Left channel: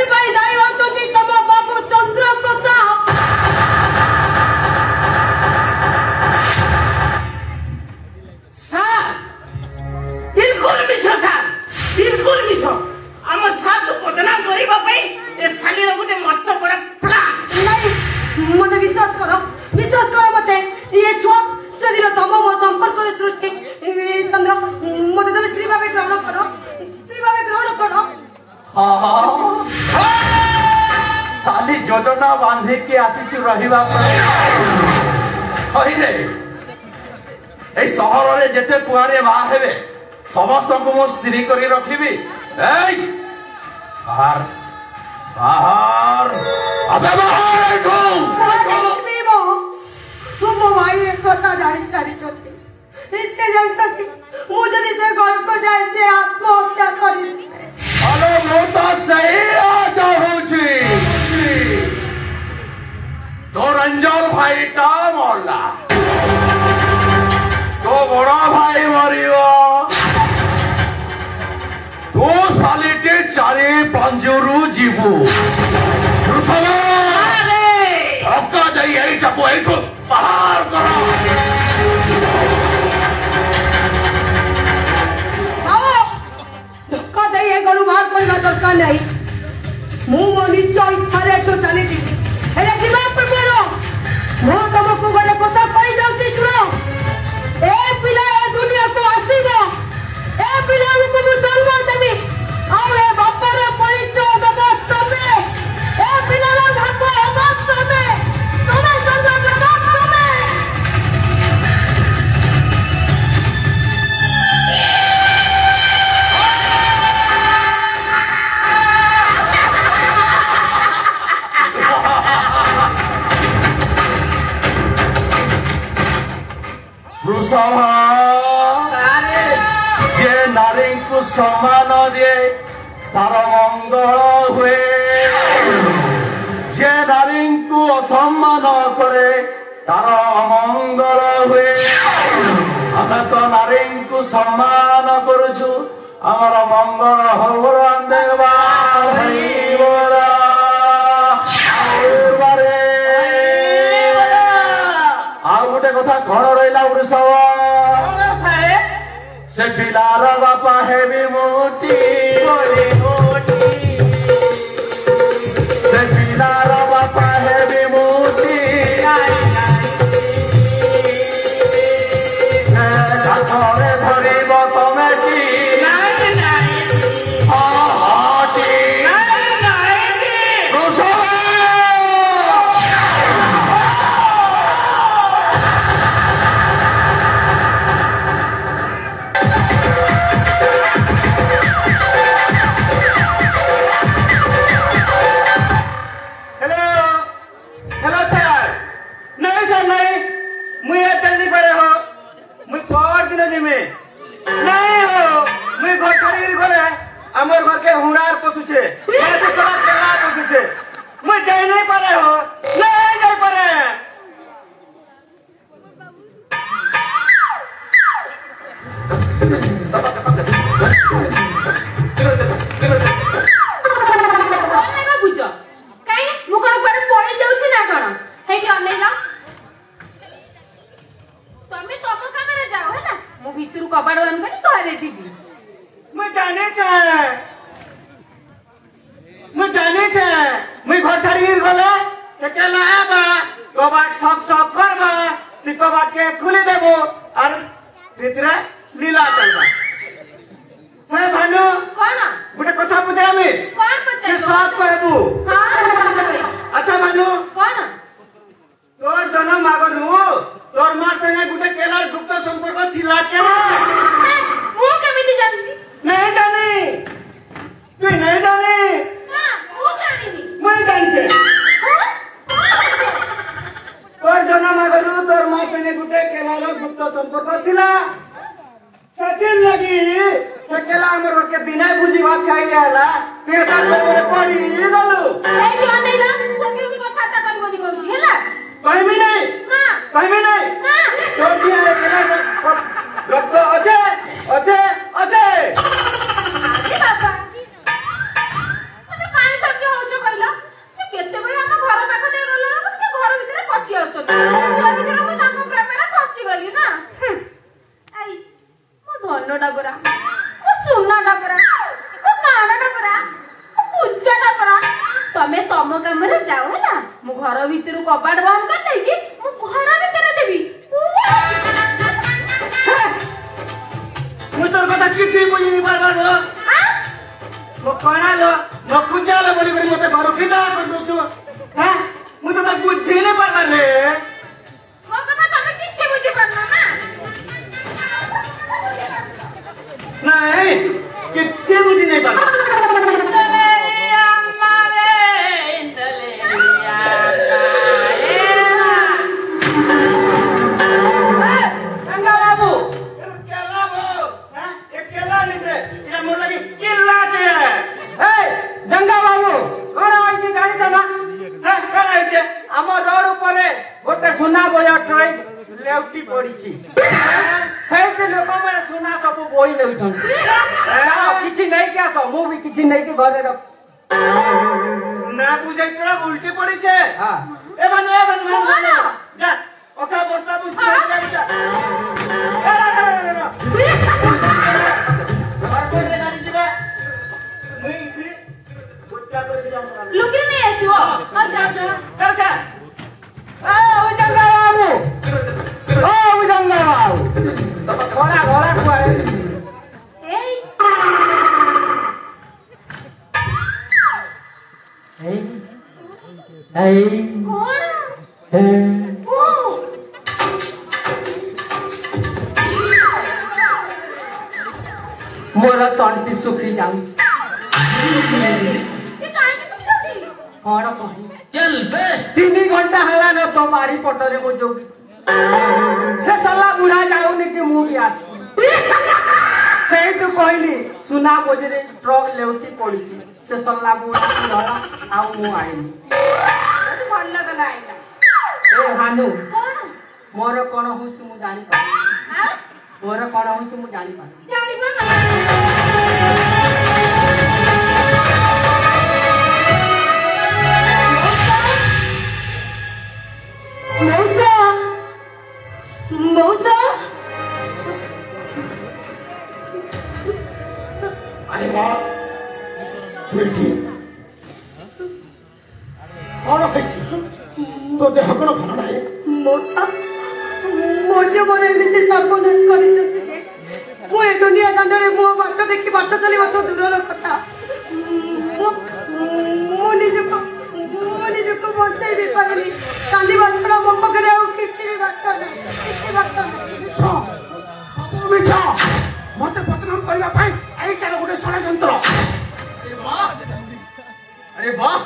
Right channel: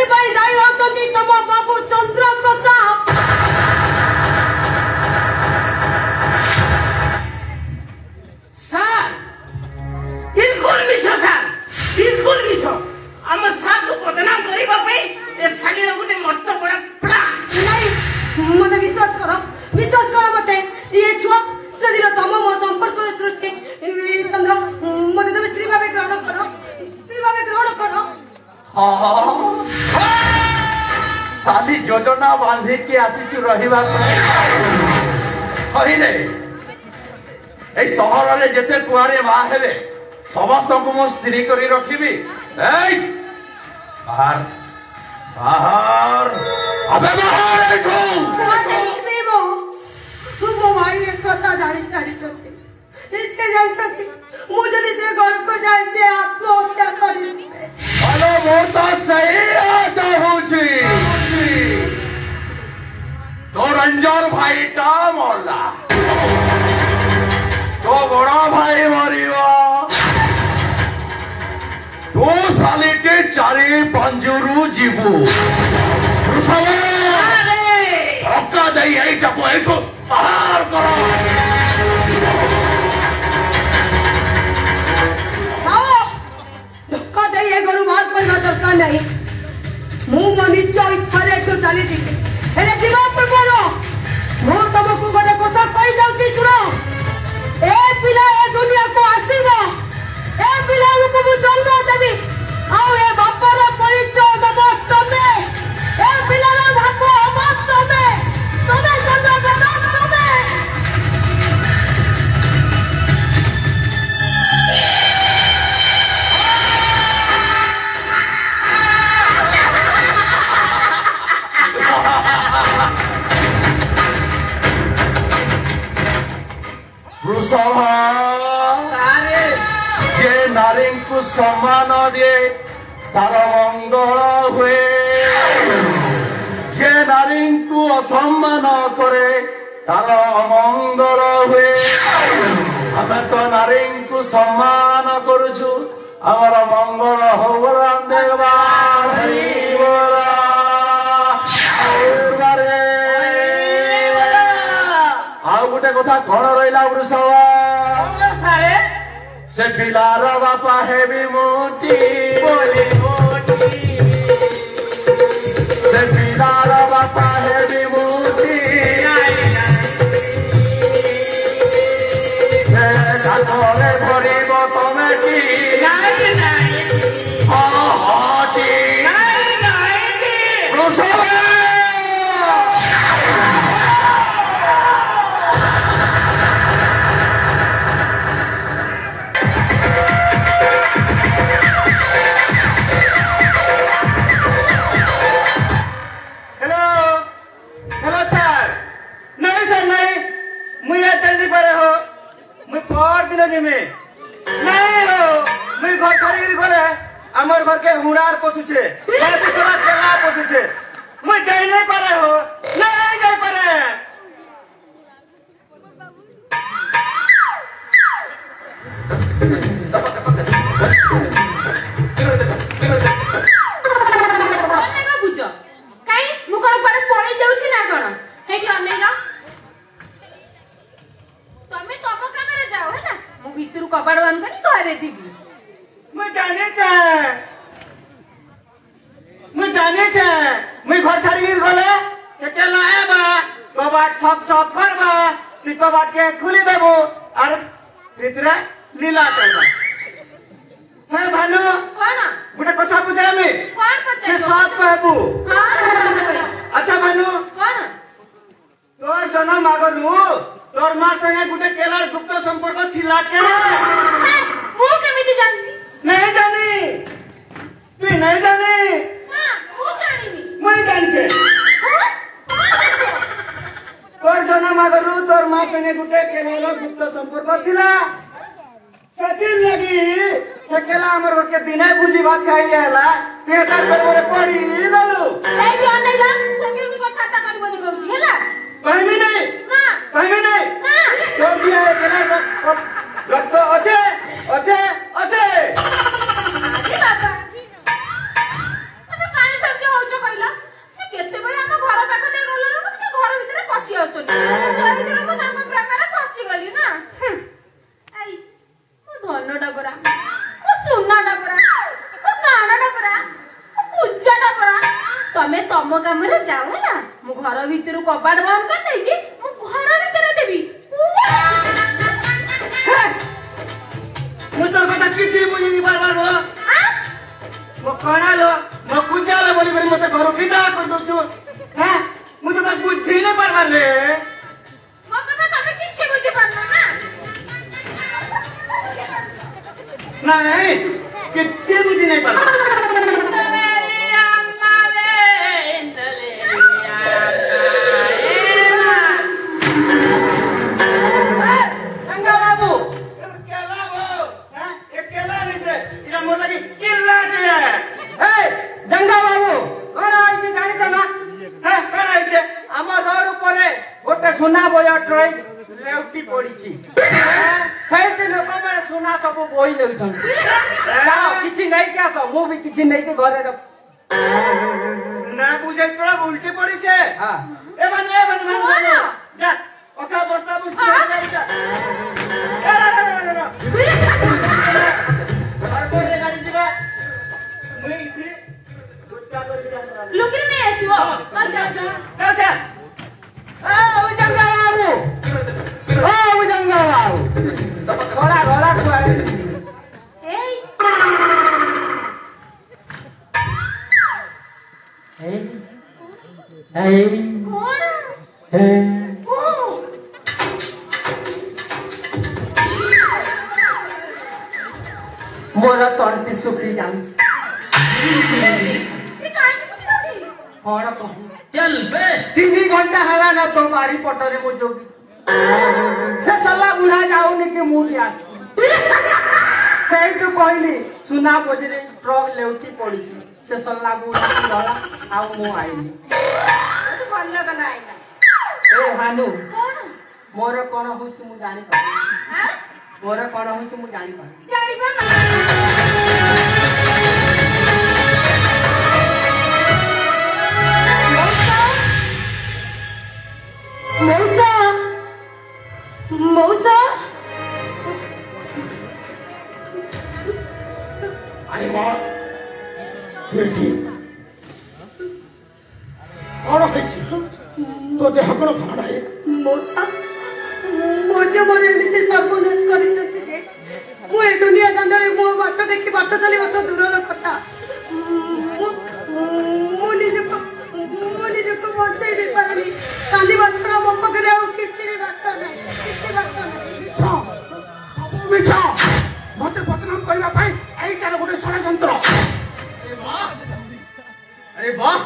एथिपाई दायी होतोती तम बाबू चंद्र प्रताप सर बिल्कुल मिछ सर बिल्कुल मिछ आम साथ को बदनाम करिबा पई ए सालीर गुटे मस्त बड़ा प्ला नहीं मते विश्वास करो मते ये छुआ से दिन तम मो संपर्क रे सृष्टि चंद्र मते तुम स्त्री भावे ग्रहण करो हाँ साली योजना बांधी के आसी रहिबा कही रे ए सहर रे जेते कुआरे बा हेबे समस्त को मो स्त्री करी रखिबी ए बाहर बाहर अबे बाहर तुम भाई एक कथा जानी सारी चलती इसके जन सकती मुझे से घर को जाए से आत्महत्या करी अरे वो तो सही चाहू तो रंजन भाई टा मरला तो बड़ा भाई मरिब तो सालीटे चारि पंजरू जीवु धक्का दे यहीटाको एठू बाहर करो धक्का दे ये घरू बाहर करना दरकार नहीं मु मो निज इच्छा रे तो चली जीवी हेले जीवा पूର୍ବरो मु तुमको गोटे कथा कहि जाउची सुनो ए पिला ए दुनिया को आसीबो ए पिला को मु जन्म देबी आउ ए बापर परिचय दबो तमे ए पिला रो भागो हम तमे चंद्र प्रताप तमे जे नारी को सम्मान दिए तार मंगल हुए जे नारी को असम्मान करे तार अमंगल हुए आम तो नारी को सम्मान करुचु आमर मंगल हो देवा आउ गोटे कथा कौन रहा वृषभ से पिलार बापा है भी मोटी से पिलार बापा है भी मोटी घरे धरब तमें आमर घर के हुनार पशुछे पशुछे मुझे जाई नहीं पारे हो नहीं जाई पारे बुझ कहीं मु कोन पर पड़ी जाउछि ना कोन हेटी अनेगा तमे तम कामरे जाओ है ना मु भीतर कबाड़ बंद करी घरे थीबी मैं जाने मैं घर छाड़ी गले केला आबा कबाट ठक ठक करबा ती कबाट के खुली देबो और भितरे लीला चलबा हे भानु कोन गुटे कथा पूछा में कोन पछे सब कहबू हां अच्छा भानु कोन तोर जन्म आगनु तोर मां संगे गुटे केलार गुप्त संपर्क थिला के मु केमिति जानती नहीं जानी तू नहीं जानी ना मु जानिनी मैं जानछे तोर जन्म आगनु तोर मां संगे गुटे केलार गुप्त संपर्क थिला सचिन लगी से केला हमर घर के बिना भुजी भात खाई जाला पेटा पर पड़ी गलु ए जो नहीं ना सचिन कथा ता करबनी कहूची हैला कहबी नहीं हां कहबी नहीं हां तो दिया केला रक्त अच्छे अच्छे अच्छे अरे बाबा तमे काहे समझो ମୁଁ ତାଙ୍କ ପ୍ରେମରେ ଫସିଗଲି ନା। ଏଇ ମୋ ଧନଟା ପରା, ମୋ ସୁନାଟା ପରା, ମୋ କାଣଟା ପରା, ମୋ ପୂଜାଟା ପରା। ତମେ ତମ କାମରେ ଯାଅ ହେଲା। ମୁଁ ଘର ଭିତରୁ କବାଟ ବନ୍ଦ କରିଦେଇକି ମୁଁ ଘର ଭିତରେ ଦେବି। ମୁଁ ତୋର କଥା କିଛି ବୁଝିନି ପାରବାର ମୋ କଣାଲ ମୋ ପୂଜାଲ ବୋଲି କରି ମତେ ଘରୁ ବିଦା କରିଦଉଛୁ। ହଁ ମୁଁ ତ ବୁଝି ନାଇଁ ପାରବାର ରେ। ମୋ କଥା ତମେ କିଛି ବୁଝିପାରୁନ ନା। ନାଇଁ କିଛି ବୁଝି ନାଇଁ ପାରବାର। सुना बोया ट्रेन लेउटी पड़ी से लोक मैंने सुना सब बोई ले किसी नहीं क्या सब मु भी किसी नहीं के घरे रख ना बुझे तोरा उल्टी पड़ी छे। हां ए मान जा ओका बस्ता बुझ जा जा लुकिर नहीं आसीओ जा जा जा मोर तंती सुखी जाऊ कौन कही चल बे 3 घंटा हला न तो मारी पटरे मो जोगी से सला बुढ़ा जाऊनी कि मु भी आसी सेही तो कहली सुना बोझरे ट्रक लेउटी पड़ी से सला बुढ़ा लड़ा आ मु आइली भल लगला आइला। ए हानु कौन मोर कोन होछि मु जानि पा हां मोर कोन होछि मु जानि पा जानि बा ना। मौसा अरे वाह बेटी कौन है तो देह कौन भल ना मौसा मोर मन एमती सर्वनाश कर दुनिया दाण्ड मो बाट देखी बाट चल तो दूर कथा निजक बचाई भी पारुनी कांदा छड़ा मो पाखे किसी भी बाट ना किसी बाट ना मत बदनाम करने यहीटार गोटे षड्यंत्र। अरे वाह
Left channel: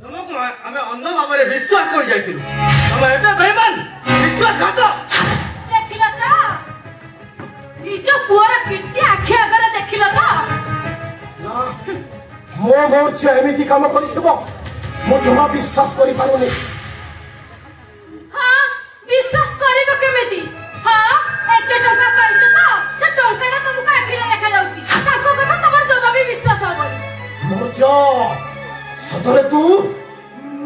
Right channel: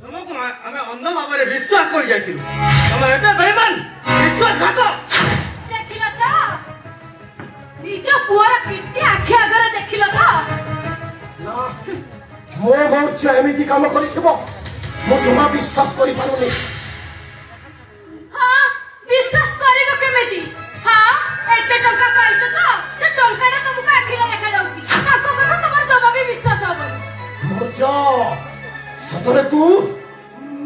तुमको आम अंध भाव विश्वास कर बेईमान विश्वासघात देखिल तो निज पुअर कीर्ति आखि आगे देखिल तो मो बहुत झील एमती कम कर जमा विश्वास कर पारुनी। हाँ विश्वास करिबो केमिति। हाँ एते टंका पाइछ तो से टंकाटा तुमको आखिले देखा जाउची ताको कथा तमर जमा भी विश्वास होबो। मोज सतरे तू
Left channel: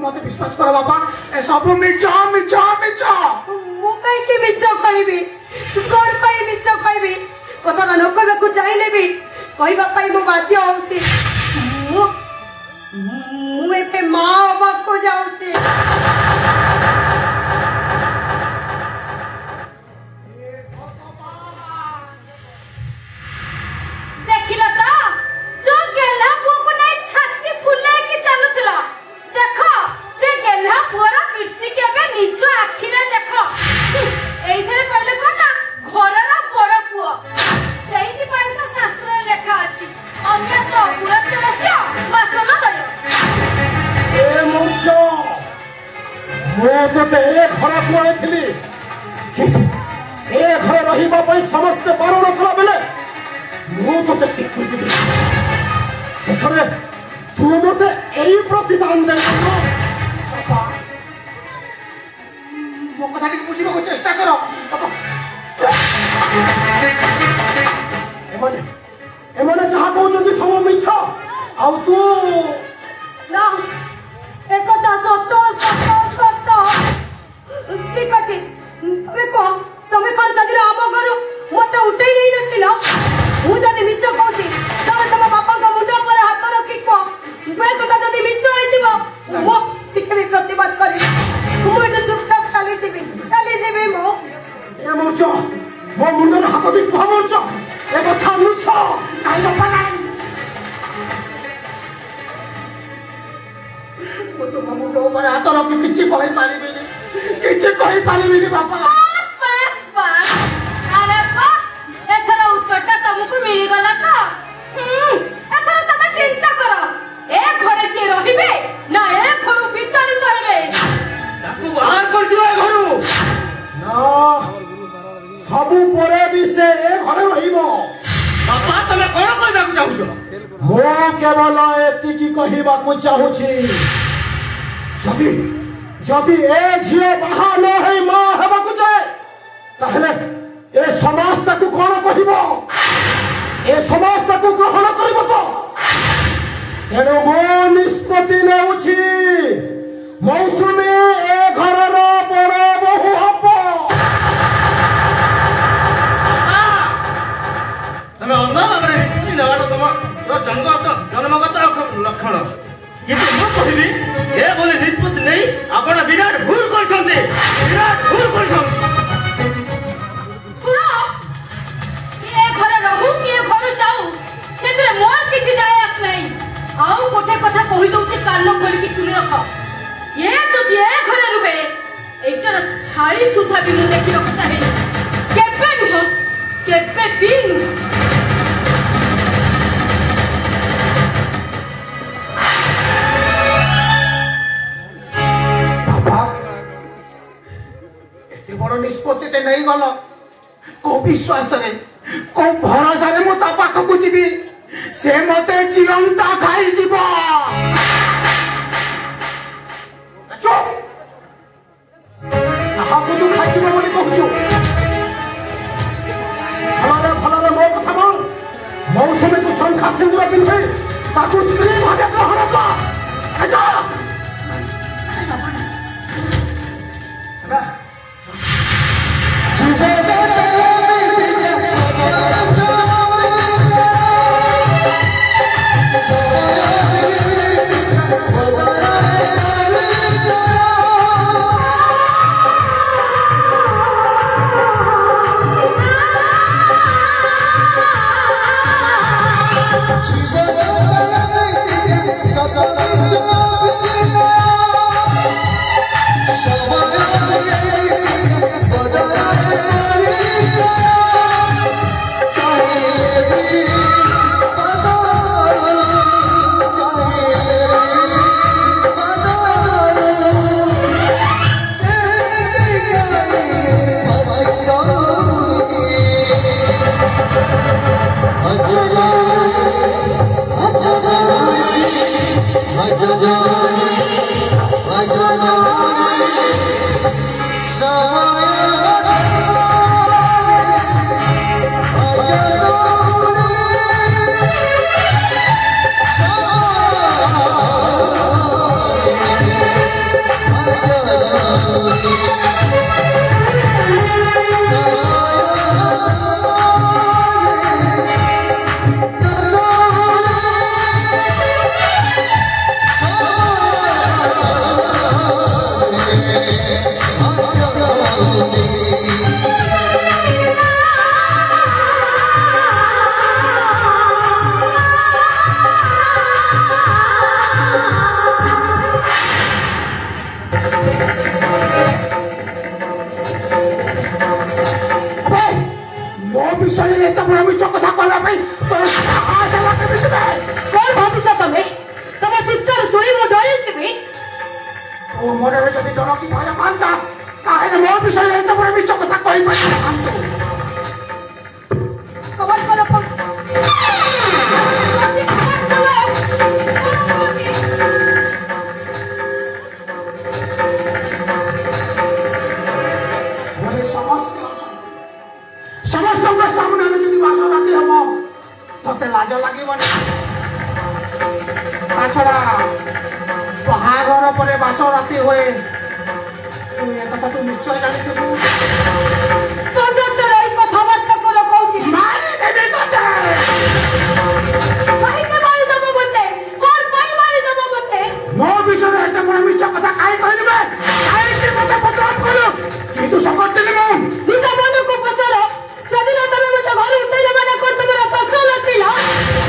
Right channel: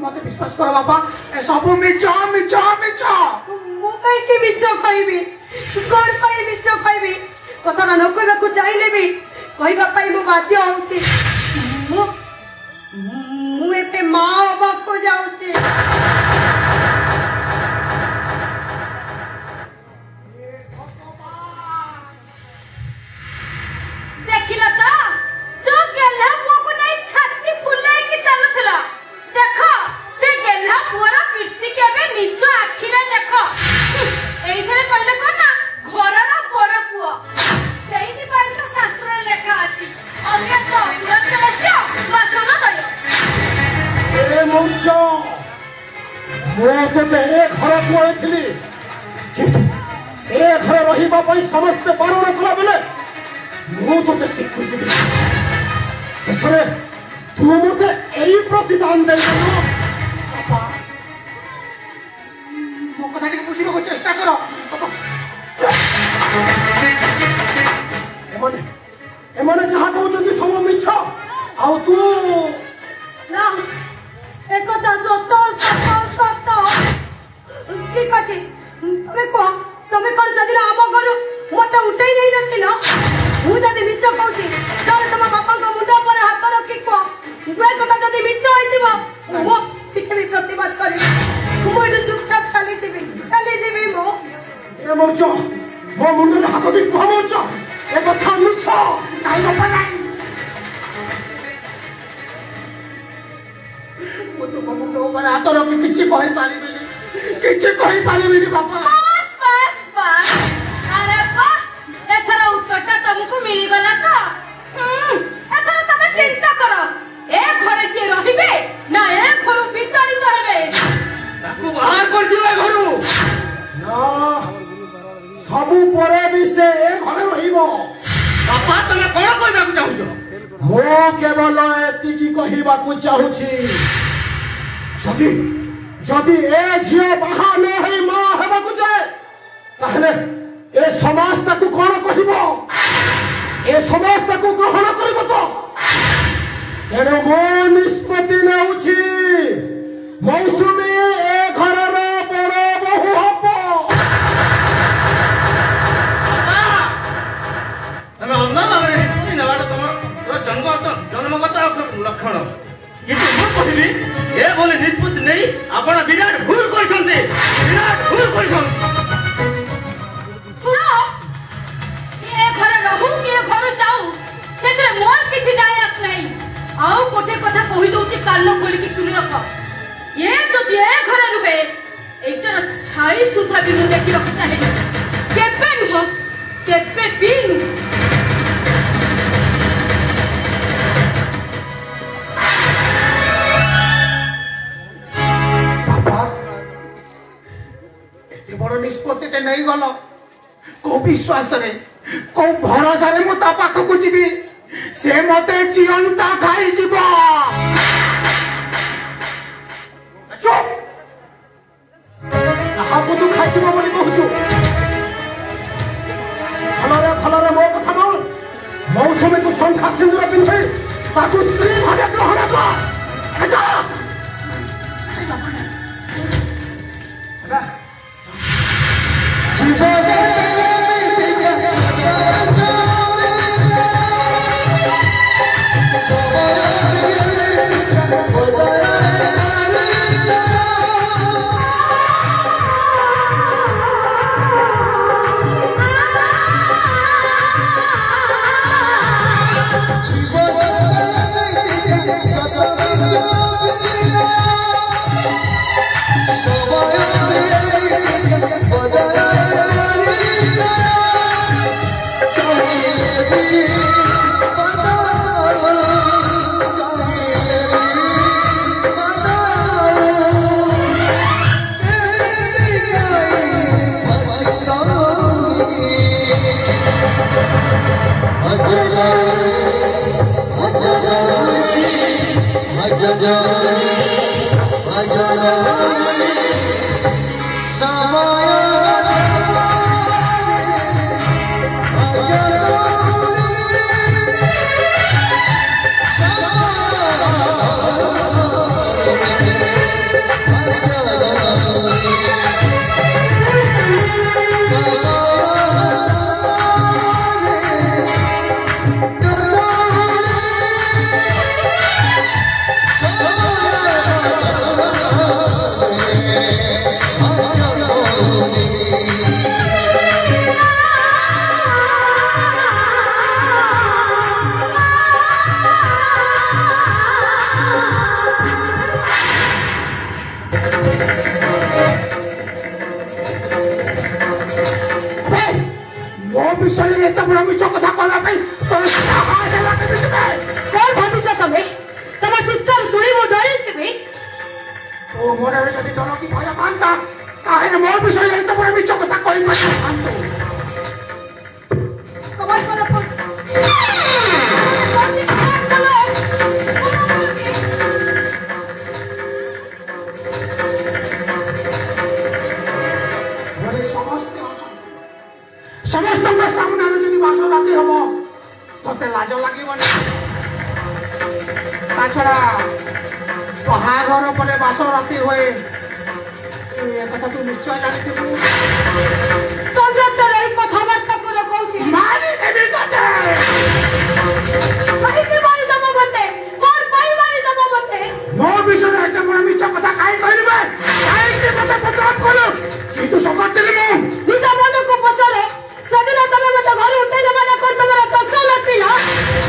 मत विश्वास कर बापा ए सब मिछ मिछ मिछ मु कहीं मिछ कहबी कौन पाई मिछ कहबी कथा न कहबा चाहले भी कहबा पाई मु बाध्य होउची मु एते मां बाबा को जाउची। देखिल तो जो गेला पुओ को नहीं छाती फुले की चलुथला देखो से गेला पुअर कीर्ति केबे निज आखिरे देखो एइथरे कहले कोन ना घरर बड़ पुओ सेहिति पई तो शास्त्र लेखा अछि अंगे तो पुरत लेखियो मासनो दयो ए मूर्छ मु तते ए घरे पळेथिली किंतु ए घरे रहिबा पई समस्त बारण कला बेले मु तते स्वीकृति दे ससरे तू मते एई प्रतिदान दे पापा मो कथा के बुझिबो को चेष्टा करो पापा एमने जहा कहउछन्ती सब मिछ आउ तू ना एकता सत सत सत ठीक अच्छे तुम्हें कह তুমি কোন সেদিন আম ঘর মতে উঠেই নেই নছিল মু যদি মিছ কହୁছি তাহলে তোমার বাপাଙ୍କ মুন্ড উপরে হাত রখি কহ বে কথা যদি মিছ হইতিব মো ଟିକେ ବି ପ୍ରତିବାଦ କରି ମୁଁ ଏଠି ଚୁପଚାପ ଚାଲିଯିବି ମୁଁ ଏ ମଉଚ ମୋ ମୁଣ୍ଡରେ ହାତ ଦେଇ କୁହ ମଉଚ ଏ କଥା ମିଛ କାଇଁ ବାପା ନାଇଁ ମୁଁ ତୁମ ମୁଣ୍ଡ ଉପରେ ହାତ ରଖି କିଛି କହିପାରିବିନି ବାପା अरे एथर उत्तरटा तुमको मिलगला तो एथर तमे चिंता करो ए घरे से रहिबे ना ए घर भितरी करबे ताकू बाहर कर दियो ए घरु ना सबु परे भी से ए घरे रहिबो बापा तमे कोन कहबा को चाहू मो केवल एतिकी कहिबाकू चाहूछि जदि ए झियो बाहा न है मां हेबाकू चाहे ताहले ए समाज ताकू कोन कहिबो ए समाज ताकू ग्रहण करिबो तो तेणु मो निष्पत्ति नेउछि मौसुमी ए घरर बड़ बहु हबो तमे अन्ना भाବରେ ନିଷ୍ପତ୍ତି ନେବାଟା ତମ ଜନ୍ମଗତ ଲକ୍ଷଣ କିନ୍ତୁ ମୁଁ କହିବି ଏ ଭଳି ନିଷ୍ପତ୍ତି ନେଇ ଆପଣ ବିରାଟ ଭୁଲ କରିଛନ୍ତି सुनो ये घरे रहू कि ये घर जाऊ सेतरे मोर किछि जाय आस नहीं आउ कोठे कथा कहि दउछि कान खोली कि सुनि रख ये तो ये घरे रुबे एटर छाई सुधा भी मु देखि रख चाहे केबे नु केबे दिन बड़ निष्पत्ति नहीं गल को विश्वास रे को भरोसा रे मु ता पाखक जीवी से मते जीवंता खाई जीव चुप काहाकू तू खाई जीव बोली कहूछु भलरे मो कथा मन मौसुमी को शंखा सिंदूर पिंधे ताकू स्त्री भागे ग्रहण कर जा ଏ କଥା ତୁ ନିଶ୍ଚୟ ଜାଣିଥିବୁ। ସଞ୍ଜୟ ଏଇ କଥାବାର୍ତ୍ତା କର କହୁଛି ମାରିଦେବି ତତେ। କାହିଁକି ମାରିଦବ ମତେ? କଣ ପାଇଁ ମାରିଦବ ମତେ? ମୋ ବିଷୟରେ ଏତେ ବଡ଼ ମିଛ କଥା କାହିଁ କହିବେ? କାହିଁକି ମତେ ପଚାର କରୁ? କିନ୍ତୁ ସକଟିଲି ମୁଁ। ନିଜ ମନକୁ ପଚାର। ସେଦିନ ତମେ ମତେ ଘରୁ ଉଠେଇ ଦେବାଟା କଣ ତମର ଦୋଷ ନଥିଲା?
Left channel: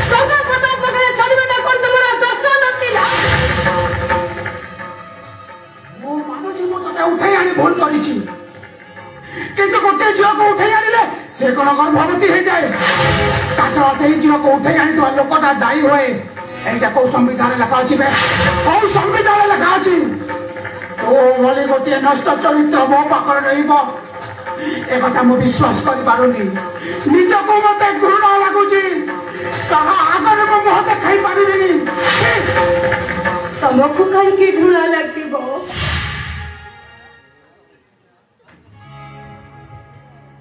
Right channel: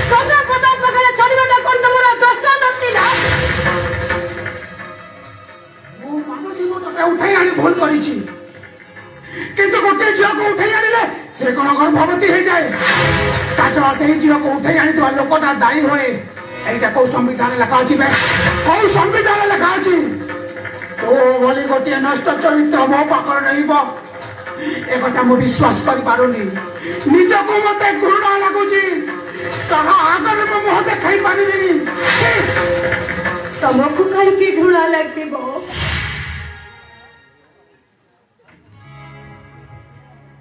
ସଞ୍ଜୟ ପ୍ରତାପ ପାଖରେ ଛାଡ଼ିବାଟା କଣ ତମର ଦୋଷ ନଥିଲା? ମୁଁ ମାନୁଛି ମୁଁ ତତେ ଉଠେଇ ଆଣି ଭୁଲ କରିଛି, କିନ୍ତୁ ଗୋଟିଏ ଝିଅକୁ ଉଠେଇ ଆଣିଲେ ସେ କଣ ଗର୍ଭବତୀ ହେଇଯାଏ? ତାଛଡା ସେଇ ଝିଅକୁ ଉଠେଇ ଆଣିଥିବା ଲୋକଟା ଦାୟୀ ହୁଏ। এইটা କୋଉ ସମ୍ବିଧାନରେ ଲେଖା ଅଛି? କୋଉ ସମ୍ବିଧାନରେ ଲେଖା ଅଛି? ତୋ ଭଳି ଗୋଟିଏ ନଷ୍ଟ ଚରିତ୍ର ମୋ ପାଖରେ ରହିବ, একথা ମୁଁ ବିଶ୍ୱାସ କରିପାରୁନି। ନିଜକୁ ମତେ ଘୃଣା ଲାଗୁଛି। ତାହା ଆଗରେ ମୁଁ ମୁହଁ ଦେଖାଇ ପାରିବିନି। ତମକୁ କାହିଁକି ଘୃଣା ଲାଗିବ?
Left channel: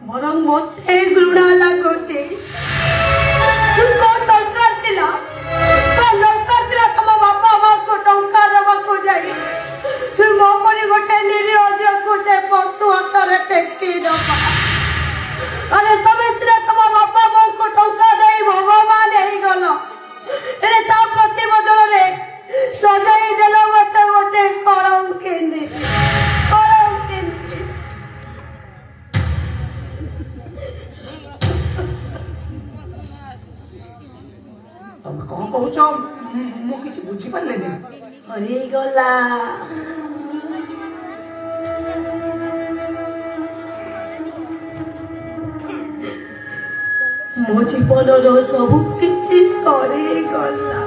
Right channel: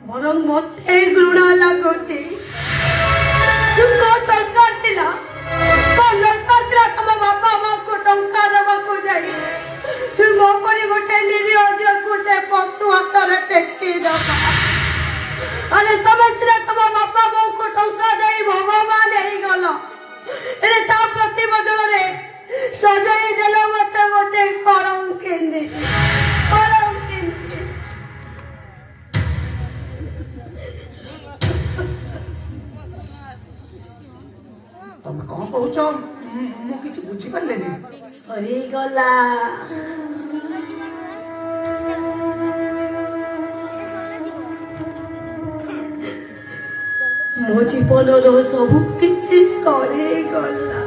ବରଂ ମତେ ଘୃଣା ଲାଗୁଛି। କଣ ଦରକାର ଥିଲା? କଣ ଦରକାର ଥିଲା ତମ ବାପା ମାଙ୍କୁ ଟଙ୍କା ଦେବାକୁ ଯାଇ ମୋ ପରି ଗୋଟେ ନିରୀହ ଝିଅକୁ ସେ ପଶୁ ହାତରେ ଟେକି ଦବା? ଆରେ ତମେ ସିନା ତମ ବାପା ମାଙ୍କୁ ଟଙ୍କା ଦେଇ ଭଗବାନ ହେଇଗଲ, ହେଲେ ତା ପ୍ରତି ବଦଳରେ ସଜାଇ ଦେଲ ମତେ ଗୋଟେ କଳଙ୍କିନୀ। ତମେ କଣ କହୁଛ? ମୁଁ କିଛି ବୁଝିପାରିଲିନି। ସରିଗଲା। ମୋ ଜୀବନର ସବୁ କିଛି ସରିଗଲା।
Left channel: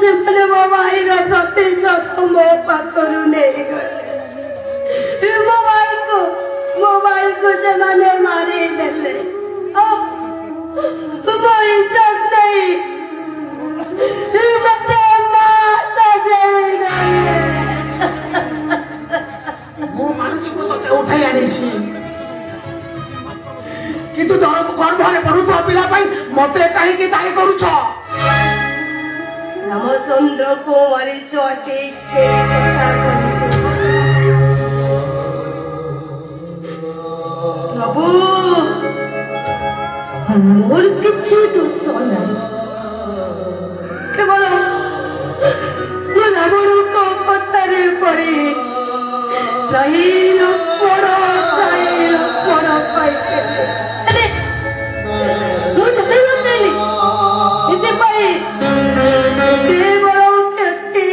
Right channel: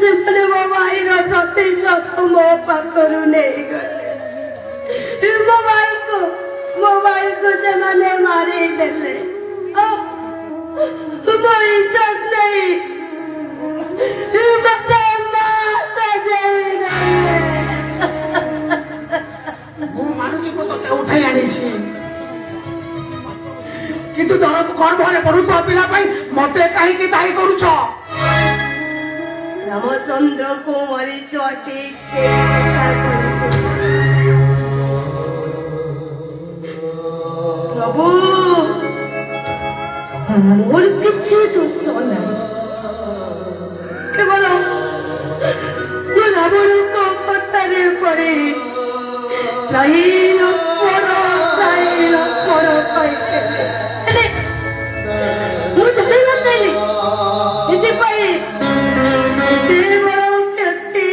ସେମାନେ ମୋ ଭାଇର ପ୍ରତିଶୋଧ ମୋ ପାଖରୁ ନେଇଗଲେ। ମୋ ଭାଇକୁ ସେମାନେ ମାରିଦେଲେ। ମୋ ଇଜ୍ଜତ ନେଇ ମତେ ମା ସଜେଇ ଦେଲେ। ମୁଁ ମାନୁଛି ମୁଁ ତତେ ଉଠେଇ ଆଣିଛି, କିନ୍ତୁ ଗର୍ଭରେ ପଢୁଥିବା ପିଲା ପାଇଁ ମତେ କାହିଁକି ଦାୟୀ କରୁଛ? ରାମଚନ୍ଦ୍ରକୁ ମାରିଛ ଠିକ୍ ସେ କଥା କହିଲେ। ପ୍ରଭୁ ମୋର କିଛି ଦୋଷ ନାହିଁ, କେବଳ ମୁଁ ରାବଣଙ୍କ କଥାରେ ପଡି ରାଇଲ ପଡ ପାଇଥିଲି। ହେଲେ ମୁଁ ଜାଣିନଥିଲି ଏଥିପାଇଁ କେବଳ କ୍ଷତି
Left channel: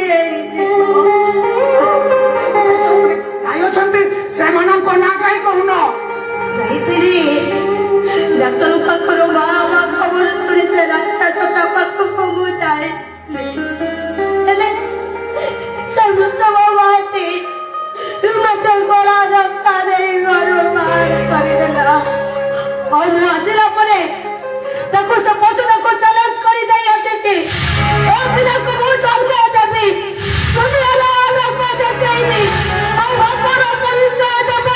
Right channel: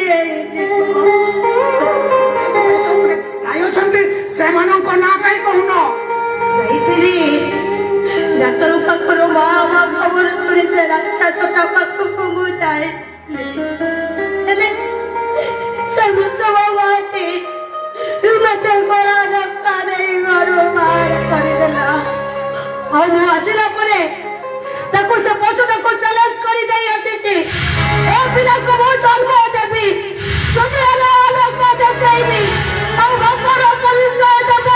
ଅଛନ୍ତି ସେମାନଙ୍କ ନାଁ କାହିଁ କହୁନ? ଯାଇଥିଲି ଡାକ୍ତର ପାଖରୁ ମା ଖବର ଶୁଣି ସେ ରାସ୍ତା ଛୋଟା ପାଖକୁ ମୁଁ ଯାଇଥିଲି। ହେଲେ ସେ ମୃଷଭ ମାଟି ମତେ ଗଳା ଧକ୍କା ଦେଇ ଘରୁ ବାହାର କରିଦେଲା। ଆଉ ମୁଁ ଆସିଲା ପରେ ତାକୁ ସେ ପଶୁଟାକୁ ଚ୍ୟାଲେଞ୍ଜ କରି ଦେଇ ଆସିଛି, ଏ ପିଲାକୁ ମୁଁ ଜନ୍ମ ଦେବି, ଦୁନିଆର ଆଲୋକ ଦେଖେଇବି, ଆଉ ଅପର ପରିଚୟ ଦେବ।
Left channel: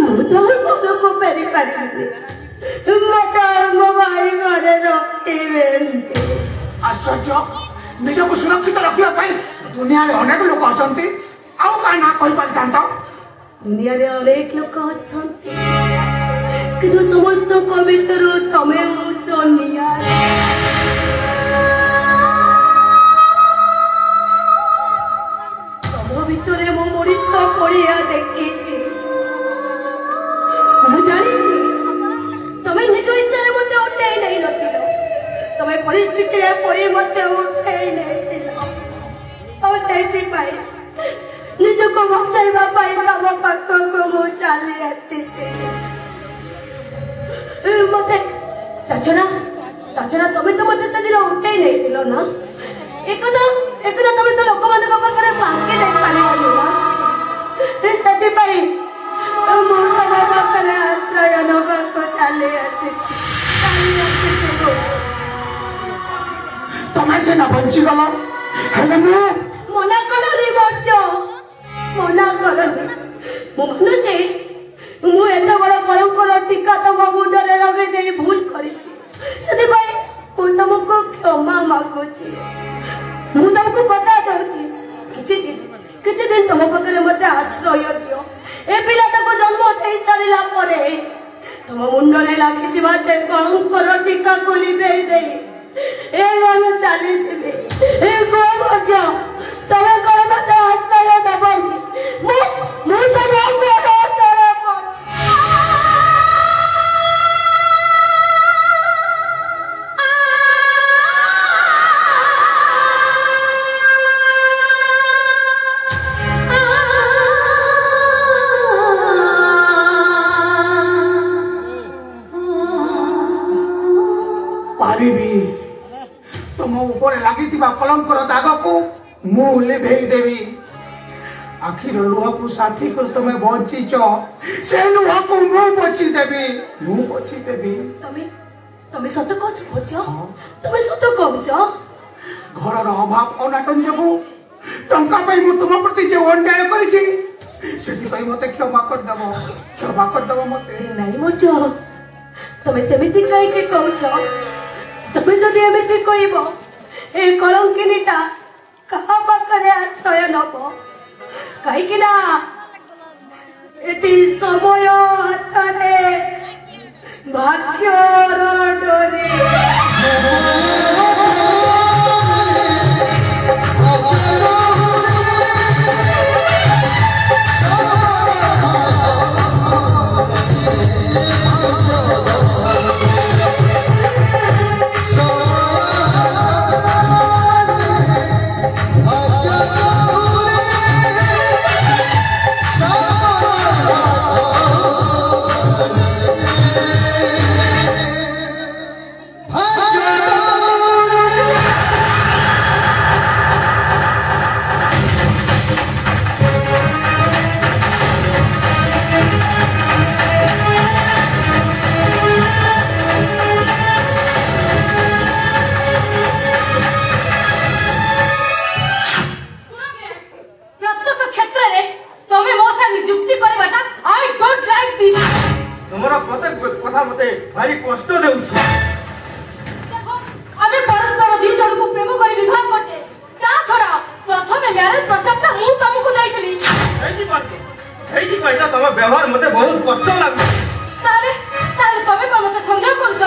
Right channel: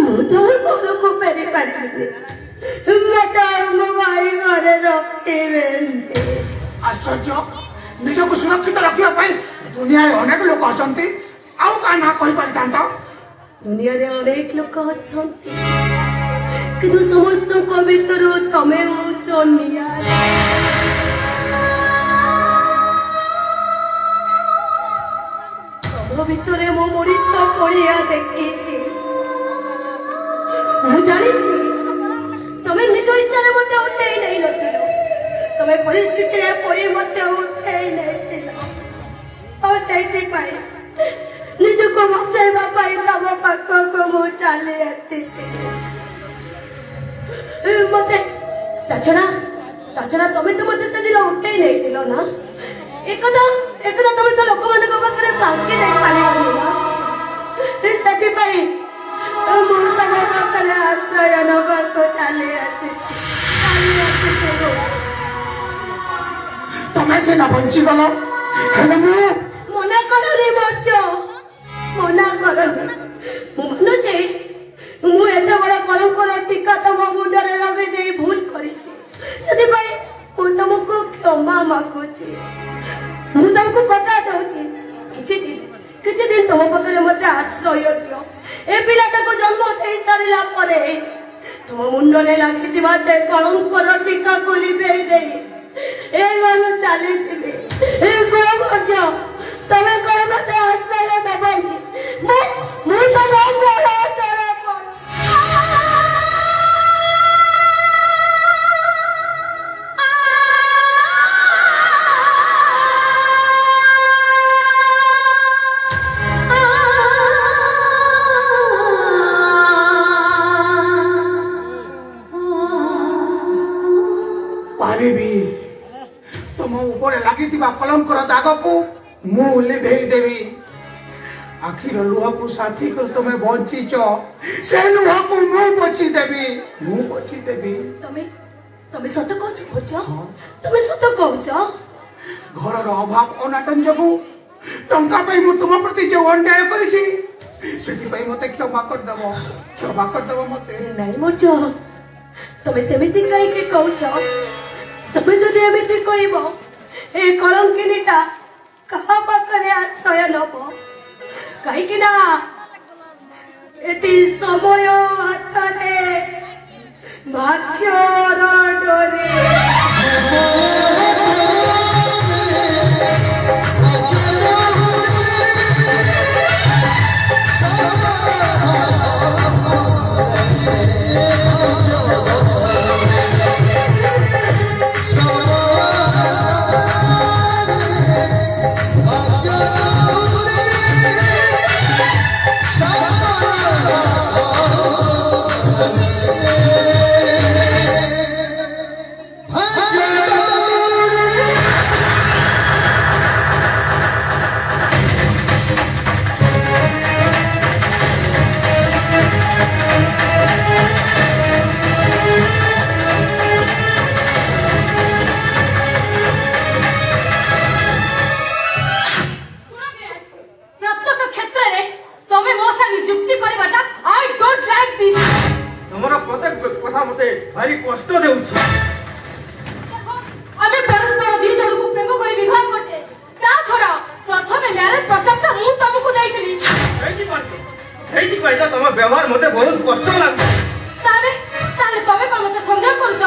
ମୁଁ ତ ଘରକୁ ଫେରି ପାରିବିନି, ମତେ ମୋ ଭାଇ ଘରେ ରଖିବେନି। ଆଶ୍ଚର୍ଯ୍ୟ, ନିଜକୁ ସୁରକ୍ଷିତ ରଖିବା ପାଇଁ ଦୁନିଆରେ ଅନେକ ଲୋକ ଅଛନ୍ତି, ଆଉ କାହା ନାଁ କହିପାରିଥାନ୍ତ? ଦୁନିଆରେ ଅନେକ ଲୋକ ଅଛନ୍ତି, କିନ୍ତୁ ସମସ୍ତଙ୍କ ଭିତରୁ ତମେ ହଉଛ ନିଆରା। ତମ ଭିତରେ ମୁଁ ମଣିଷ ପଡ଼ିଆ ଦେଖିଛି। ମୁଁ ଜାଣିଛି ତମେ ନିଜ ଇଚ୍ଛାରେ ମତେ ଉଠେଇ ନେଇନଥିଲ, ତମେ ପରିସ୍ଥିତିରେ ପଡ଼ି ମତେ ଉଠେଇ ନେଇଥିଲ। ଆଉ ସେଇଥିପାଇଁ ନିଜକୁ ବଞ୍ଚାଇବା ପାଇଁ ତମ ପାଖକୁ ମୁଁ ଚାଲି ଆସିଛି। ମତେ ତାଛଡା ତମେ ତ ମତେ ସେଦିନ ଉଠେଇ ନେଇଥିଲ ନା, ଏକଦା ତମେ ତ ଲୋକମାନଙ୍କ ପାଖରେ ଫାଙ୍କି ଦେଇପାରିବନି ନା। ସେଥିପାଇଁ ମୁଁ ତମ ପାଖରେ ଆଶ୍ରୟ ନେବାକୁ ଚାଲି ଆସିଛି। ତମେ ସିନା ବଞ୍ଚିଗଲ, ହେଲେ ମୁଁ ମନା କରନି ବଞ୍ଚ, ମନା କରନି। ମୁଁ ମାନୁଛି ମୁଁ ଏତେ ବଡ କଳଙ୍କର ଟୀକା ତମ ମୁଣ୍ଡରେ ଲଗେଇ ଦେଇ ଭୁଲ କରିଛି, ସେଥିପାଇଁ ମୁଁ ତମକୁ କ୍ଷମା ମାଗୁଛି। ମୁଁ ତମକୁ କଥା ଦଉଛି दिन तुम पाखे मत आश्रय दियो ए पिलाटा को जन्म दे सारा पर तुम मुंडे लगी जे कलंकर टीका को लिभेई दे चली तमें कौन मत आश्रय दबनी तुम ऊपर लगी कलंकर दाग को मु लिभेई देवी आखिर लुह को साथी कर तुम बंचीच से लुह को मु बची देवी तमें सत कहछ तमें सत कहछ घर अभाव अनाटन जगु टंका मु तुम प्रति जो अन्याय करिछि सेति मते क्षमा कर दबो मते नहीं मोज तमें सेमिति कहि के कहछ तमें जदि एमिति कहब ए कलंकिनीटा कहा पाखरे आश्रय नब कहीं एटी समय हाथरे भाग्यर डोरी भारी कष्ट देउछ आमे परस्पर दी जण को प्रेम करी विवाह करते ता छोरा प्रथमे मैरिज प्रस्ताव मु तुमको देइथली हेई पैसा तम व्यवहार मते बहुत कष्ट लागु तारे तमे कोन मते संदेह करछ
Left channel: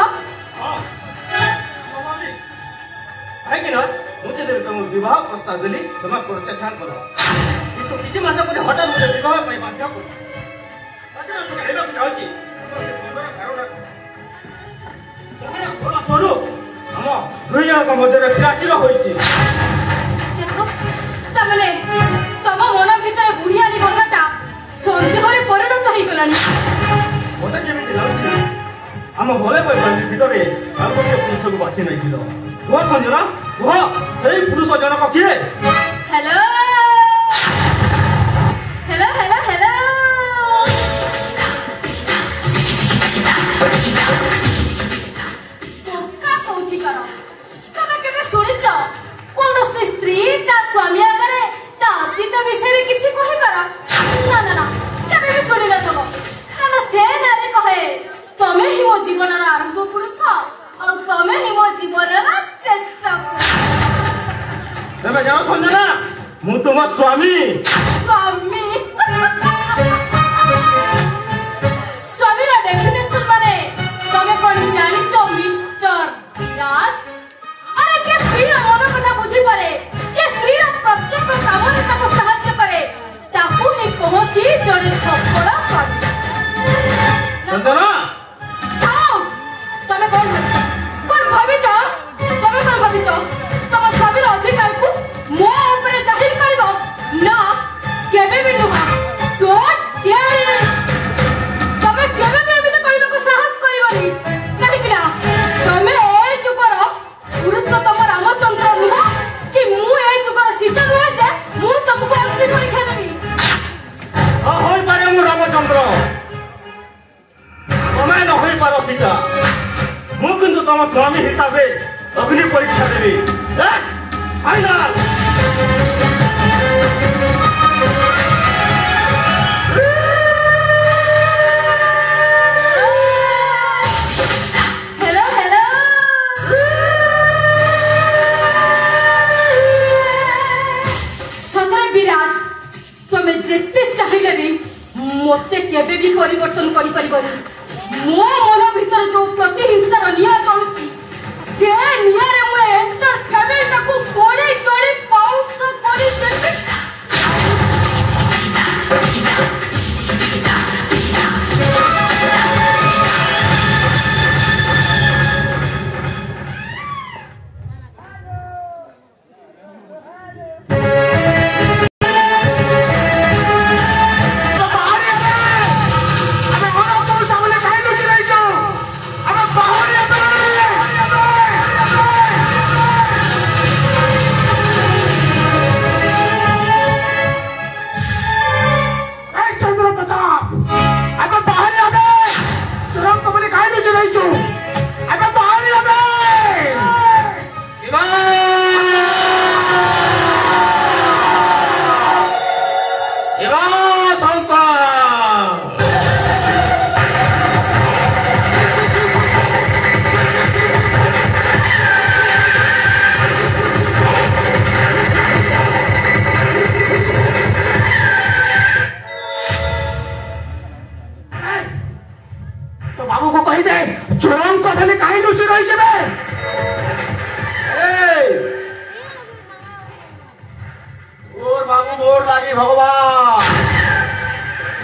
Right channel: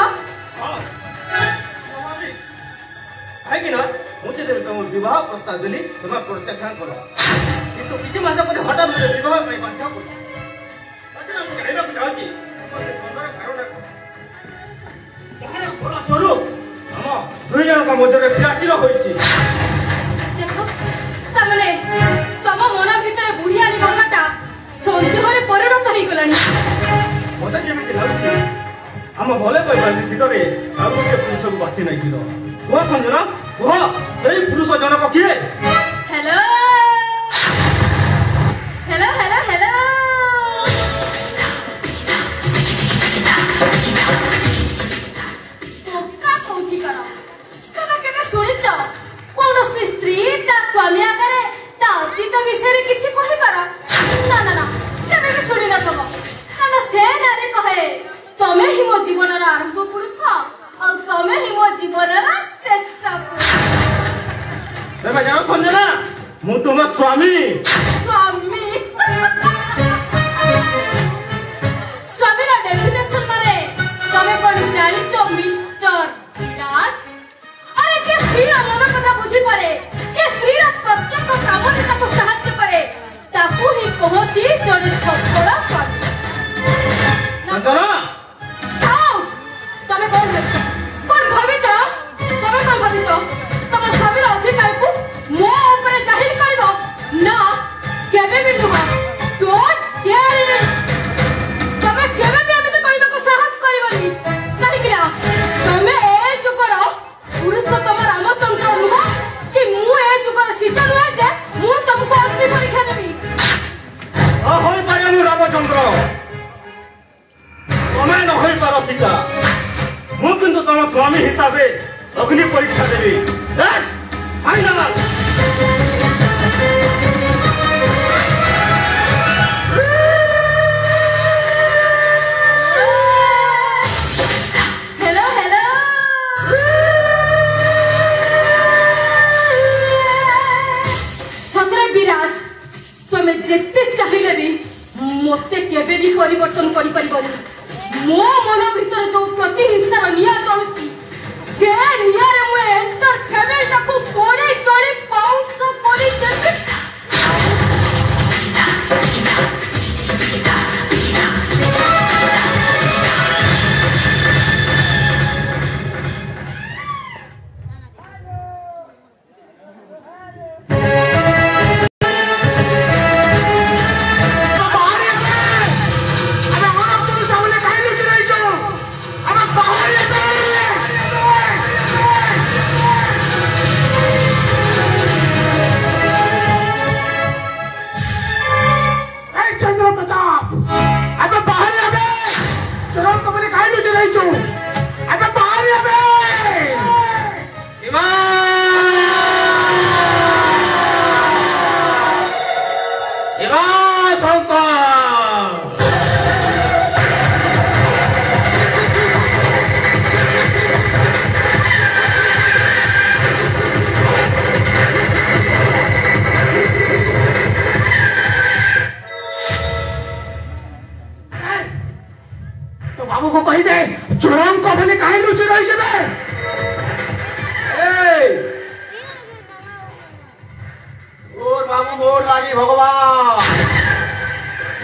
है कि ना मुझे देव तुम विवाह प्रस्ताव देली तुम प्रत्याख्यान करो किंतु किछि मास पर हठात मुझे विवाह पई बाध्य कर अच्छा हम कहबा को जाउची दुई जन मध्य प्राचीर देखो तमने तम मन भितर बुढ़ियानी कथाटा संदेह परिणत हो गलानी मत जमी लगुच आम भले भितर आउ गोटे पुरुष को बाछी नहीं कह संजना कह से पुरुष जनक किए हेलो हेलो हेलो हेलो स्त्री स्वामी आगे अतीत विषय किसी कहीपर ना ना ना केवे भी शुणी न से नारी कहे तमें ही मो जीवन आरंभ पुरुष और तमें ही मो जीवन शेष जाओ संजना मु तुम स्वामी स्वामी स्वामी डेफिनेशन माने तमें कौन जानिच मिस्टर विराज अरे के स्त्री मन कथा बुझी पारे के स्त्री प्रत्येक काम को साहाय्य करे ताकू ही कहती जड़े सफल स्वामी संजना तमें कौन भाविच तम स्वामी अधिकार को मो ऊपर जाहिर करबो ना केबे भी नुह डोंट डेयर तमें केबे भी एमिति कहबो को साहस करबनी काहे कि तमें ए जुगर पुरुषोत्तम रामचंद्र नुह कि मु ए जुगर सीता नुह जे मु तुमको अग्नि परीक्षा देबी होई पारे मु रामचंद्र तमें न होई पारो सीता मु किंतु तम स्वामी हिसाब से अग्नि परीक्षा देबी फाइनल हेलो हेलो सतरे विराज ପରିବର୍ତ୍ତନ କରିପାରିବନି। ମୋ ମନ ଭିତରେ ଯୋଉ ପ୍ରତିହିଂସାର ନିଆଁ ଜଳୁଛି ସେ ନିଆଁରେ ମୁଁ ଏଣ୍ଟର ଫ୍ୟାମିଲିଟାକୁ ପୋଡ଼ି ଚୋଳି ପାଉଁଶ କରିଦେବି।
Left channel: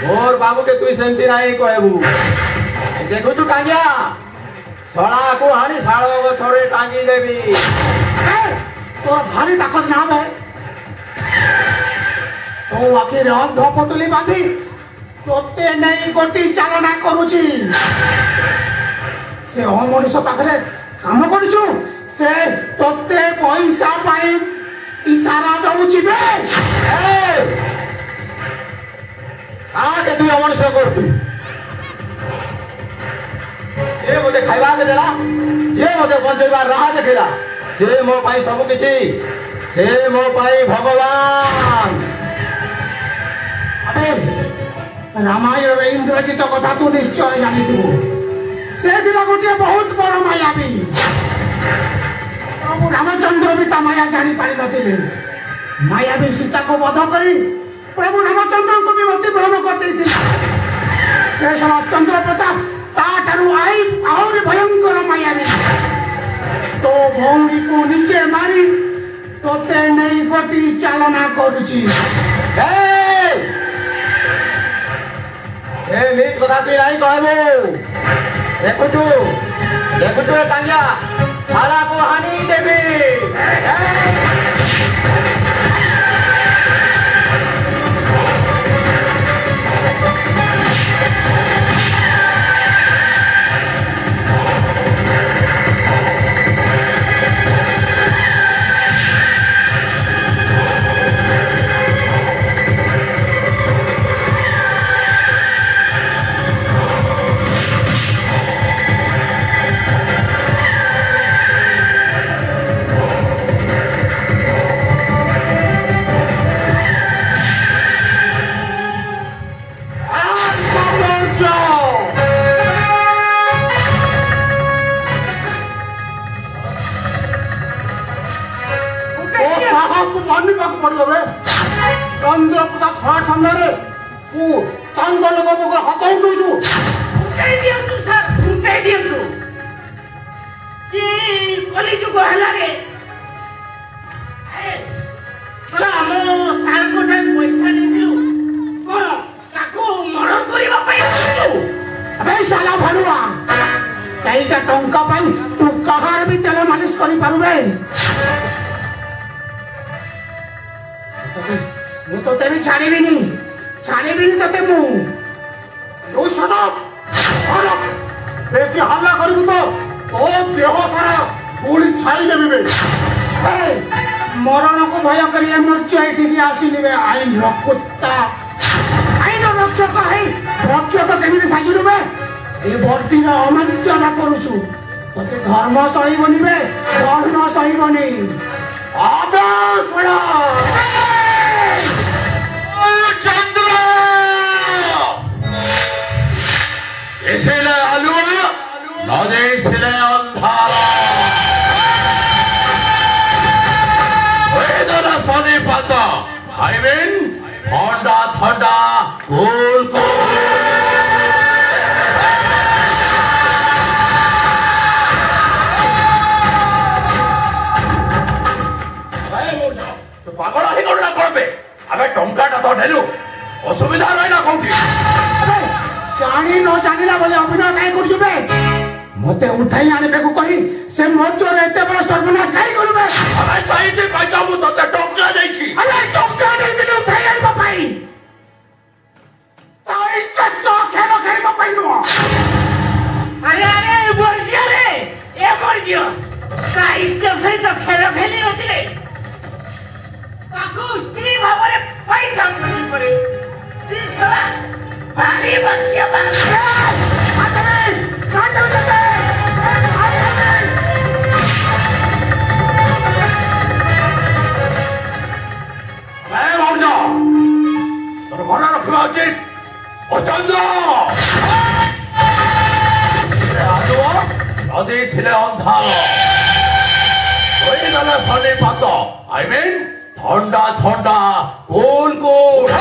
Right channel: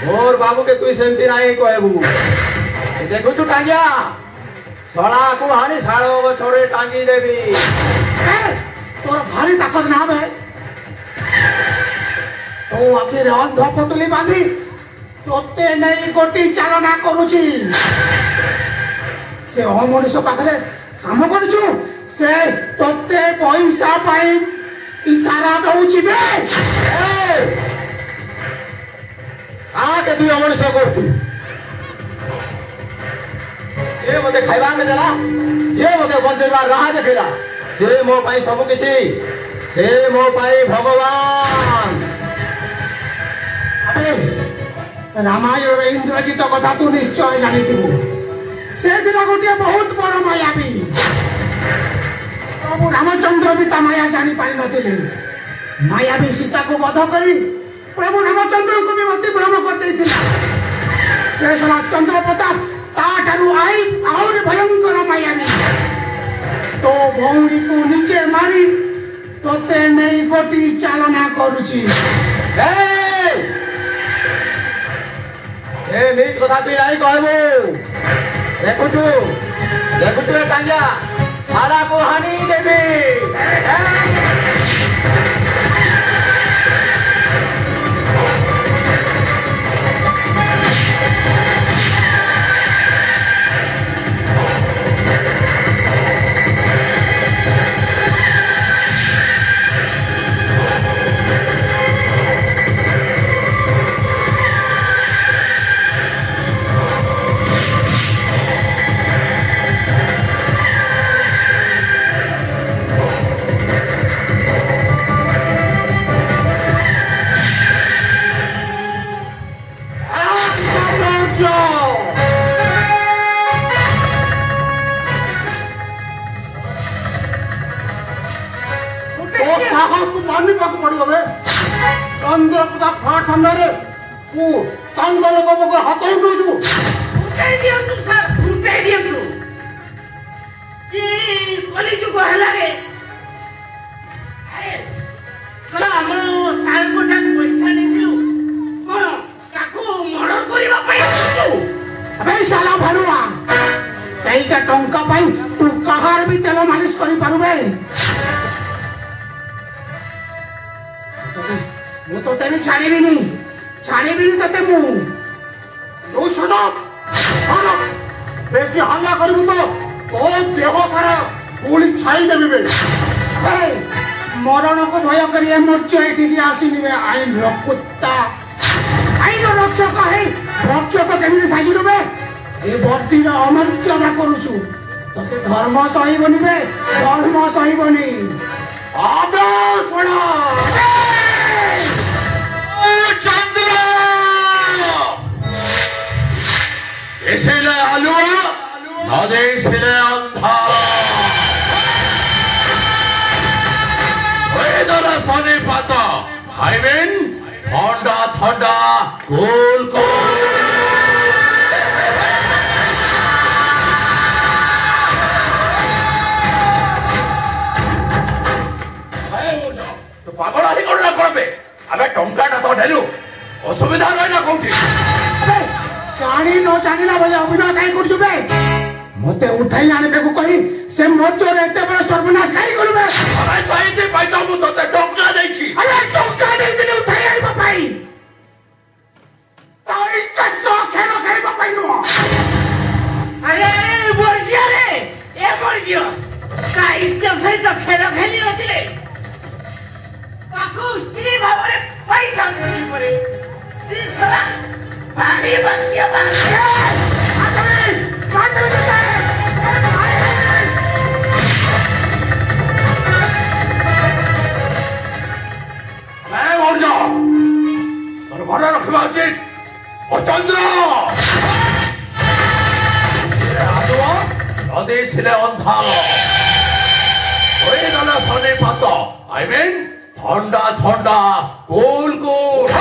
मोर बाबू के तुई सेमती नहीं कहबू देखु तू टांगिया सड़ा को हानि साड़ो गछरे टांगी देवी तोर भारी ताकत ना है तो आखिर अंध पतली बांधी तोते नहीं गोटी चालना करूची से मनुष्य पाखरे काम करूछु से तोते पैसा पाई इशारा दउची बे के तू मनुष्य करतु ये मते खाइबा के देला ये मते बंचेबार राह देखिला से मो पाई सब किछि से मो पाई भगवान अबे रामायण इंद्रजित कथा तू निश्चय जानिथु से दिला गोटे बहुत बड़ मायावी प्रभु रामचंद्र भी ता माया जानी पारि नथिले मायावी सीता को वध करी प्रभु रामचंद्र को भी मति भ्रम कर से चंद्र प्रताप ताठारू आई और भयंकर मायावी तो भौरी को नीचे मारी तोते नहीं गोटी चालना करुची कथा तु नहीं कहबू देखुचु टांगिया सारा को हानि देवी चंद्र प्रताप फाट सामने हाथ उठू कली जुग है सार को पैसा नहीं मर्डर करने साला भानुआ कई टंका तू कहार भी तेल मालिश कर ମୁଁ ତତେ ବି ଛାଡ଼ିବିନି ତତେ ମୁଁ ବେଶୀ ହଲ୍ଲା କରିବୁ ତ ତୋର ଦେହ ସାରା ଗୁଳି ଛାଇଦେବି ବେ ମରଣକୁ ଭୟ କରି ମୂର୍ଚ୍ଛ ଏଠିକି ଆସିଲିବେ ଆଇନର କୁତ୍ତା ଆଇନ ରକ୍ଷକ ହେଇ ରକ୍ଷକ କେମିତି ସାଜିଲୁ ବେ ଏ ବର୍ଦ୍ଦିର ଅମର୍ଯ୍ୟାଦା କରୁଛୁ ତତେ ଧର୍ମ ସହିବନି ବେ ଧର୍ମ ସହିବନି चंद्र इसलिए आलुआ नदे इसलिए अंधारा वेदर सोने पाता आई मीन ठंडा ठंडा कूल कूल अबे टंकाटा तो नेलु असुविधा रहिला कोठी अबे जानी न जानिला बोले अभिनय काई करछु बे मते उठाई आने बेकु कही से मोचोर एते बड़ सर्वनाश काई करू बे अरे सही जे पैसा मु तते टंका देछि अरे टंका नहीं दिले उठाई आनी बापाई ताई चसो खेलो खेली बापाई नो अरे बर्जिया रे ए बर्जिया का इच्छा सहित खेल खेली नथिले ताकू स्त्री भावरे पैसा खर्च करे तीसरा पानी बंदिया बांधिया मन रखा उचित चंद्र नदी छिले अंधार शनि पात आई मीन ठंडा ठंडा गोल गोल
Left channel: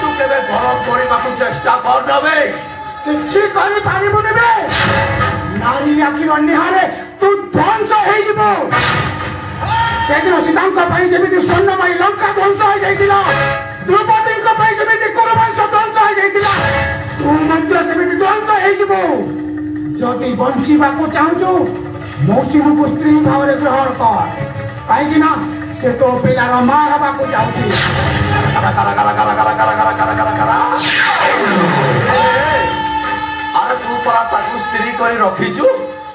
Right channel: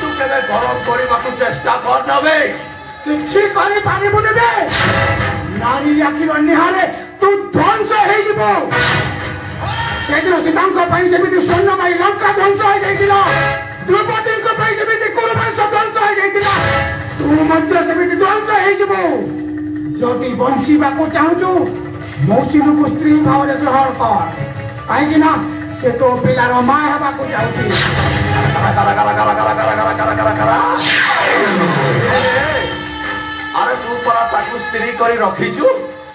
तू केवे गरम करने को चेष्टा कर नबे किछि करि पारिबुनि बे नारी आखि अन्हारे तू ध्वंस हे जिवो सेदिन सीतांक पई जेमिति स्वर्णमयी लंका ध्वंस हो जाइतिला द्रौपदी को पई जेमिति कुरुवंश ध्वंस हो जाइतिला तू मध्य सेमिति ध्वंस हे जिवो जदि बंचिबा को चाहूछु मौसी को स्त्री भावरे ग्रहण कर काहेकि ना से तो पिलार मां हबा को चाहूछि अरे तू परा ताकू स्त्री करी रखीचु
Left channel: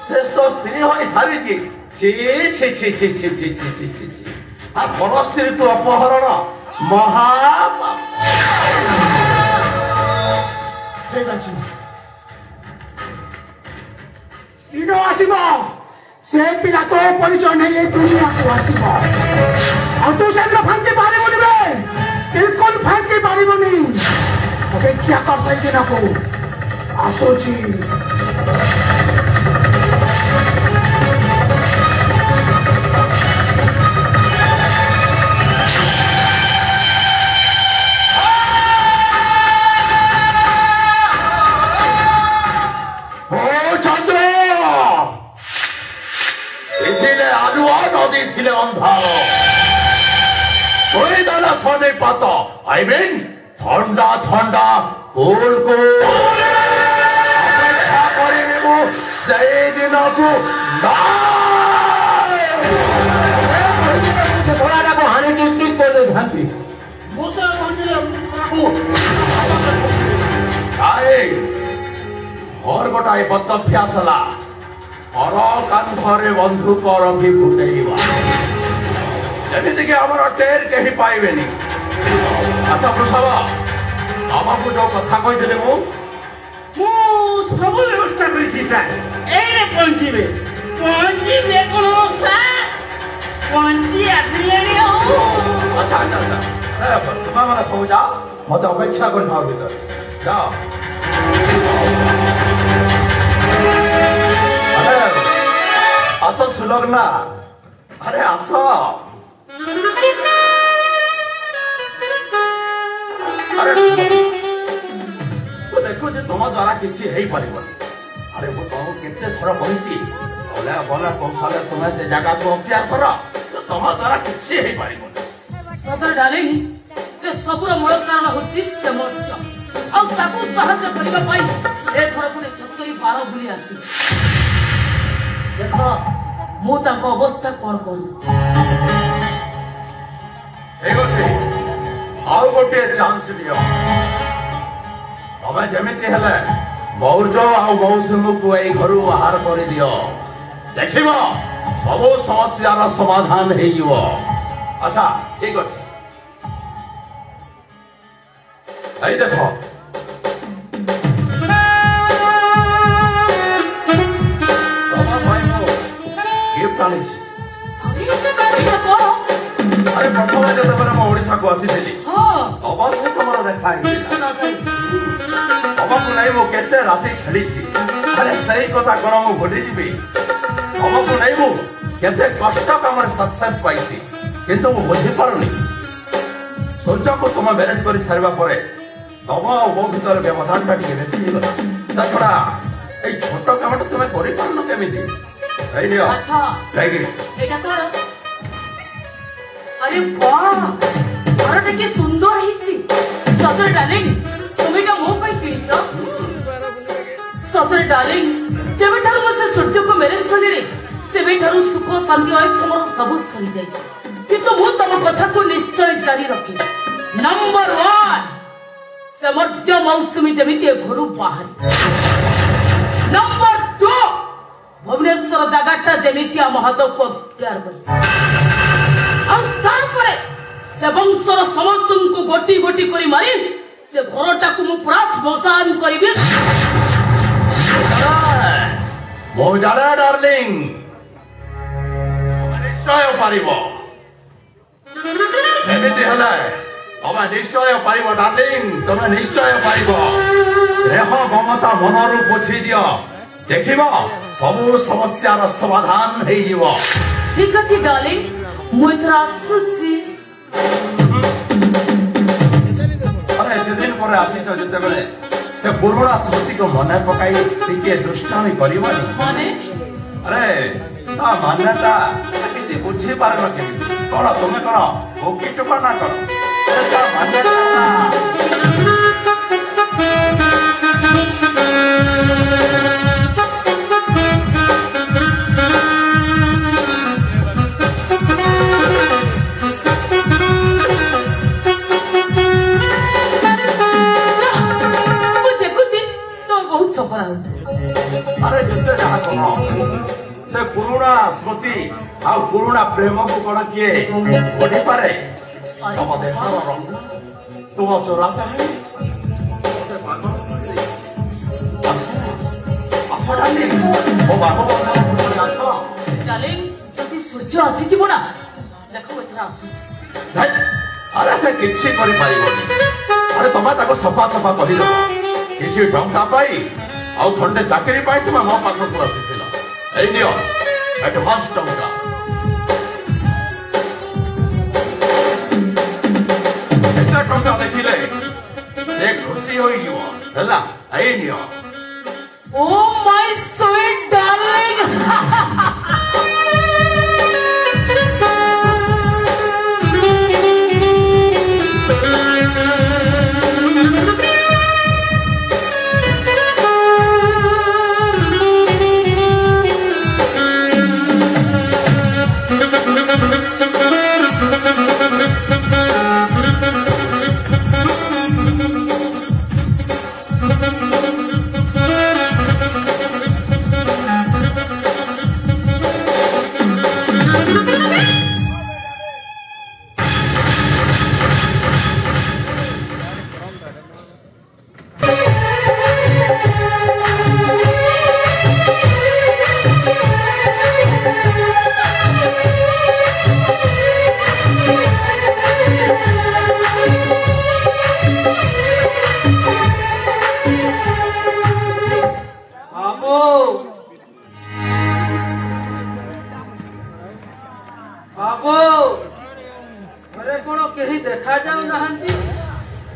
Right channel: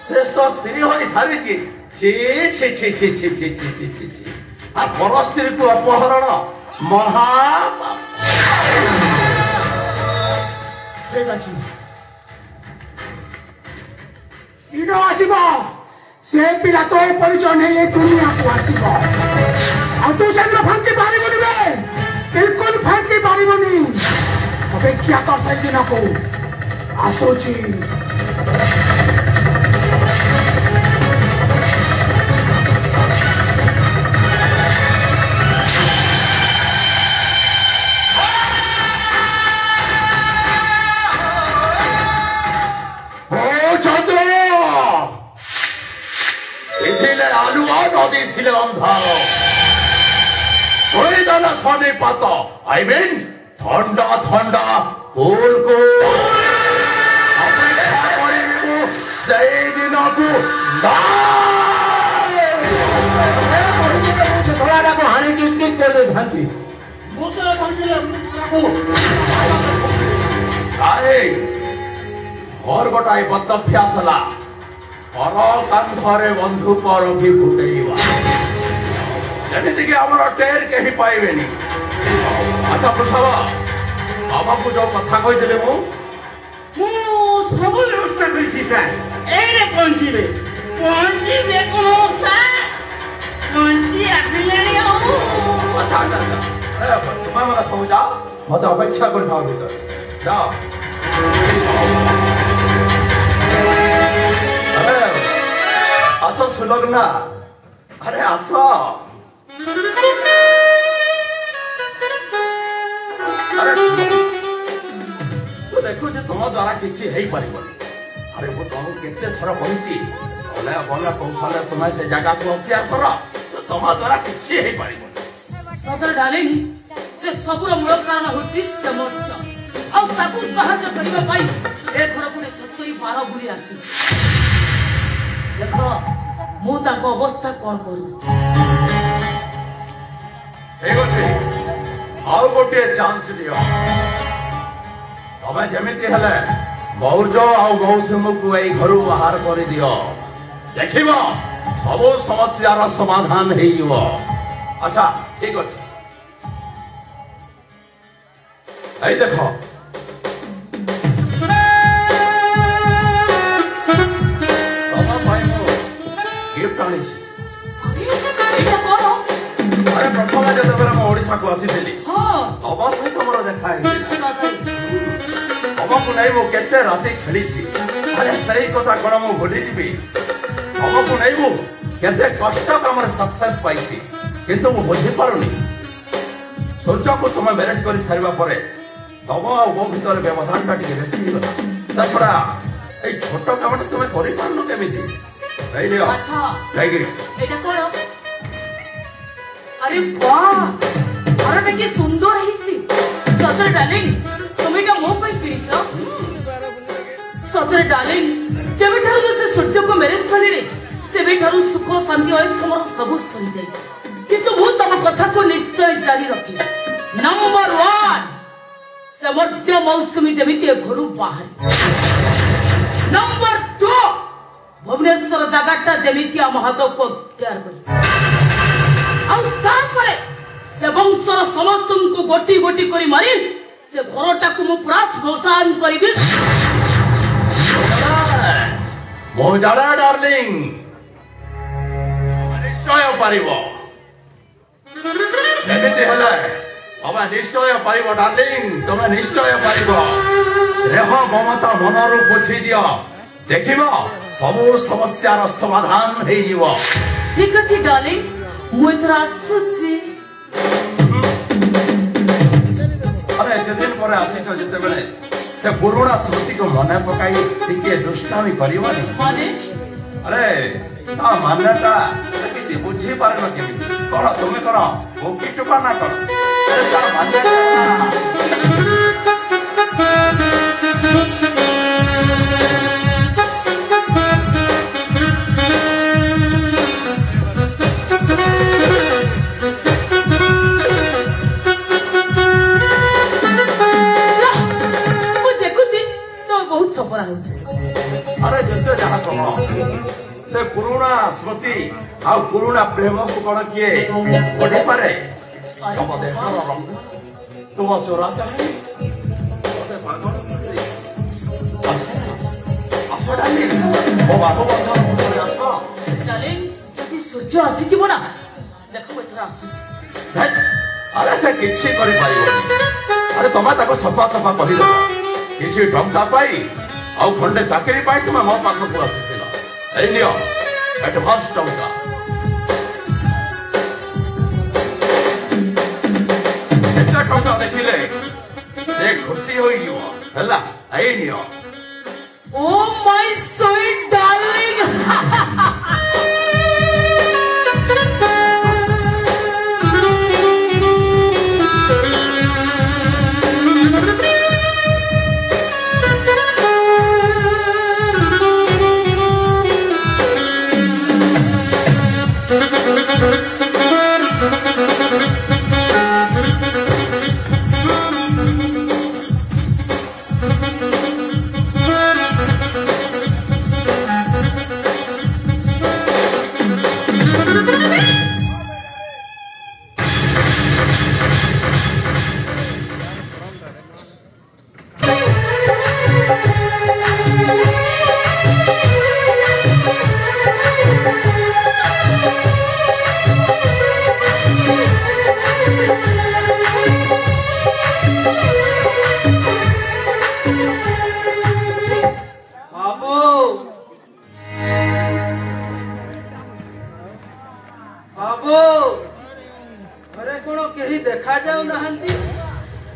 से तो स्त्री होई सारिची छी छी छी छी छी छी छी छी छी छी आ घर स्त्री को अपहरण महापाप ठीक अछि इनो आसीबो से पिला तो परिचय नहीं ये दुनिया को आसीबो और तू से फांकी पारिबुनि बे बिल्कुल फांकी पारिबुनि अपेक्षा कर सकते ना को आसोची नदी छिले अंधार शनि पात आई मीन ठंडा ठंडा गोल गोल अपेक्षा करिबु सेई दिन को थोड़ा को हानि टिक कर दे शांति मुते बंदिले आए और गोटाए बदअभ्यासला परल कांधरे बंधुक रखी फुटेइबा जेमिति कि हमर टेर केही पाइबेनी अच्छा वृषभ हमकु जो कथा कहिदिले मु सब व्यवस्था करिछि सर एने पहुंचीबे कोन सर पहुंची आसिलेनी हो अच्छा अच्छा अच्छा तुम हमरा सब जाओ मत अपेक्षा कर थाओ भीतर जाओ अरे आसो सुलग्ना अरे आसो अरे तो देखो जे तुम द्वारा किसी है परिबनी अरे वो तुमको केते थर कहिछि बोले बोले कौशल तुम्हें से जगह को अख्तियार कर तो तुम द्वारा किसी है परिबनी सदर डालेनी से सबुर मूल कारण होछि से मर्च आ ताकू साहाय्य करिबा पाई ए घर को 70-12 भूली आछि देखो मु ताको अवस्था कोन करू एगो से आउ गोटे चांस दियो तबे जेमिति हेले मौर्ज आउ मौसुम को ए घर बाहर कर दियो देखिबो सब समस्या समाधान हे जिवो अच्छा ठीक अछि आई देखो गिफ्ट आनी अरे प्रथम जब ओडिशा को आसी अवश्य तुम देखा तुमको नहीं मु केते राति खेली अरे सही कथा कौन मु भूली जी तुमको नहीं मु केते कष्ट कम सक्सेस पाई किंतु मु बुझी पारुनी सूर्य को तुम मैनेज कर सारा पर तुम आ मो भर व्यवधान टा बेसी ता छड़ा ये छोट कम तुम कर पारन केमी अरे वाह ଘରଟା କି ସୁନ୍ଦର ହେଇଛି ସତରେ ଡାର୍ଲିଂ ତୁମେ ଏଇଟା ମୋ ପାଇଁ କିଣିଛ ସତରେ ଡାର୍ଲିଂ ଯେବେଠାରୁ ମୁଁ ସେ ସୂର୍ଯ୍ୟକୁ ମ୍ୟାରେଜ କଲିରେ ସେବେଠାରୁ ସୁଖ ଶାନ୍ତି ଐଶ୍ୱର୍ଯ୍ୟ ମୋର ସବୁ ସରିଯାଇଛି କିନ୍ତୁ ମୁଁ ତମ କଥାକୁ ନିଶ୍ଚୟ ଜାରି ରଖିବି ନମ୍ବର 1 ସେ ମର୍ତ୍ତ୍ୟ ମୌସୁମୀ ଯେମିତି ଏ ଘରୁ ବାହାରି ନମ୍ବର 2 ଭୁବନେଶ୍ୱର ଜାଗାଟା ଯେମିତି ଆମ ହାତକୁ ତିଆର କରି ଆଉ ତାପରେ ସେ ବଂଶର ସମସ୍ତଙ୍କୁ ଗୋଟି ଗୋଟି କରି ମାରି ସେ ଘରଟାକୁ ମୁଁ ପୁରା ଶ୍ମଶାନ କରିବି ମୁଁ ଜାଣେ ଡାର୍ଲିଂ ନିଶ୍ଚୟ ପାରିବ ଏମିତି ହେଲେ ତମେ ନିଶ୍ଚୟ ପାରିବ ଡାର୍ଲିଂ ତମେ ନିଶ୍ଚୟ ପାରିବ ସ୍ନେହ ମମତା ମନରୁ ପୋଛି ଦିଅ ଦେଖିବ ସବୁ ସମସ୍ୟାର ସମାଧାନ ହେଇଯିବ ଠିକ ଅଛି ଡାର୍ଲିଂ ମୁଁ ଏଥର ଆସୁଛି ଆରେ ଏତେ ଦିନ ପରେ ଆସିଛ ଯେତେବେଳେ ସେ ପୁରୁଣା ସ୍ମୃତିକୁ ମନେ ପକାଇ ଟିକେ ଦୁଷ୍ଟାମି କରିବନି ମାନେ ଆରେ ତା ମାନ୍ୟଟା କିଛି ବୁଝିପାରୁନ କେମିତି କଣ ତୁମେ କଣ ଭୋକି ଟୁକା ନା କଣ ତା ମାନ୍ୟଟା ଆରେ ଯେତେ ଯାହା କହ ସେ ପୁରୁଣା ସ୍ମୃତି ଆଉ ପୁରୁଣା ପ୍ରେମକୁ କଣ କିଏ ପଢିପାରେ ତମ ଦେହର ରଙ୍ଗ ତୁମ ଚୋରା ଚାହିଁ ଆସ ଡାର୍ଲିଂ ମୋ ବାବୁ ଡାର୍ଲିଂ ଯଦି ସୂର୍ଯ୍ୟ ଆସିଯିବ ନା ଦେଖ ଏଥର ଆସୁଛି ଆରେ ସେ କିଛି କରିପାରିବନି ଆରେ ତମେ ତାକୁ ସଫା ସଫା କହିଦେବ କିଛି ଟଙ୍କା ପାଇ ଆଉ ଖଣ୍ଡେ ଚାକିରି ପାଇଁ ତୁମେ ମୋ ପାଖକୁ ଆସିଥିଲ ଏଇ ନିଅ ଆଡଭାନ୍ସ ଟଙ୍କା ଏତେ ଟଙ୍କା ଦେଖିଲେ ସେ ଖୁସି ହୋଇଯିବ ହେଲା ଏଇ ନିଅ ଓ ମାଇ ସୁଇଟ୍ ଡାର୍ଲିଂ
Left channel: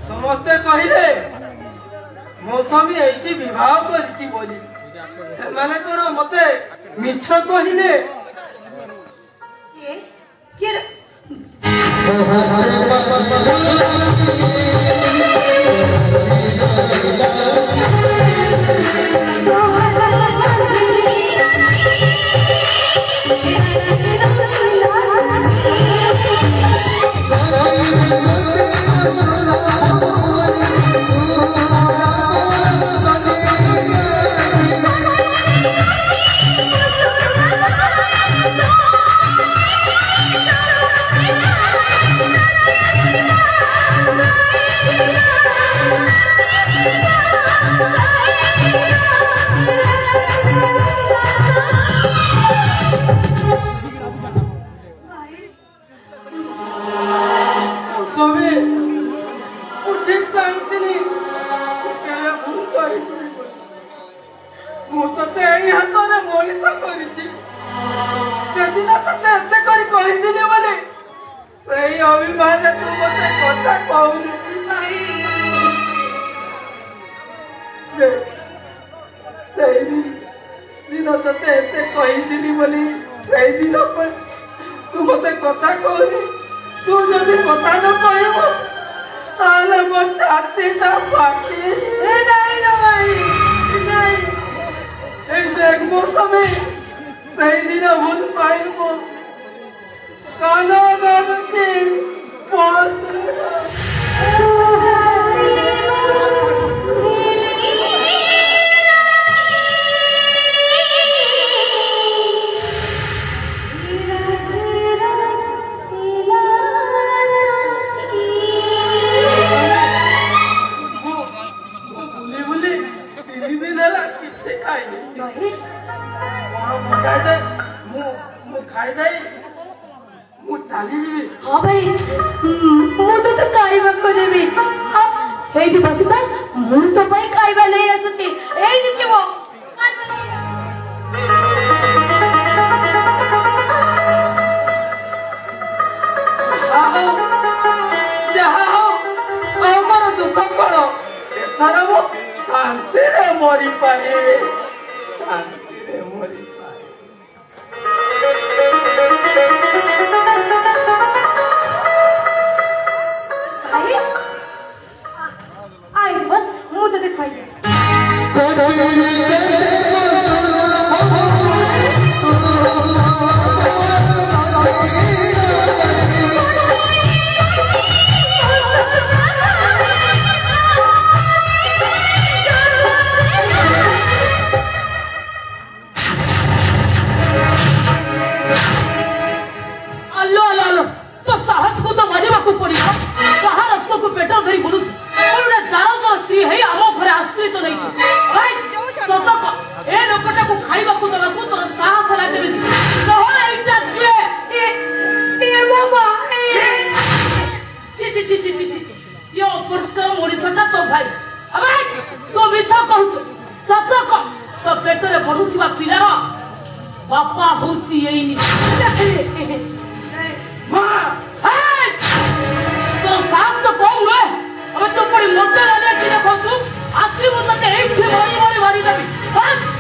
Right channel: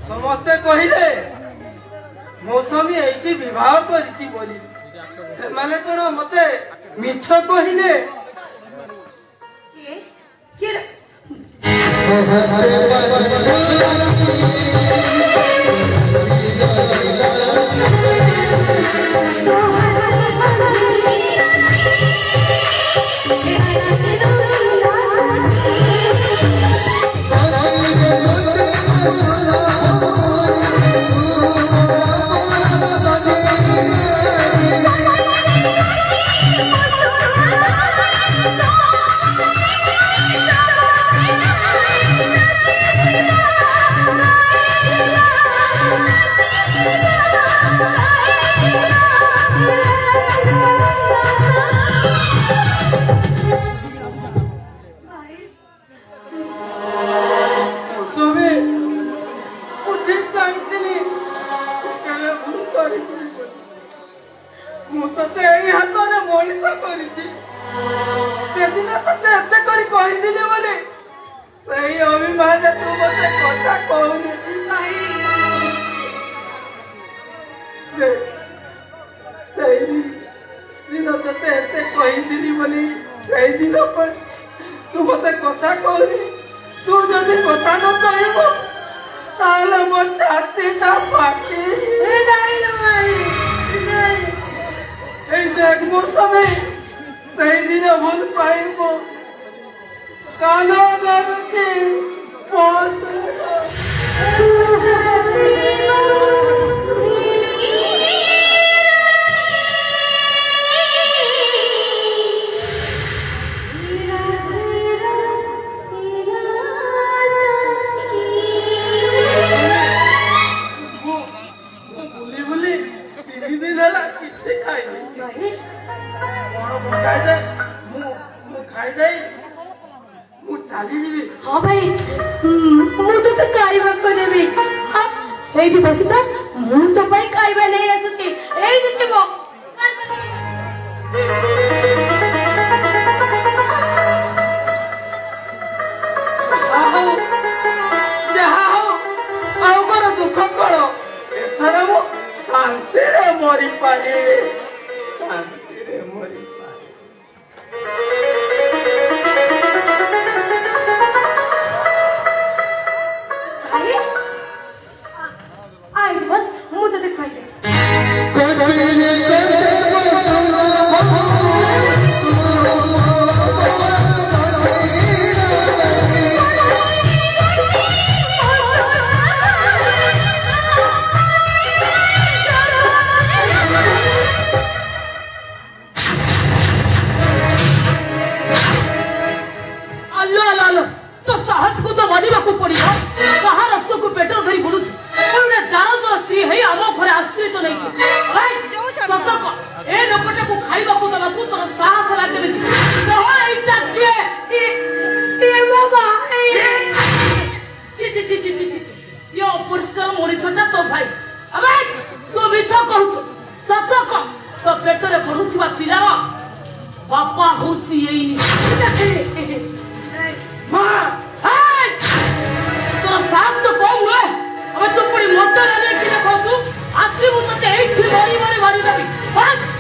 ସମସ୍ତେ କହିଲେ ମୌସୁମୀ ଏଇଠି ବିବାହ କରିଛି ବୋଲି ସେମାନେ କଣ ମତେ ମିଛ କହିଲେ ମୁଁ ତତେ ଏଇ ହାତରେ ମଣିଷ କରିଛି ସେଦିନ ତତେ ଏତେ କରି କହିଥିଲି ବୋଲି ସେଇ ଅଭିମାନରେ ତୁ ମତେ କଥା କହୁନି ସେଇଦିନ ତତେ ଏତେ କହିଥିଲି ବୋଲି ସେଇଦିନ ତୁ ମତେ କଥା କହୁନି तू जदि कथा न कहब ताले मो छातीटा फाटी नहीं लो भाई नहीं এই দেখ মোর সবে সেই দিনে ভুল পাইব কানো গানছি हाँ भाई मुझे तो खाइबा को देवी एठी बसता मु तो भाई खाइबा नहीं आसुची एठी थिबो जहा हो हमर दुख करो एथर मो शांति रे मरी पाए शांति रे मरी पाए आई बस मुझे दिखाई दे तो साहस को तो मानिबा को पड़िबो कहा रक्त को पेटर धरी बुलु कोइडा जारंदर स्त्री है आम घरे आश्रित नहीं भाई सतक ए लोकटा को खाइबा को दला को तोर साहस लागे नहीं कह एटा के ए बाबा ची ची ची ची ची यो पुरस्कार मोरिसटा तो भाई अबे तो मिछा कहू सतक तो पेटरे बढ़ुथिबा पिलार बापा होची एइनी मां हाय तो साथ तो कौन है अबे तो पड़ी मोटे वाले की देखो तू आखिरी मुझे तो एक ही मारी दबी बस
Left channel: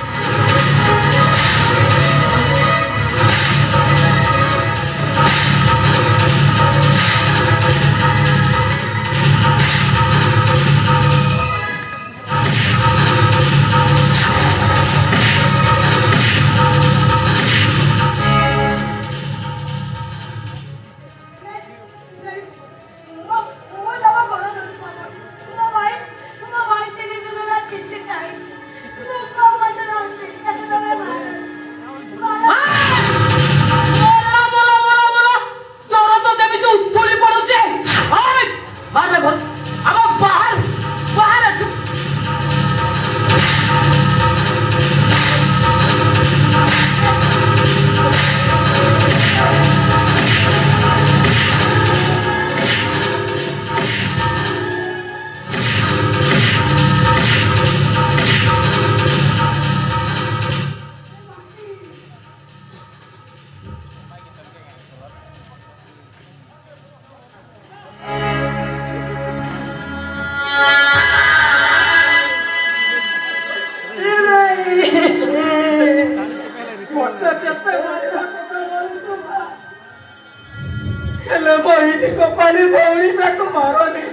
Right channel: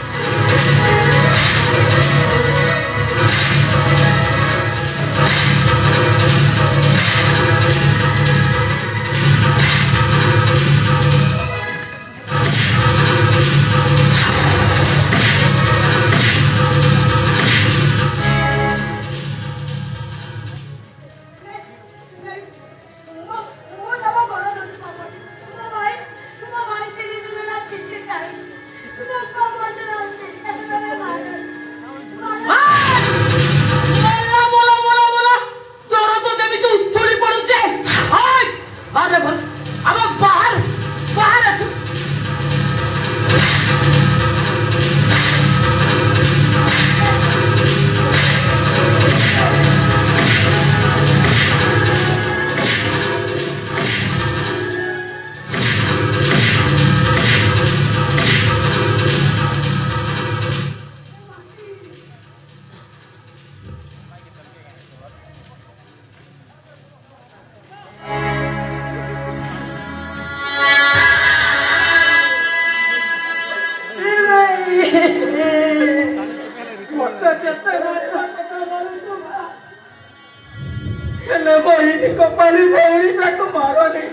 कपाली भौरी ताको मारो नहीं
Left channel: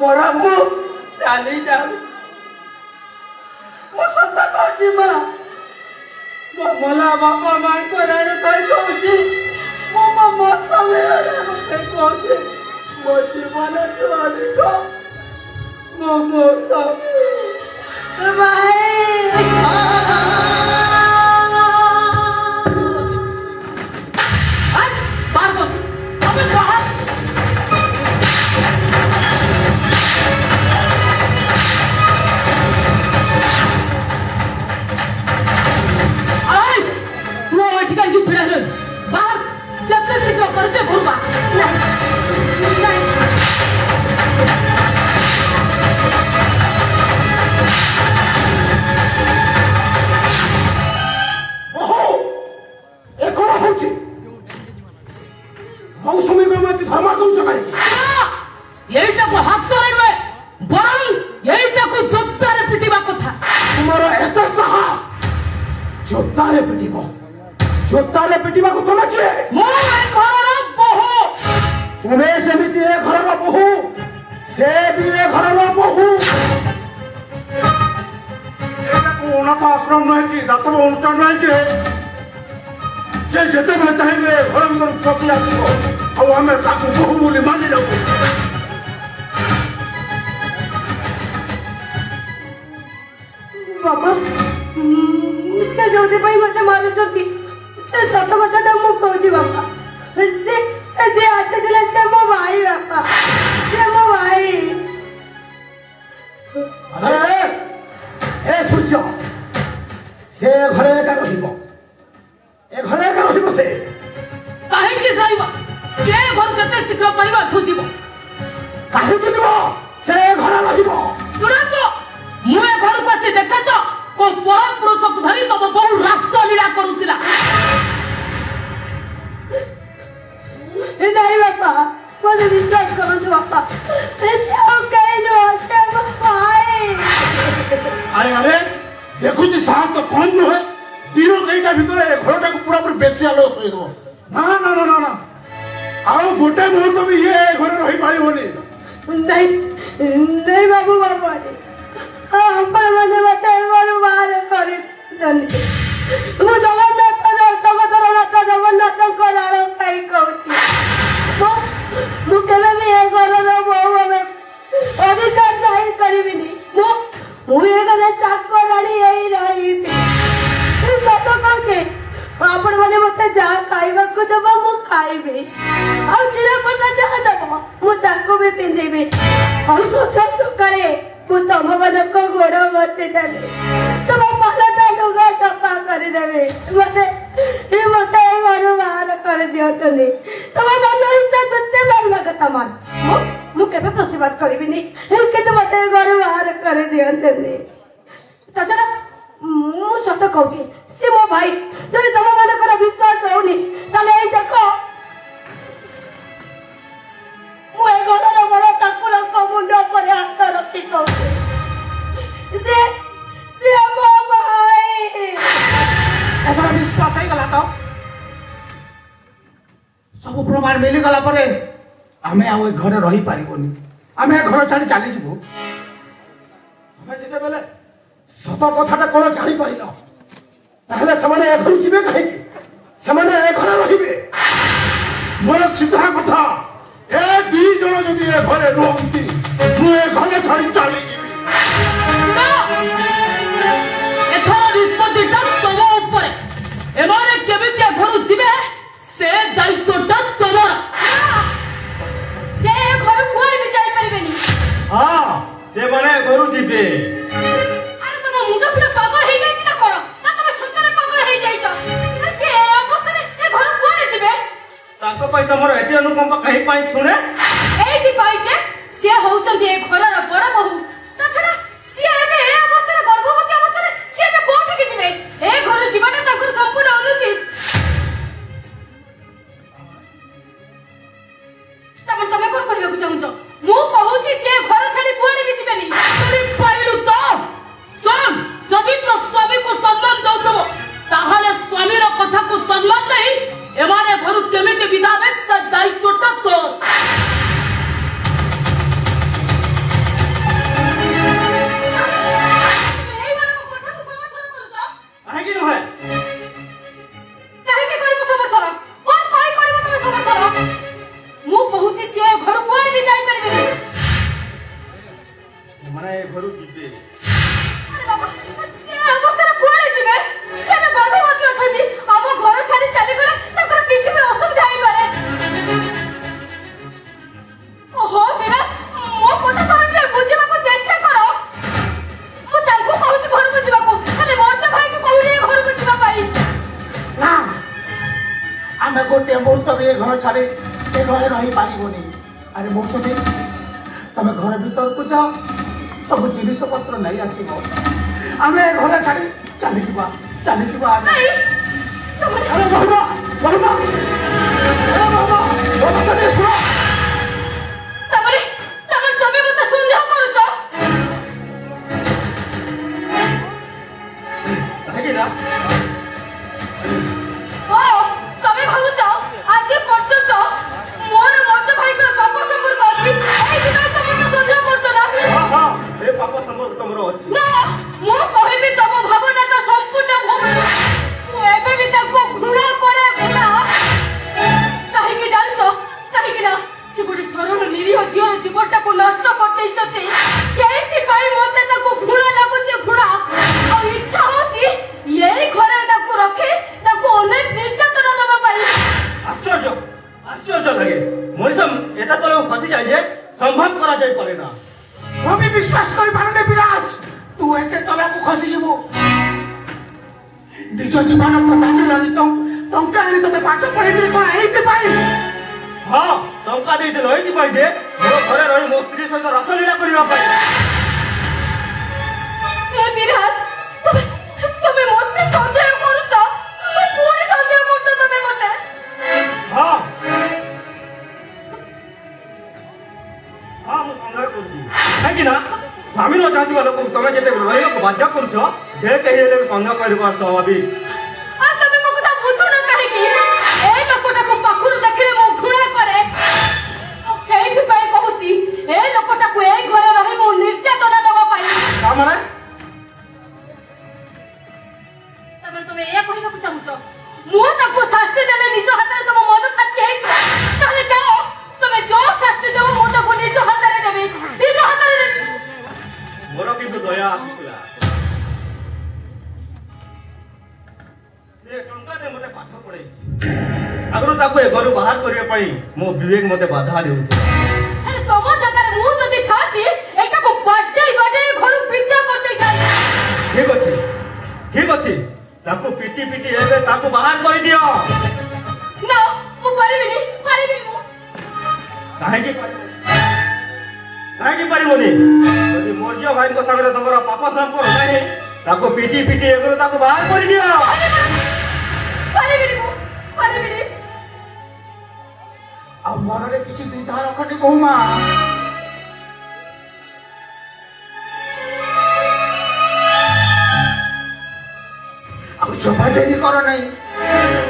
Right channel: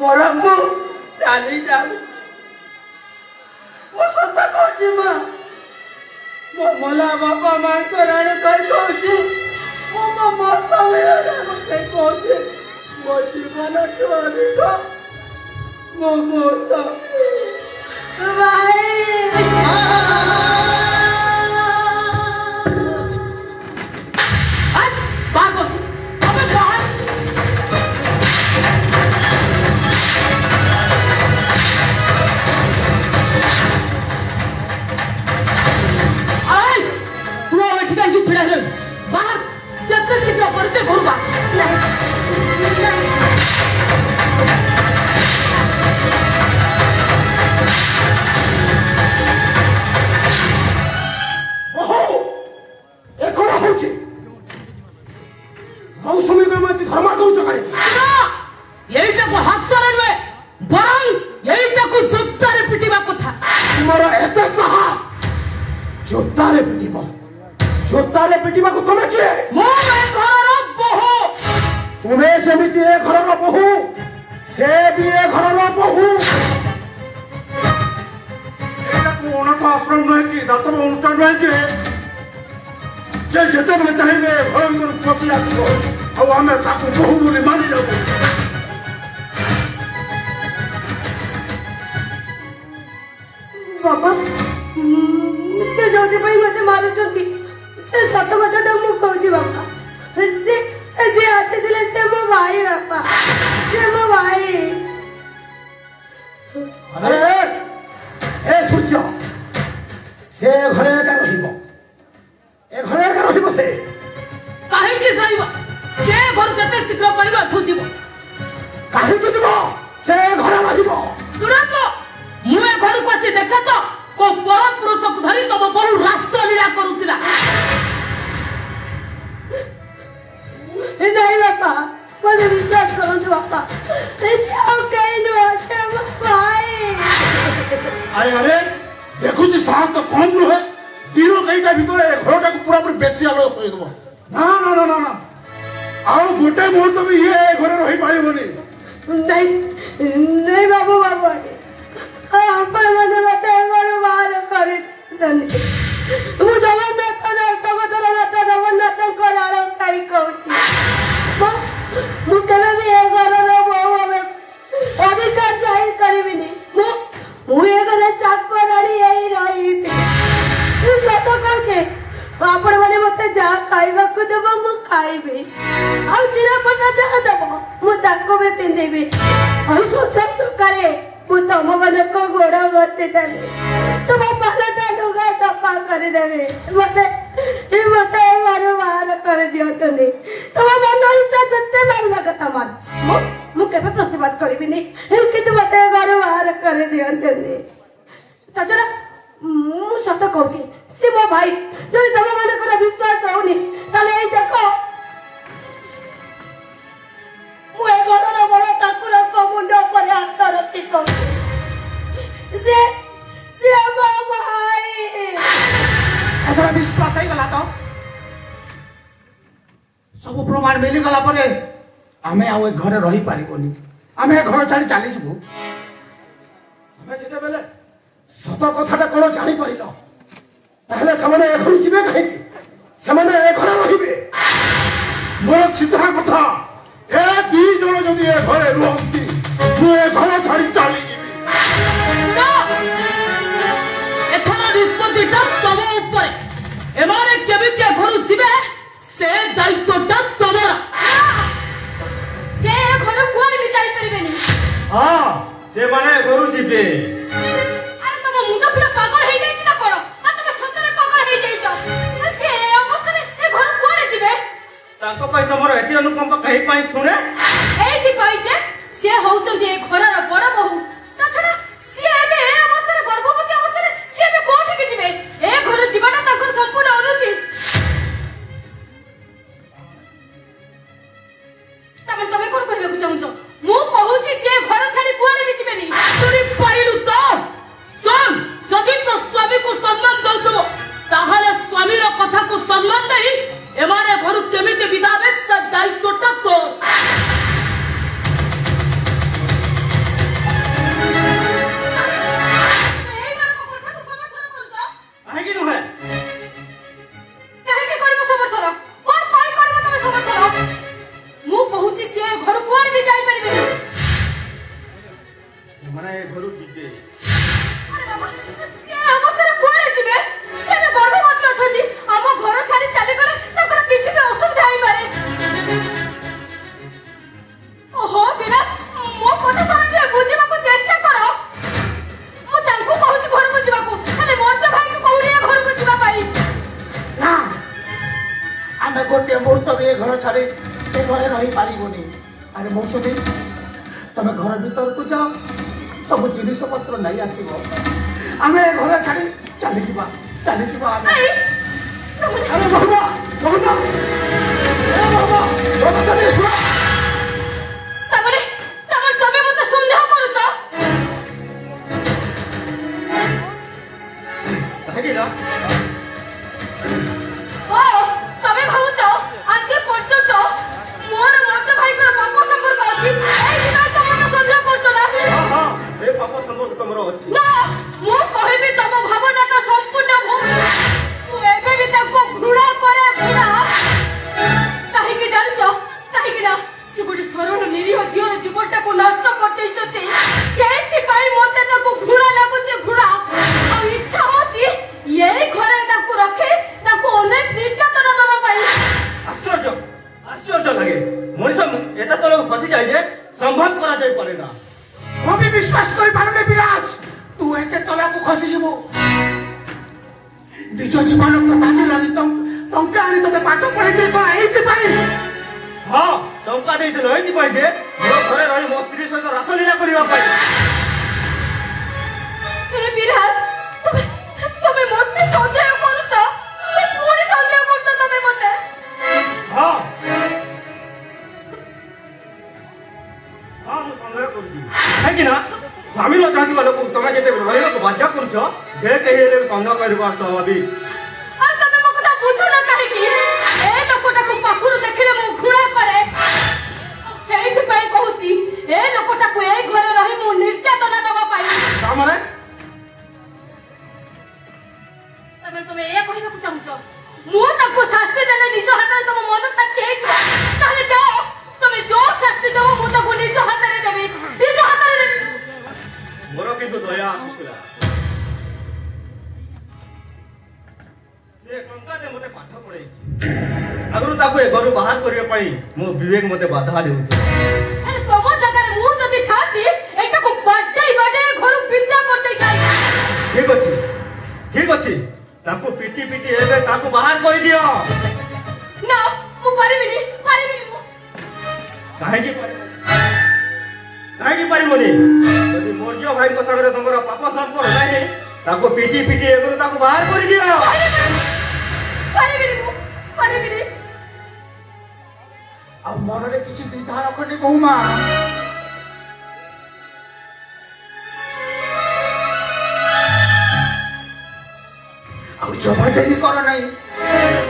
बरम मु चाली जाऊ मो सत कहूची माँ मो मला बापा माँ को रण कही कहूची मो मो समय मते कहूची मो जीवन ठू अधिक मो मो जोतारे पिटिबा को तमे किए मो ए घर बहु ତୁମେ ସେମିତି ଏ ଘରର ବୋହୂ, ସେ ବି ଏ ଘରର ବୋହୂ। ଏଇଟାକୁ ଅନାଥ ଆଶ୍ରମ ନୁହେଁ କି ଦାତବ ଅନୁଷ୍ଠାନ ନୁହେଁ ଯେ ସେ ଯେତେବେଳେ ଚାହିଁବେ ଘର ଭିତରକୁ ପଶି ଆସିବ ଆଉ ଆମେ ତାକୁ ବୋହୂ ବୋଲି ମାନି ଯାଉ। ବାବା ସେ ଯୋଉଥିପାଇଁ ମତେ ମାରୁଛନ୍ତି ସେ ସତ କଥାଟା ମୁଁ କହୁଛି ବାପା। ସେ ଯିଏ ଆସିଥିଲେ ସେ ମୋ ଭାଇ ବାପା, ସେ ମୋ ଭାଇ। ଆରେ ଏ ସୂର୍ଯ୍ୟ, ସେ ଘରେ ଏକା ରହିବ, ଏ ଘରେ ଏକା ରହିବ। ସେ କାହିଁକି ରହିବ? ସେ ଘର ଯେତେ ଶୀଘ୍ର ପରିବାରଠୁ ଯିବ। କାହିଁକି ଯିବ? ସେ ଘରେ ରହିବ। ଶୁଣନ୍ତୁ, ମୁଁ ଏ ଘରକୁ ଆସି ଦେଖେ ତ କୋଉ ପର ପୁରୁଷକୁ ଧରି ତମ ବୋହୂ ରାସଲୀଳା କରୁଥିଲା। ନାଇଁ ବାପା, ମତେ ବିଶ୍ୱାସ କରନ୍ତୁ ବାପା, ସେ ଆଉ କେହି ନୁହଁ, ସେ ମୋ ଭାଇ। ଆରେ ଆରେ ଦେଖୁଛି ସାହସ ତ କମ୍ ନୁହେଁ। ଦିନ କେଇଟା ଭିତରେ ଏ ଘରଟାକୁ ପୁରାପୁରି ବେଶୀ ଆଲୋକ ଶୋଇଦେବ। ନା ନା ନା ନା ନା, ଆଉ ଗୋଟେ ମୁହୂର୍ତ୍ତ ବି ଇଏ ଏ ଘରେ ରହିପାରିବନି। ନାଇଁ ନାଇଁ ବାବୁ ବାବୁ, ଆପଣମାନେ ମତେ ଘରୁ ବାହାର କରିଦେଲେ। ମୁଁ ଜଗନ୍ନାଥ ଜଗତର ନାଥ ଜଗନ୍ନାଥଙ୍କ ରାଣ ଖାଇ କହୁଛି, ମୁଁ କେବେ ବି ଏ ଘରର ବୋହୂ ଭାବେ ଅଧିକାର ଜାହିର କରିବିନି। ମୁଁ ଏ ଘରେ ଚାକରାଣୀ ହେଇ ରହିବି। ସତ କହୁଛି, ଆପଣ ମାନେ ମତେ ଯାହା ଖାଇବାକୁ ଦେବ ମୁଁ ଖାଇବି, ଆଉ ଚିରାପଟା ଯାହା ଦେବ ମୁଁ ତାକୁ ବି ପିନ୍ଧିବି, ଆଉ ସକାଳେ ମୁଁ ତମ ମାନଙ୍କ ଗୋଡ ଘଷି ଦେବି, ତୁମ ପାନଟା ଲୁଗା ସଫା କରିଦେବି। ମତେ ଘରୁ ବାହାର କରିଦିଅନ୍ତୁନି। ତମ ମନ ଇଚ୍ଛା ଯେତେ ମାରିବା କଥା ମାର, ମୁଁ କେବେ ପ୍ରତିବାଦ କରିବିନି, କିନ୍ତୁ ମତେ ଘରୁ ବାହାର କରିଦିଅନ୍ତୁନି। ତାଛଡା ମୁଁ ସତ କହୁଛି, ସେ ମୋ ଭାଇ। ଯଦି ତମ ମାନଙ୍କର ବିଶ୍ୱାସ ହଉନି ତାହେଲେ ଏଇ ଦେଖ, ମୁଁ ଏ ଘରର ବଡ ଠାକୁରଙ୍କ ମୁଣ୍ଡ ଉପରେ ହାତ ରଖି କହୁଛି, ସେ ମୋ ଭାଇ। ଏଥର ବିଶ୍ୱାସ ହେଇଗଲା ତ? ସବୁ ପ୍ରମାଣ ମିଳିଗଲା ପରେ ଆମେ ଆଉ ଏ ଘରେ ରହିପାରିବୁନି, ଆମେ ଏ ଘର ଛାଡି ଚାଲିଯିବୁ। ଆମେ ଯେତେବେଳେ ସତ କଥାଟା କଣ ଜାଣିପାରିଲ, ତାହେଲେ ସେମାନେ ଏ ଘରୁ ଯିବେ କାହିଁକି? ସେମାନେ ଏ ଘରେ ରହିବେ। ମୋର ସିଧା କଥା, ଏ ଦି ଜଣ ଯଦି ଏ ଘରେ ରୁହନ୍ତି ମୁଁ ଏ ଘର ଛାଡି ଚାଲିଯିବି। ଏଥର ନିଷ୍ପତ୍ତିଟା ତମ ଉପରେ। ଏମାନେ କେମିତି ଏ ଘରୁ ଯିବେ ସେ ଦାୟିତ୍ୱଟା ତମର। ସେ ଏ ଘର କୁଆଡେ ବି ଯାଇପାରିବେନି। ହଁ, ସେମାନେ ଘରୁ ଯିବେ। ଆରେ ତମ ମୁଣ୍ଡ ପୁରା ପାଗଳ ହେଇଯାଇଛି ନା କଣ? ନା ତମେ ସତରେ ପାଗଳ ହେଇଯାଇଛ? ସେ ଏ ଅବସ୍ଥାରେ ଏ ଘର କୁଆଡେ ଯିବେ? ତାଙ୍କ ପାଇଁ ତମର ଏତେ ଅନୁକମ୍ପ କାହିଁ ପାଇଁ ଶୁଣେ? ଏଇଥିପାଇଁ ଯେ ସେ ହଉଛନ୍ତି ଏ ଘରର ବଡ ବୋହୂ। ତାଛଡା ସିଏ ଏବେ ଏ ଅବସ୍ଥାରେ, ଗର୍ଭବତୀ ଅବସ୍ଥାରେ ସିଏ ଏବେ କୋଉଠିକି ଯିବେ? ଏ ଘରୁ ଯିବାଟା ତାଙ୍କର ସମ୍ପୂର୍ଣ୍ଣ ଅନୁଚିତ। ତମେ କଣ କରିବାକୁ ଚାହୁଁଛ? ମୁଁ କହୁଛି ସେ ଘର ଛାଡି କୁଆଡେ ବି ଯିବେନି। ପାଇଲୁ ତ? ଶୁଣ, ଯଦି ତ ସ୍ୱାମୀକୁ ସମ୍ମାନ ଦଉଥିବ ତାହେଲେ ସ୍ୱାମୀର କଥାକୁ ସମ୍ମାନ ଦେଇ ଏମାନେ ଘରୁ କେମିତି ବିଦା ହେବେ ସେ ଦାୟିତ୍ୱଟା ତୋର। ଏଇମାନଙ୍କ କଥାକୁ ସମର୍ଥନ କରୁଛ? କାହିଁକି ନୁହେଁ? କାହିଁକି କରିବ ସମର୍ଥନ? କଣ ପାଇଁ କରିବ ତମେ ସମର୍ଥନ? ମୁଁ କହୁଛି ସେ ଘରୁ କୁଆଡେ ବି ଯାଇପାରିବେନି। ସେମାନେ ଏ ଘରୁ ଯିବେ। ଆରେ ବାବା, ସେ ଅବସ୍ଥାରେ କୁଆଡେ ଯିବେ? ସେ ଏବେ ଗର୍ଭବତୀ ଅଛନ୍ତି। ଆମ ଘର ଛାଡି ଚାଲିଗଲେ ତାଙ୍କର କିଛି ବି ଅସୁବିଧା ହେଇପାରେ। ଓହୋ ବିରାଟ, ମୋ କଥା ତମେ ଟିକେ ବୁଝିବାକୁ ଚେଷ୍ଟା କର। ମୁଁ ତାଙ୍କୁ କହୁଛି ଘରକୁ ଯିବାକୁ, ହେଲେ ମର୍ତ୍ତ ଭାଇକୁ କହୁନି ଏ ଘରକୁ ଯିବା ପାଇଁ। ନା, ଆମେ ଗୋଟିଏ ମୁହୂର୍ତ୍ତ ବି ଏ ଘର ଛାଡି ଏ ଘରେ ରହିପାରିବୁନି। ଆରେ ମୌସୁମୀ, ତମେ ଘର ଭିତରକୁ ଯାଅ, ସବୁ ଜିନିଷ ପତ୍ର ନେଇ ଆସିବ। ଆମେ ଏ ଘର ଛାଡି ଚାଲିଯିବା। ଭାଇ, ତମେ ଆରେ ବାବା, ବାବା, ଶୁଣ। ତମେ ମତେ ସନ୍ଦେହ କରୁଛ? କାହିଁକି ନା ଓ, ତମେ ଭାବୁଛ ଆଜି ପର୍ଯ୍ୟନ୍ତ ମୋର ମର୍ତ୍ତ ଭାଇକୁ ଅଛି ନା ମୁଁ କହିବି ତମ ଭାବନାଟା ସମ୍ପୂର୍ଣ୍ଣ ଭୁଲ। ମୁଁ ଏବେ ବି ତାକୁ ଘୃଣା କରେ ଘୃଣା। କାହିଁକି ଜାଣିଛ? କାହିଁକି ନା ସେ ଗୋଟେ ସରଳ ନିରୀହ ଝିଅର ଜୀବନଟାକୁ ନଷ୍ଟ କରିଦେଇଛନ୍ତି। ସେଇଥିପାଇଁ ମତେ ତାକୁ ଘୃଣା ଲାଗୁଛି ଘୃଣା। ଆଉ ଇଚ୍ଛା ହଉଛି ଏଇ ଘରେ ତାକୁ ରଖି ତାକୁ ଅନେକ ନିର୍ଯାତନା ଦେବା ପାଇଁ। ଆଶ୍ଚର୍ଯ୍ୟ ଆଶ୍ଚର୍ଯ୍ୟ ଲାଗେ ମଣିଷ এটা ତଳକୁ ଖସିଯାଏ ଯେ ସମ୍ଭବ କରାଯାଇପାରେ ନା। ମୁଁ ବି ବିଶ୍ୱାସ କରିପାରୁନି ବିରାଜ, ତୁ ଏତେ ତଳକୁ ଖସିଯିବୁ। ନିଜ ଜୀବନ ବାଜିଲାଣି ଟଙ୍କା ଆଣି ତତେ ପାଠ ପଢେଇଥିଲି କଣ ଏଇଥିପାଇଁ? ହଁ ଟଙ୍କା ଦେଇଥିଲ ଏଇଥିପାଇଁ ଯେ ମୋ ଘରେ ରହି ମୋ ସ୍ତ୍ରୀ ସହିତ ରାସଲୀଳା କରିବା ପାଇଁ। ଏ ବିରାଜ ତମେ ମତେ ସନ୍ଦେହ କରୁଛ? ପୁଣି ସନ୍ଦେହ କରୁଛ ତମେ ମତେ? ହଁ ହଁ ମୁଁ ସନ୍ଦେହ କରୁଛି କାହିଁକି ନା ସ୍ୱାମୀ ନ ଚାହୁଁଥିବା ଲୋକକୁ ତମେ ଯେତେବେଳେ ରହିବାକୁ ବାଧ୍ୟ କରୁଛ ଯେ କେହି ହେଲେ ବି ସନ୍ଦେହ କରିବା ସ୍ୱାଭାବିକ। ଆଉ ତମେ ମୋ କଥା ବୁଝୁନ କାହିଁକି? ଏ ଲୋକଟାକୁ ପାଖରୁ ଦେଖିଲେ ମୁଁ ଘୃଣା କରେ। ସେଇଥିପାଇଁ କହୁଛି ଏ ଲୋକଟାକୁ ଏଇ ଘରେ ରହି ମୁଁ ନିର୍ଯାତନା ଦେବା ପାଇଁ। ତାମାନେ ତମେ ଏଇଆ କହିବାକୁ ଚାହୁଁଛ ମୁଁ ତାକୁ ଶାସ୍ତି ଦେଲେ ନିଜ ହାତରେ ତମ ମନ ଶାନ୍ତି ହେଇଯିବ? ତାହେଲେ ଯାଅ ତମେ ଯୋଉ ଶାସ୍ତି ଦେବ ମୁଁ ତାକୁ ନିଜ ହାତରେ ଦେବି। ନିଜ ହାତରେ ଦେବି। ମୋର କିନ୍ତୁ ଦୟା ଆସୁଥିଲା। ସେ ଟଙ୍କାଟେ ମତେ ପାଠ ପଢେଇଛି। ଆଗରୁ ତାକୁ ଏ ଘରୁ ବାହାର କରିବା ପାଇଁ ମୋ ବିବେକ ମତେ ବାଧା ଦେଉଥିଲା। ହେଲେ ତମ ଜାଗାରେ ମୁଁ ଯଦି ଥାନ୍ତି ଏଟାକୁ ବାଡେଇ ଘରୁ ବିଦ୍ୟା କରିଦେଇଥାନ୍ତି। ଠିକ ଅଛି ତାକୁ ପିଟି ପିଟି ଏବେ ତାକୁ ବାହାର କରିଦିଅ। ନା ମୁଁ ପାରିବିନି ମୁଁ। କାହିଁକି ପାରିବନି? ଯଦି ମୌର୍ଯ୍ୟ ଭାଇଙ୍କ ସାଙ୍ଗରେ ତମର ପାପ ସମ୍ପର୍କ ନାହିଁ ତାକୁ ପିଟି ପିଟି ଏବେ ତାକୁ ବାହାର କରିଦିଅ। ପାରିବିନି। ଆଉ ମନରେ କିଛି ଦ୍ୱିଧା ରଖନି ବୋହୁମା। ଆଉ ଜମା ଡେରି କର ନାହିଁ।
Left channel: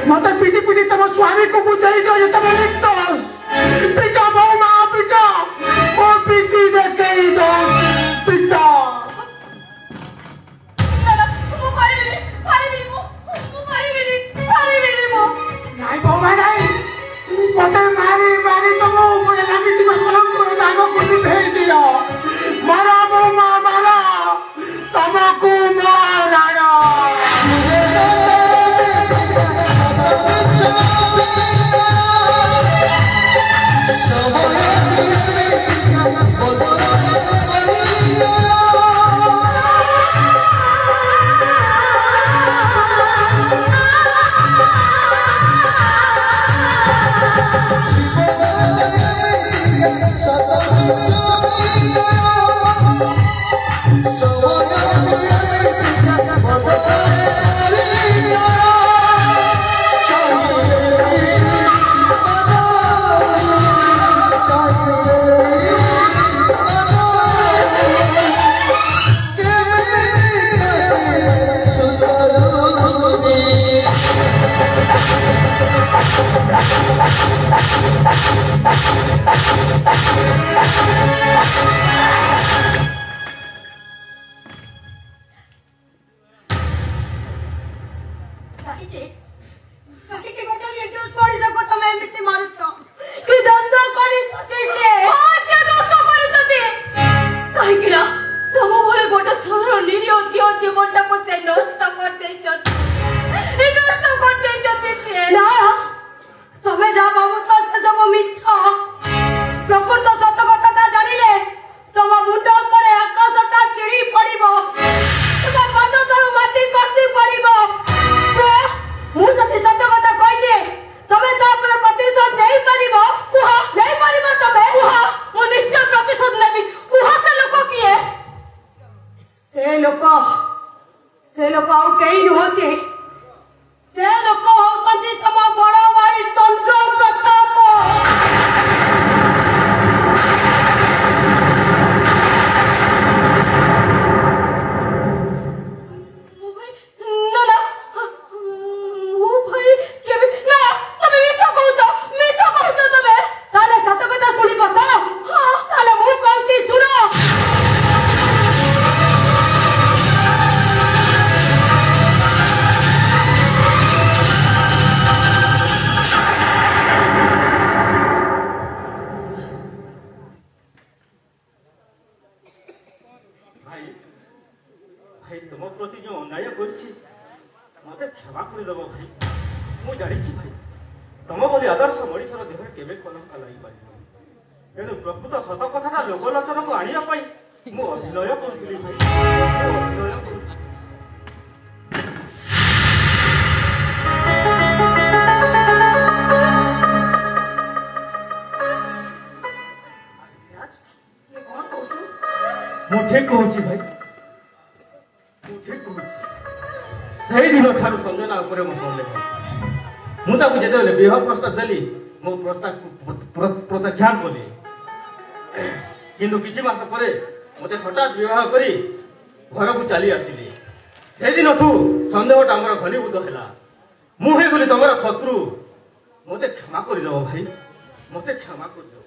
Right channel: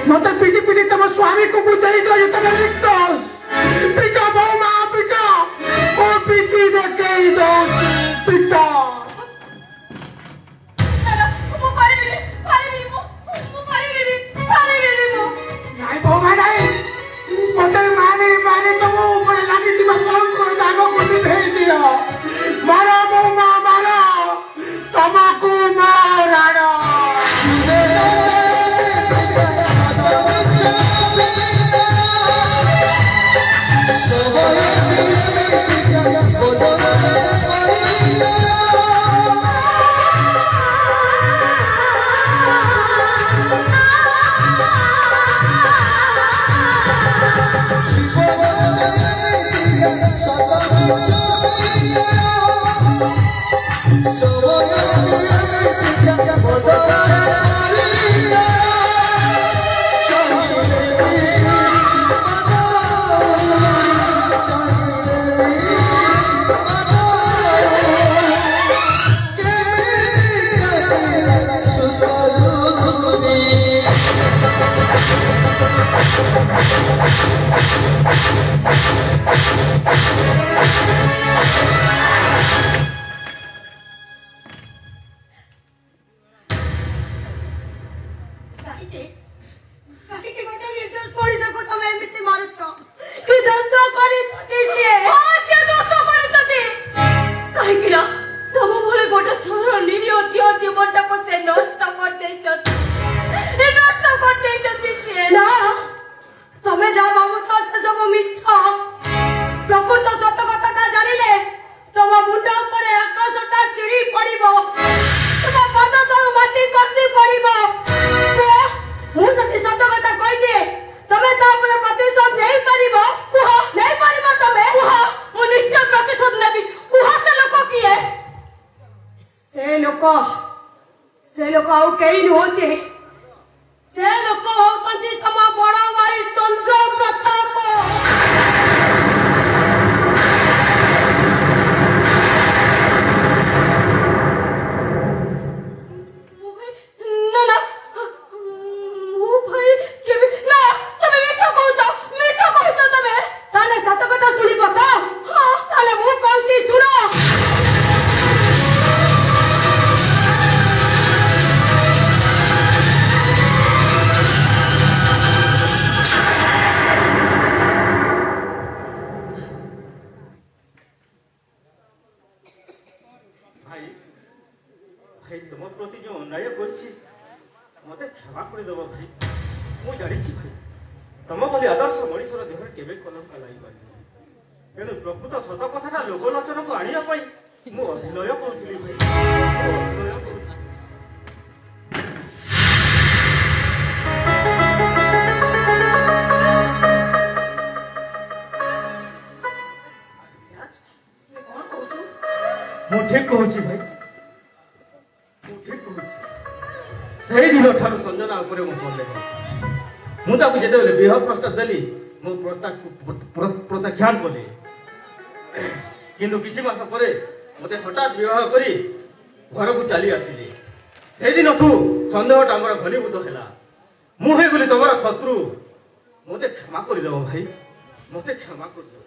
ମତେ ପିଟି ପିଟି ତମ ସ୍ୱାମୀକୁ ବୁଝେଇ ଦିଅ ଯେ ତମେ ନିର୍ଦ୍ଦୋଷ। ପିଟା ବୋହୁମା ପିଟା, ମୋ ପିଠି ଦେଖେଇ ଦଉଛି ପିଟା। ନାଇଁ ବୋହୁମା ନାଇଁ, ମତେ ମାରି ତମ ଉପରେ ଲାଗିଥିବା କଳଙ୍କର ଦାଗକୁ ନିଭେଇ ଦିଅ। ମାର ବୋହୁମା ମାର, ତମକୁ ମରାଣ। କାହିଁକି ଗୋଟେ ନିର୍ଦ୍ଦୋଷ ମଣିଷକୁ ତମେ ଏମିତି ମାରୁଛ? କି ଦୋଷ କରିଛନ୍ତି ସେ? ଦୋଷ କରିଛନ୍ତି କାହିଁକି ନା ତମ ଭଳି ଗୋଟେ ସରଳ ନିରୀହ ଝିଅ ଜୀବନଟାକୁ ସେ ନଷ୍ଟ କରିଦେଇଛନ୍ତି ସିଏ। ନା ତମେ ଯାହା ଭାବୁଛ ସେ ସବୁ ମିଛ। ପ୍ରକୃତ ସତ କଥାଟା ଜାଣିଲେ ତମ ମୁଣ୍ଡ ଉପରେ ଆକାଶଟା ଚିଡ଼ି ପଡିବ, ତମ ପାଦ ତଳୁ ମାଟି ଖସି ପଡିବ। ମୁଁ ଯଦି ସତ କଥା କହିଦିଏ ତମେ ତା ଉପରେ ପ୍ରତିଶୋଧ ନେଇପାରିବ? କୁହ, ନେଇପାରିବ ତମେ? କୁହ, ମୁଁ ନିଶ୍ଚୟ ପ୍ରତିଶୋଧ ନେବି। କୁହ ସେ ଲୋକ କିଏ? ସେ ଲୋକ ଆଉ କେହି ନୁହନ୍ତି। ସେ ଲୋକ ହଉଛନ୍ତି ତମ ବଡ ଭାଇ ଚନ୍ଦ୍ର ପ୍ରତାପ। କରିଦେବ ଭାଇ। ମୁଁ ଜାଣିଛି ଭାଇ ତମ ବୋଲି ଆଦର୍ଶ ମଣିଷର ଦେହରେ କେବେ କଲଙ୍କା ଲାଗିପାରିବ। ତେଣୁ ପ୍ରକୃତ ସତ କଥାଟା ଲୋକଲୋଚନକୁ ଆଣିବା ପାଇଁ ମୁଁ ଅଭିନୟ କରୁଥିଲି ଭାଇ, ମୁଁ ଅଭିନୟ କରୁଥିଲି। ମୁଁ ଠିକ କହୁଛି ଭାଇ, ମୁଁ ଠିକ କହୁଛି। ସେଇଦିନ ଠାରୁ ସଞ୍ଜନା ଉପରେ ମୁଁ ସନ୍ଦେହ। ମୁଁ ତାକୁ ଯେତେବେଳେ ବିବାହ ପ୍ରସ୍ତାବ ଦେଲି ମୁଁ ପ୍ରତ୍ୟାଖ୍ୟାନ କଲି, କିନ୍ତୁ କିଛି ମାସ ପରେ ମତେ ହଠାତ୍ ବିବାହ କରି ଘରକୁ ଚାଲି ଆସିଲି। ସେଦିନଠୁ ସନ୍ଦେହଟା ଆମର ଘନୀଭୂତ ହେଲା। ମୁଁ ହେଇଗଲି ତମର ଶତ୍ରୁ। ମତେ କ୍ଷମା କରିଦେବ ଭାଇ, ମତେ କ୍ଷମା କରିଦେବ।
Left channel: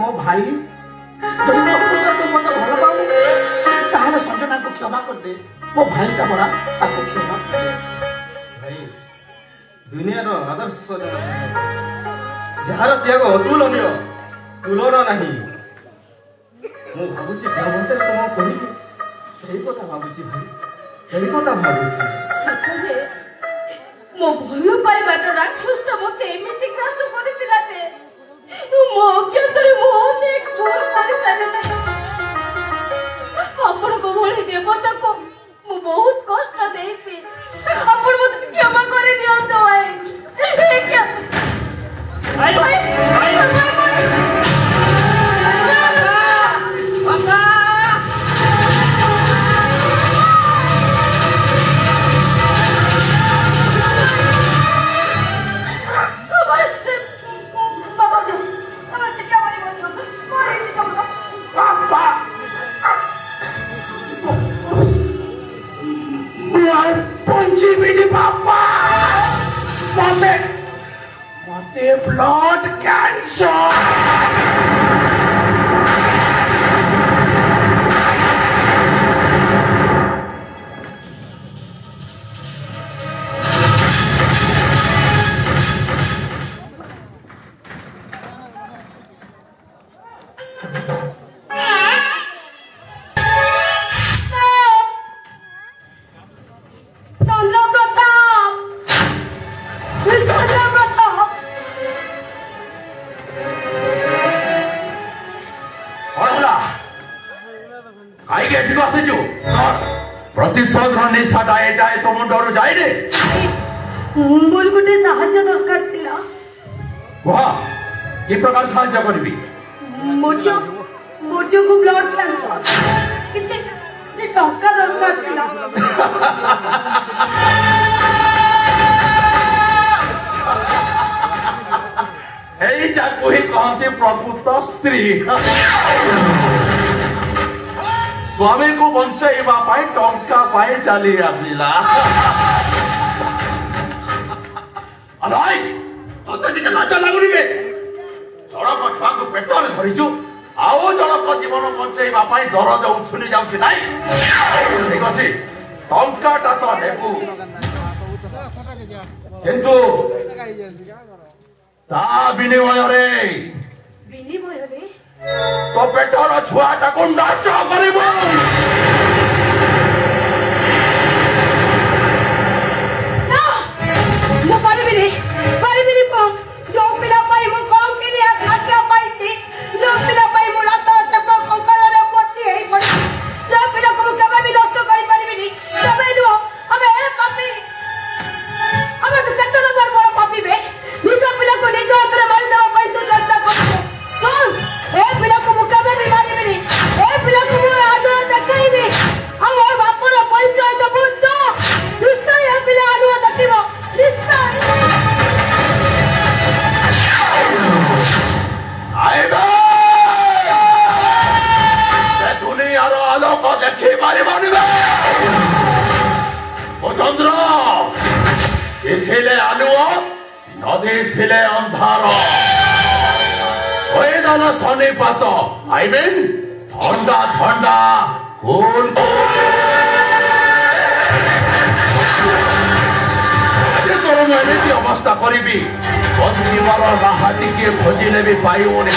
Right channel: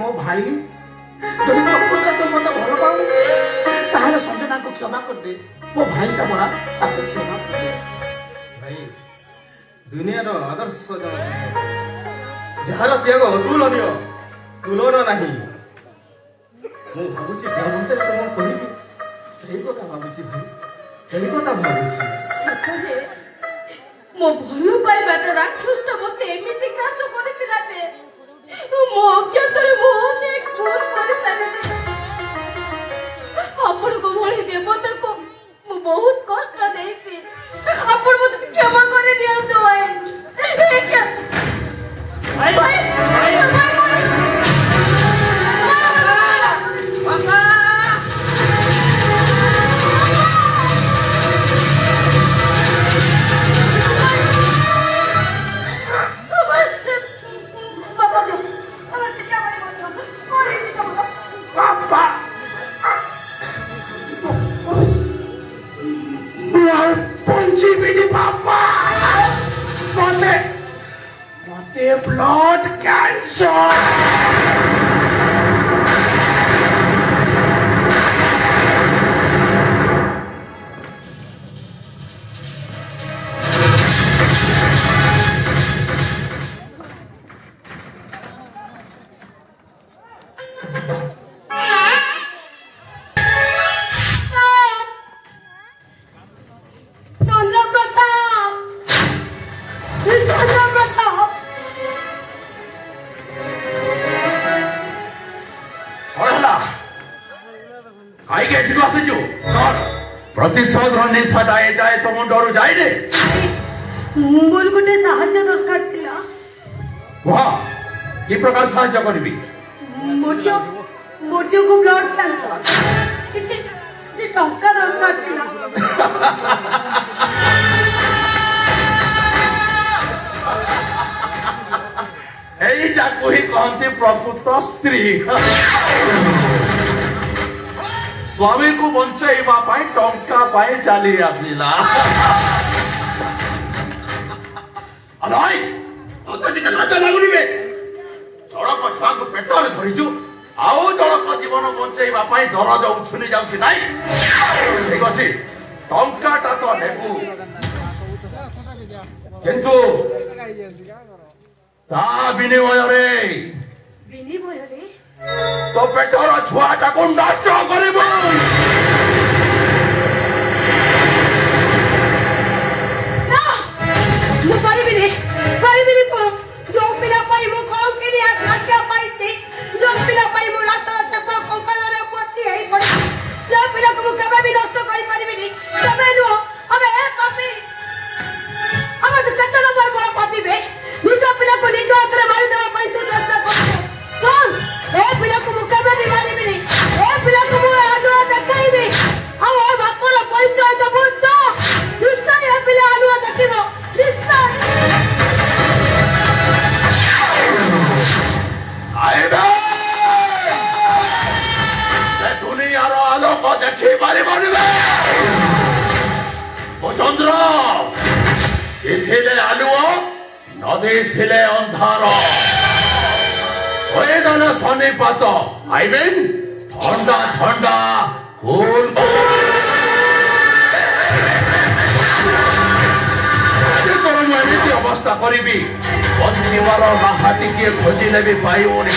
ମୋ ଭାଇ ଯଦି ପ୍ରକୃତରେ ତୁ ମତେ ଭଲ ପାଉ ତାହେଲେ ସଞ୍ଜନାକୁ କ୍ଷମା କରିଦେ। ମୋ ଭାଇଟା ପରା ତାକୁ କ୍ଷମା କରିଦେ। ଭାଇ ଦୁନିଆର ଆଦର୍ଶ ଜଣ ଯାହାର ତ୍ୟାଗ ଅତୁଳନୀୟ, ତୁଳନା ନାହିଁ। ମୁଁ ଭାବୁଛି ଦେହମନ୍ତ୍ରରେ ତମ କହିବି ସେଇ କଥା ଭାବୁଛି ଭାଇ, ସେଇ କଥା ଭାବୁଛି। ସତରେ ମୋ ଭଲ ପାଇବାଟା ରାକ୍ଷସଟା ମତେ ଏମିତି ଗ୍ରାସ କରିଥିଲା ଯେ ମୋ ଅଜ୍ଞାତରେ ମୁଁ ଅନେକ ଭୁଲ କରିସାରିଛି। ଆପଣଙ୍କ ଭଳି ଦେବତାକୁ ମୁଁ ବହୁତ କଷ୍ଟ ଦେଇଛି। ଆପଣ ମତେ କ୍ଷମା କରି ଦିଅନ୍ତୁ ଭାଇ। ब्लड कैंसर प्रतिशोध निशाटा ए जाए तो मुंडरू जाए रे मोर गोटे साहाय्य दरकार थिला। वाह की प्रकार साहाय्य करबी? मोर जो को ब्लड कैंसर किसी जे टंका दरकार थिला। एई जाको ही कहंती प्रकृत स्त्री। स्वामी को बंचाइबा पाई टंका पाई चली आसिला। अनाई तो टिके लाज लागुनी बे। जड़क छुआ को पेटरे धरिचु आओ जड़क जीवन बंचाइबा पाई दरज उछुनी जाउछि नाई। ठीक अछि टंकाटा तो देबु, किंतु ता विनिमय रे तो पेटर छुआटा को नष्ट करिब। ମୁଁ ପାରିବିନି ଯୋଉ ପିଲା ପାଇଁ ମୁଁ କମ୍ କିନି ଆଜ୍ଞା ପାଇଛି, ଯୋଉ ପିଲା ପାଇଁ ମୁଁ ରାତ ଚେପ କଙ୍କାଳରେ ପୋତି ହେଇ ପଡ଼ିଛି, ସେ ପିଲାକୁ ମୁଁ କେବେ ବି ନଷ୍ଟ କରିପାରିବିନି। କେବେ ନୁହଁ। ଆମେ ପାପି, ଆମେ ତ କେତେ ନମ୍ବର ବଡ଼ ପାପି ବେ। ନିଜ ପିଲାକୁ ନିଜ ହାତରେ ମାରିଦେବା ପାଇଁ ତୁ ଚେଷ୍ଟା କରୁଛୁ। ଶୁଣ, ଏ ପିଲାକୁ ମୁଁ କେବେ ବି ମାରିବିନି। ଏ ପିଲାକୁ ମୁଁ ଆନୁଆ ଦେଖାଇବି। ଆଉ ଏ ବାପର ପରିଚୟ ଦେବୁ ତ ନିଶ୍ଚୟ ଏ ପିଲା ଆନୁଆ ଦେଖିବ, ନିଶ୍ଚୟ। दुनियार आलोक देखी पारि चंद्र दिशिले आलुओ न दिशिले अंधार वेदन शनिपात आई मीन ठंडा ठंडा कूल ବ୍ୟବସ୍ଥା କରିବି ବଞ୍ଚିବାର ରାହା ଟିକିଏ ଖୋଜିଲେ ବି ପାଇବୁନି।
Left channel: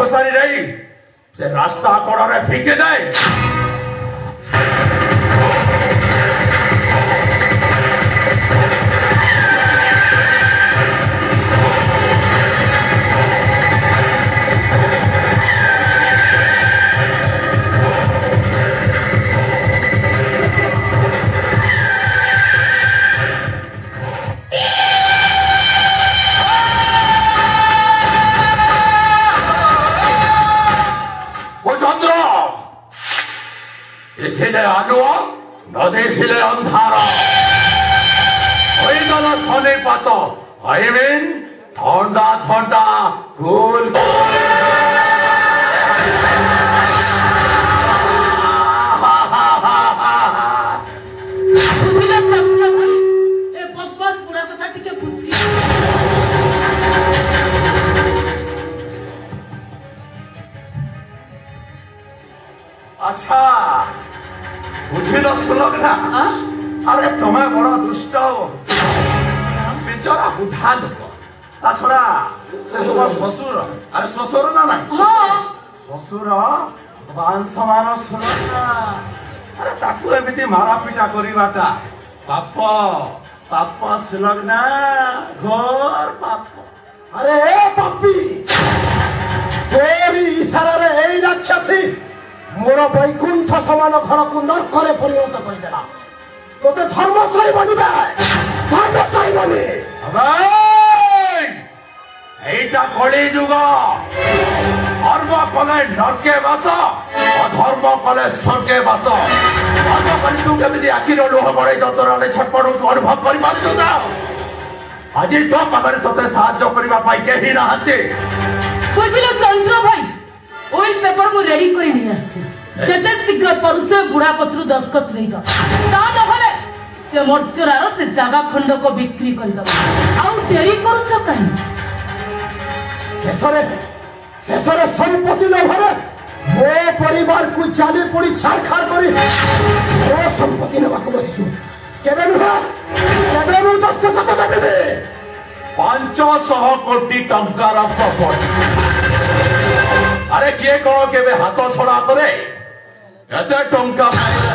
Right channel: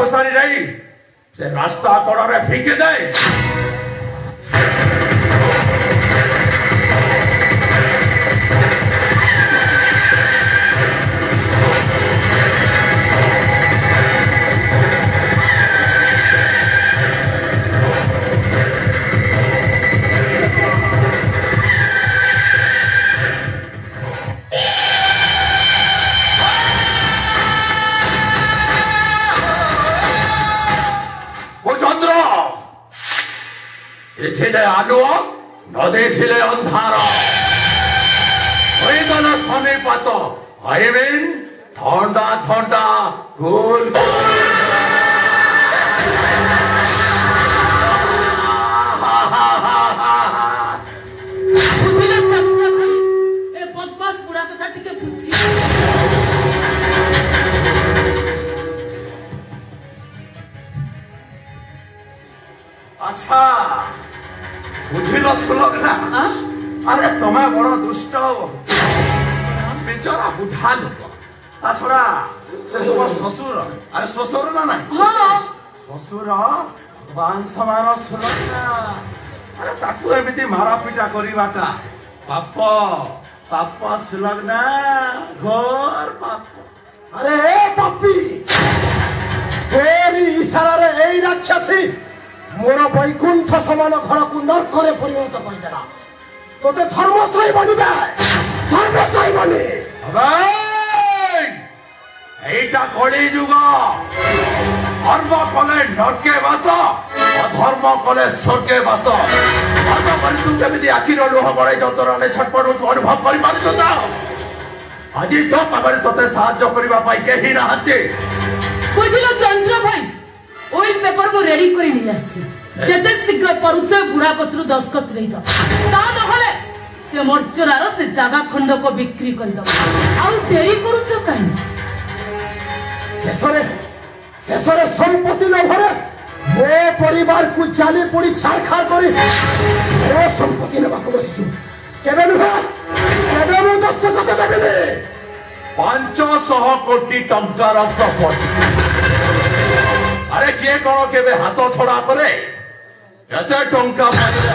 ଘୋଷାରି ନେଇ ସେ ରାସ୍ତା କଡ଼ରେ ଫିକି ଦେଇ দিছিলে আলোক নদিছিলে অন্ধার হয়ে গেল শনিপাত আইমিন ঠান্ডা ঠান্ডা কুল আচ্ছা বুঝিল শুনক না আরে তোমার বড় দুষ্ট বেচারা বুঢা লোক তাছাড়া সে তোমার শ্বশুর আরে শ্বশুর না নাই শ্বশুর বান সমান শুনক না আরে তাকে এমিতি মারাপিটা করিবাটা পাপ পাপ শুনক না ঘোর পাপ আরে পাপি তোরি ইশারারে এই রাক্ষসী মোর বৈকুণ্ঠ সমান ঘরকু নর্করে পরিণত করিদেলা তোতে ধর্মশায়ী বনিবে ধর্মশায়ী বনি এইটা কলি যুগ ধর্ম কলে নরকে বাস অধর্ম কলে স্বর্গে বাস ধর্ম কলি তু কেমিতি আখির লুহ বড়াই যন্ত্রণারে ছটপটুଛୁ অনুভব করিপারুଛୁ ତ আজ তো পাখে তোতে সাহায্য করিবা পাই কেহি নাহাନ୍ତି বুঝিলু চন্দ্র ভাই ওইল পেপার মু রেডি করে নিয়ে আসছি যেতে শীঘ্র পরিচয় বুড়া কতরু দস্তখত নেই যাও তা নহলে সে মর্চরার সে জায়গা খন্ডক বিক্রি করে দেব আউ দেরি করুছ কাহি শেষরে সম্পত্তি লোভরে মো পরিবার কু জালি পড়ি ছাড়খাড় করি মো সম্পত্তি নেবাকু বসিছু কেবে নুহে কেবে মু দস্তখত দেবিনি 500 কোটি টঙ্কার প্রপর্টি আরে কিଏ କଣ କେବେ ହାତ ଛଡା କରେ ଏତେ ଟଙ୍କା ପାଇଲେ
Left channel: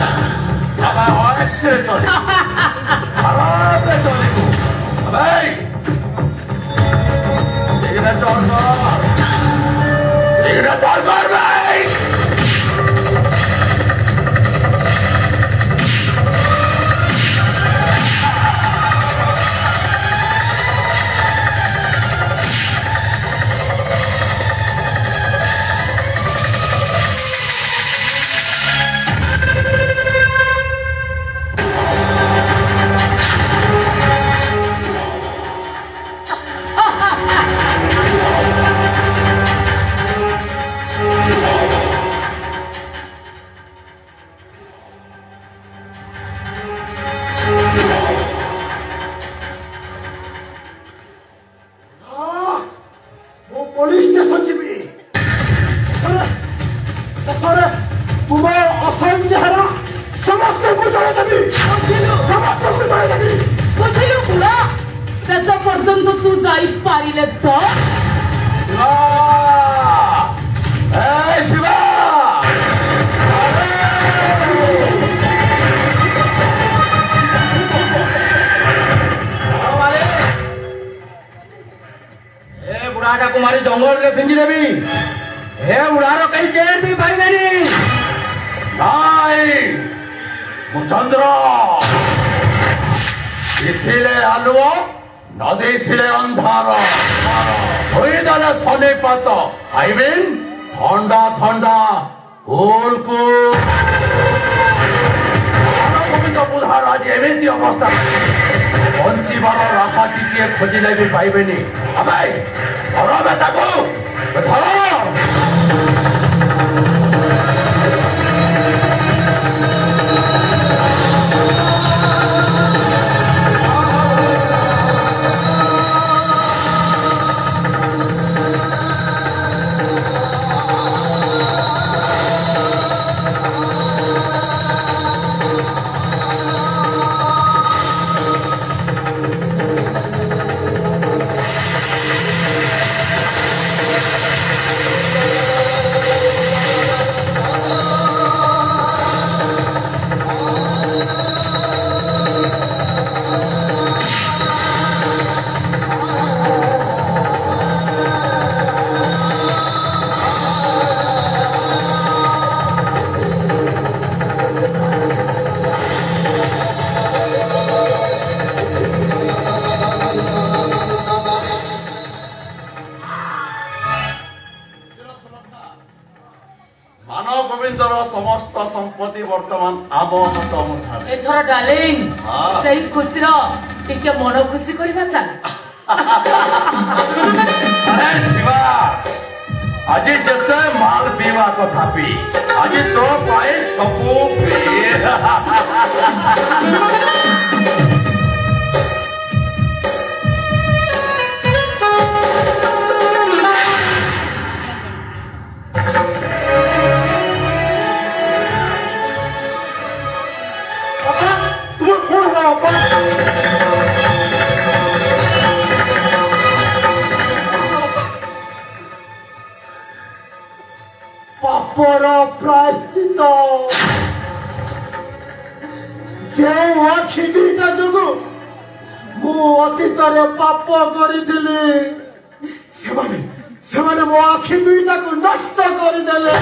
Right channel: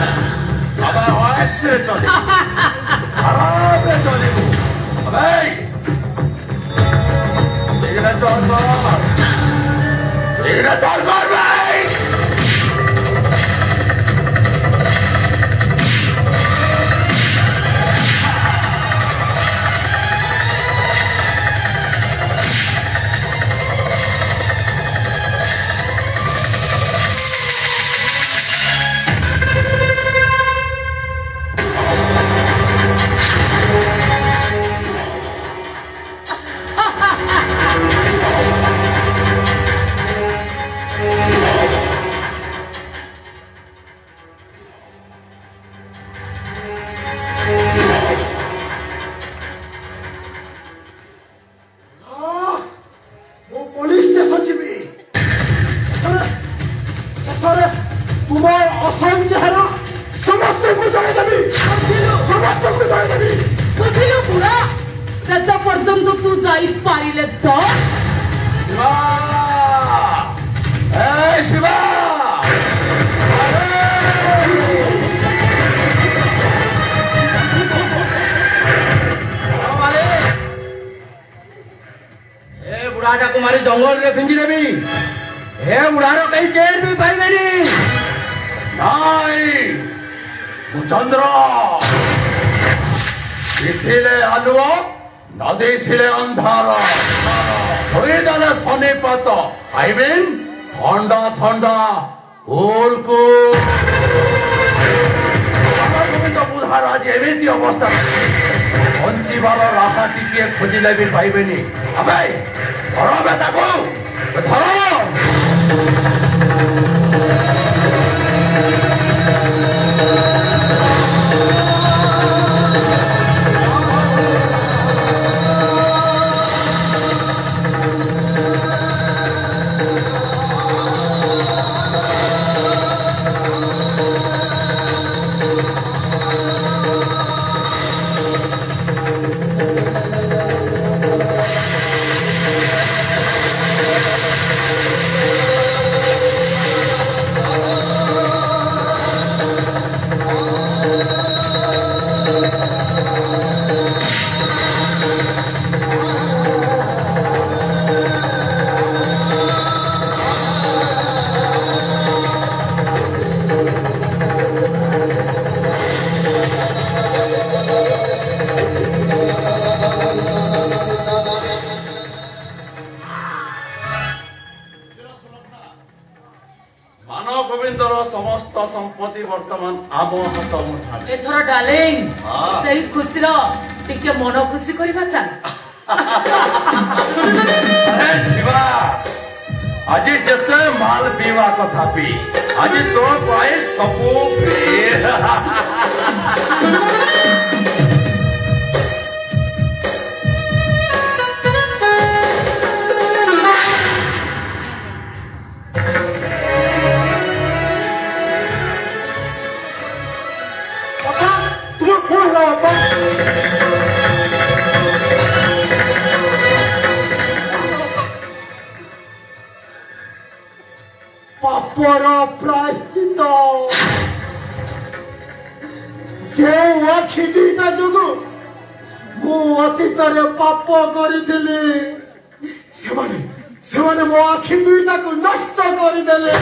ଆମେ ଅୟସରେ ଚଳିବୁ ଆରାମରେ ଚଳିବୁ ଭାଇ ଶୀଘ୍ର ଚଳ ଶୀଘ୍ର ଚଳ ଭାଇ रे फिंजी देवी हे उड़ारो कहीं चेर भी भाई मेरी नहीं चंद्र इसीले आलुओ नदी सिले अंधार হয়ে দাদা সনে পাত আইবেন ঠান্ডা ঠান্ডা কুল কুল বুধার আজ এমনি অবস্থা বঞ্চিবার রাখা টিকিয়ে খোঁজিলে বি পাইবেনি আমি ধরো বেটাকু ধরো समस्त संपत्ति वर्तमान आम हाथ मुठारे एथर डार्लिंग सही खुशी रो टिके मन खुशी करबा चल अरे शिवा आज जते माल पीवा कथा पी आज तो पाए सबू पी पापर प्रायश्चित जे आखि दुईटा जोगु मु अतीत पाप करी मो आखि दुईटा को नष्ट करदेले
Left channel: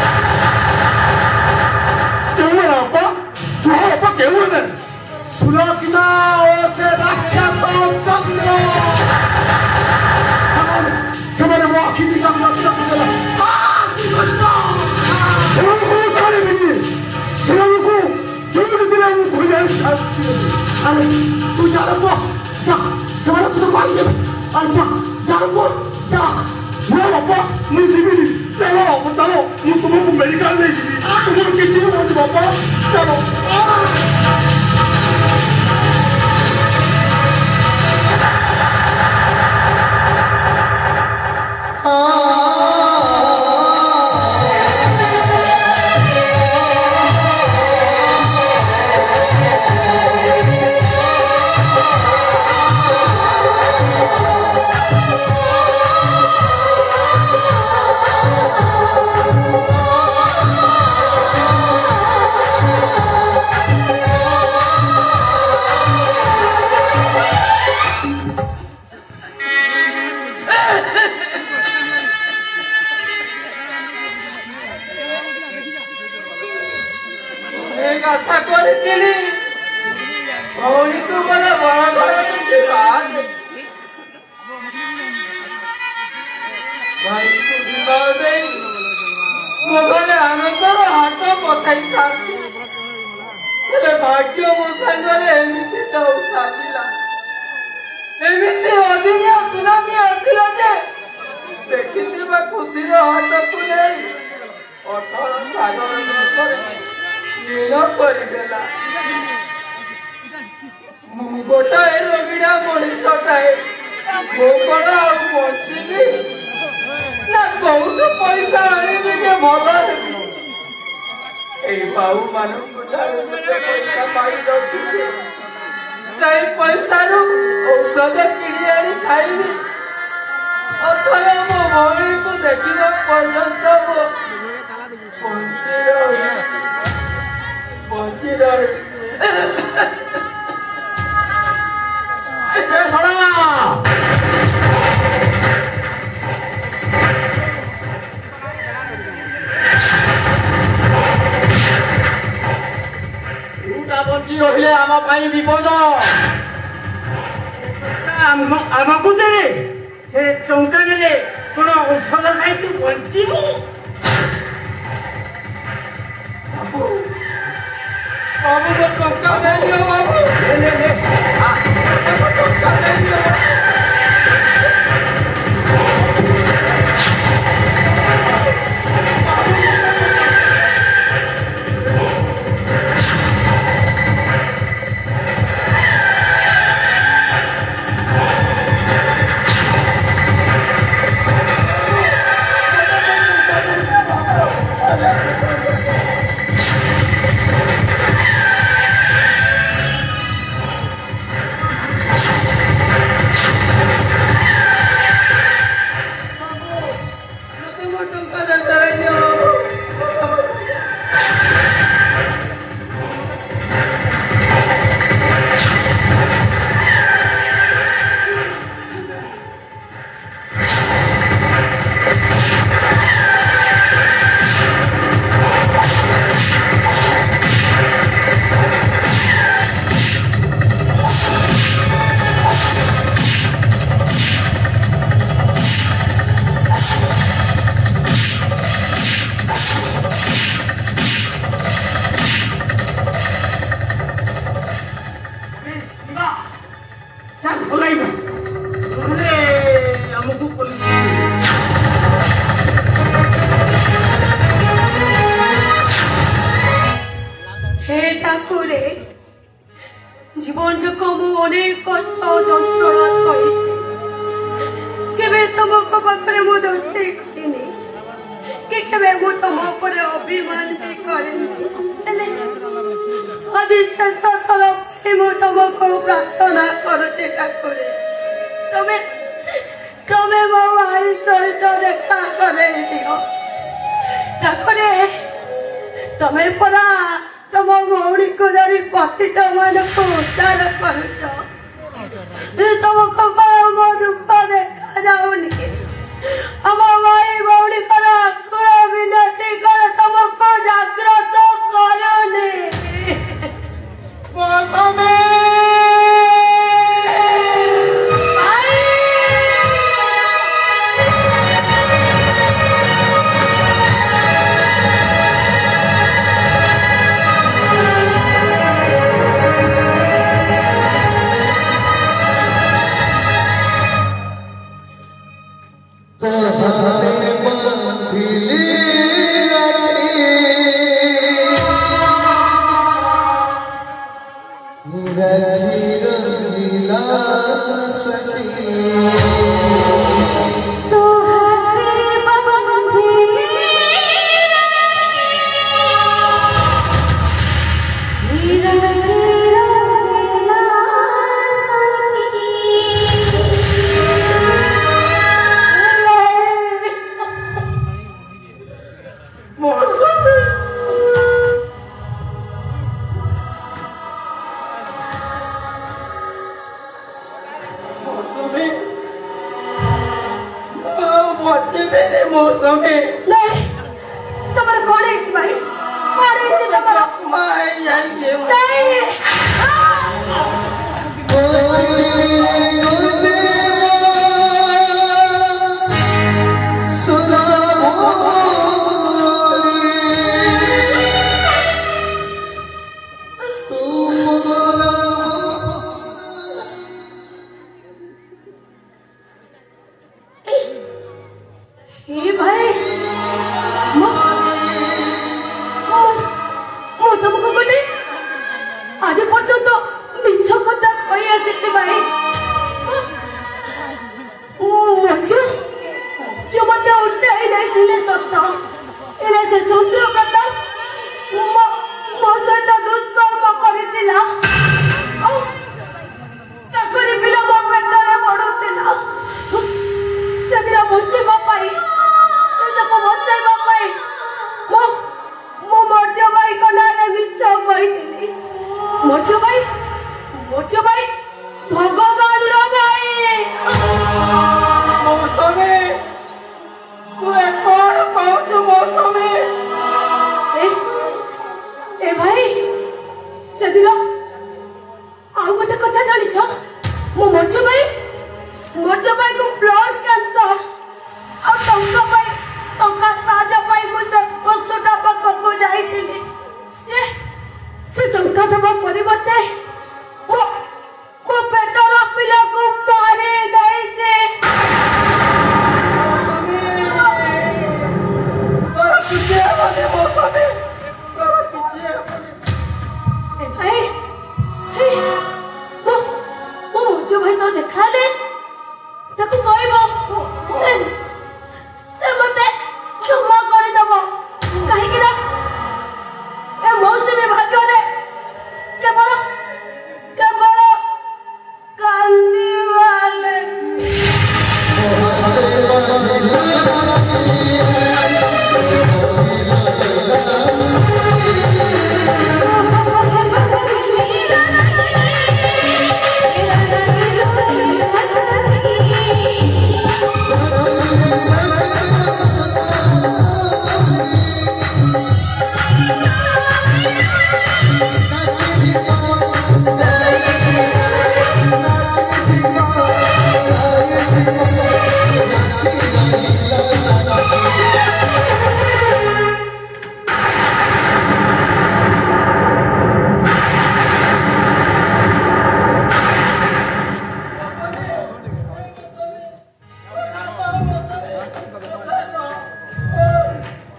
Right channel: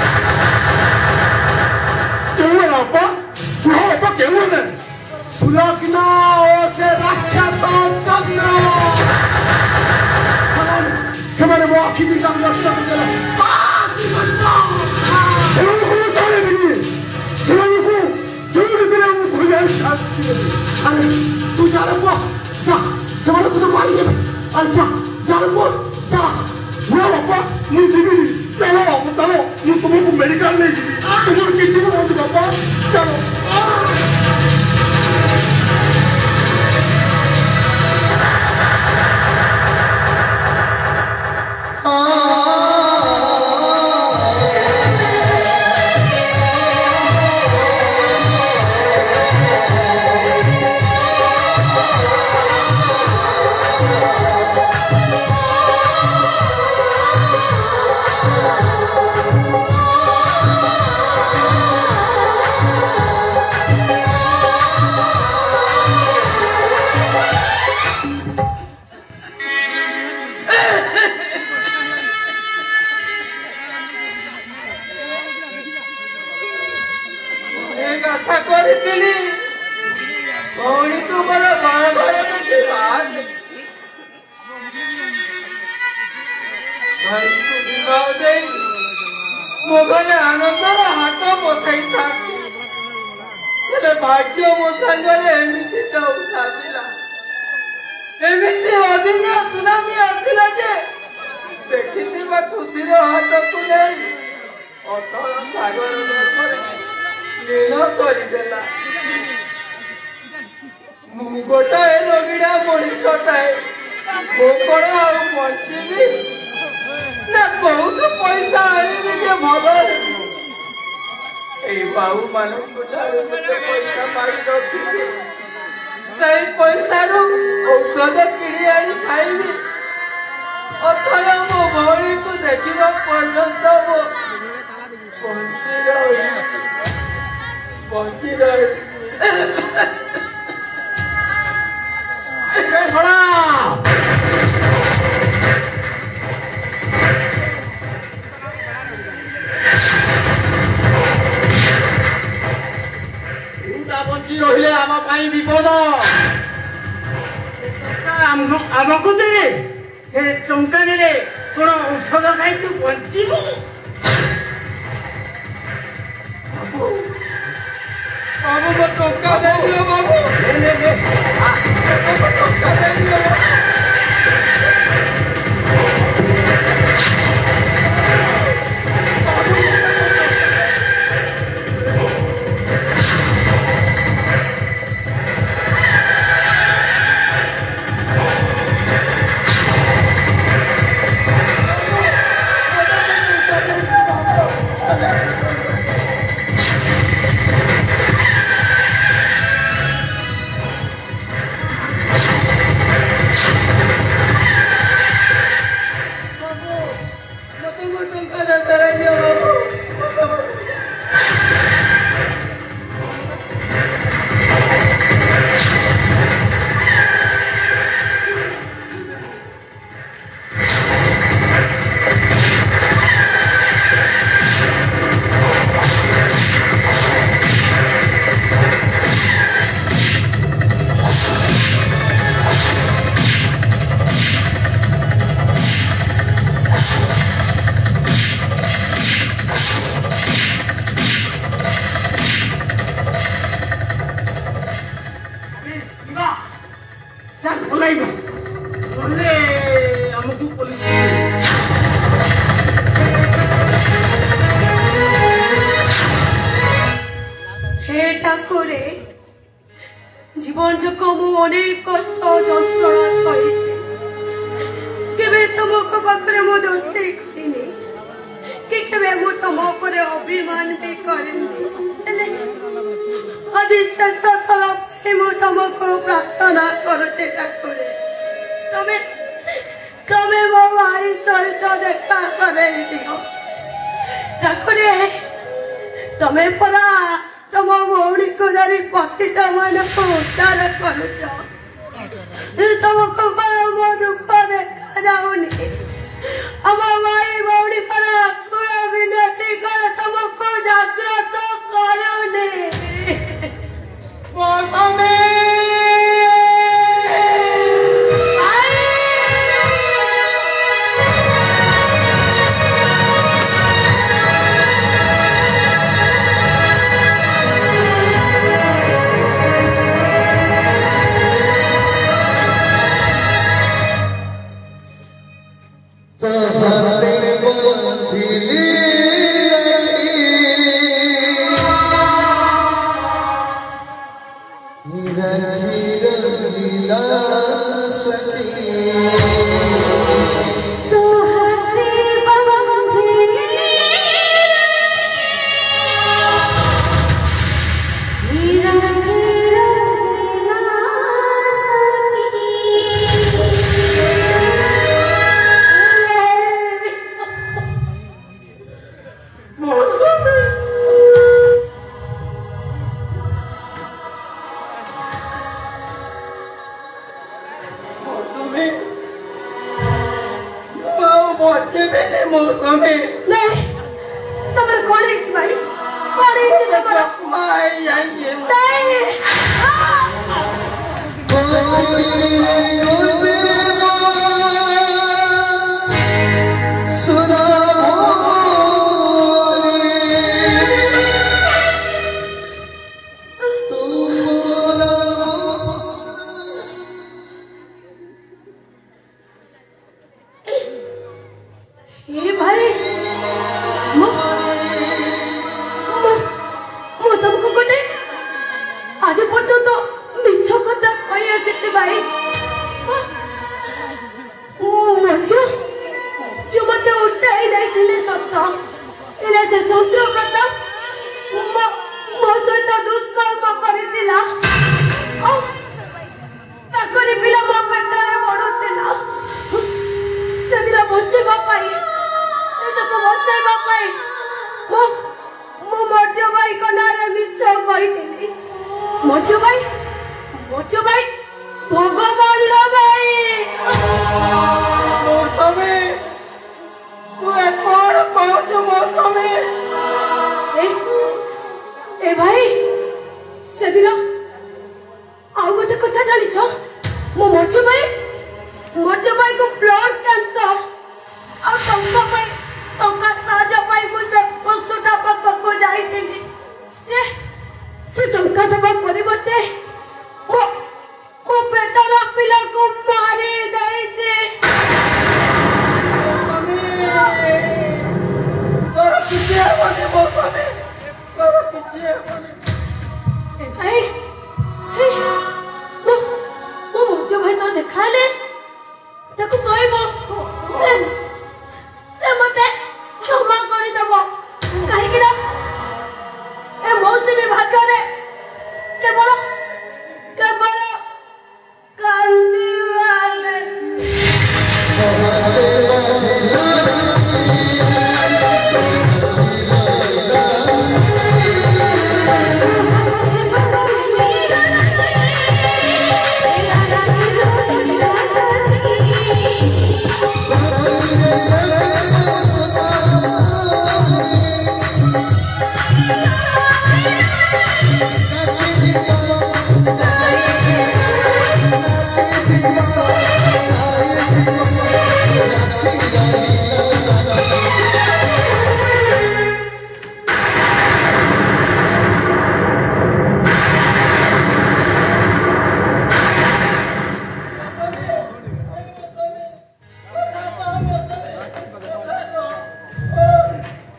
सुलग्ना और से राक्षस चंद्र से मो आखि दुईटा को नष्ट करदेले अरे तू जा रहा जा सेवाला तुझे मार दे अरे जा जा रहा जा वो बाबा मुझे भी चलो चलो मैं तुमको मेडिकल ले जी तुम किसी को मत बाबा चलो आशा करी भौणी तुमर बाहाघर तुझी बात भाई को विवाह दे मो घरे आनंदर हाथ पकाई हेले भाग्य मो संगरे एमती जाऊ साजिला एमती अदिनिया सुनामी आसिला जे देखिथिबा खुशीर हाथ को नहीं अटल सागर करे नील करदेला मु गोटाए रोगिड़ा मनीषटाए मो कण बची ना बहुत पैसा आनी जे भल बाबू मान पैसा पाई रखी से पैसा औषध किणी आनी खाइबी अथवा मो भौणी को देखा पर्यंत मो बची रही आम पाई विपद आमको देले से टंका नेले कोन औषध खाई तू बंचिबू बाबू को टंका दे दियो बाबू टंका दे दियो জীবন যখন মু অনেক কষ্ট যন্ত্রণা সহিছি কেবে তোমাকে পাখরে মু দোষী করিনি কি কেবে মু তম উপরে অভিমান ବି କରିନି ହେଲେ ଆଜି ଶେଷ ଥର ପାଇଁ ମୁଁ ତମକୁ ପ୍ରାର୍ଥନା କରୁଛି ଠାକୁରେ ତମେ ମୋ ଭାଇ ସହିତ ଦେଖା କରେଇ ଦିଅ ଠାକୁରେ ତମେ ପରା ତମ ଭଉଣୀକୁ ଧରି ପତିତ ମାନଙ୍କୁ ଉଦ୍ଧାର କରୁଛ ତମକୁ ମୋ ଦୁଃଖ ଦେଖାଯାଉନି ଆମ ଭାଇ ଭଉଣୀଙ୍କର ଆକୁଳ ବିନତି କରେ ତମକୁ ଜାଗ୍ରତ କରୁନି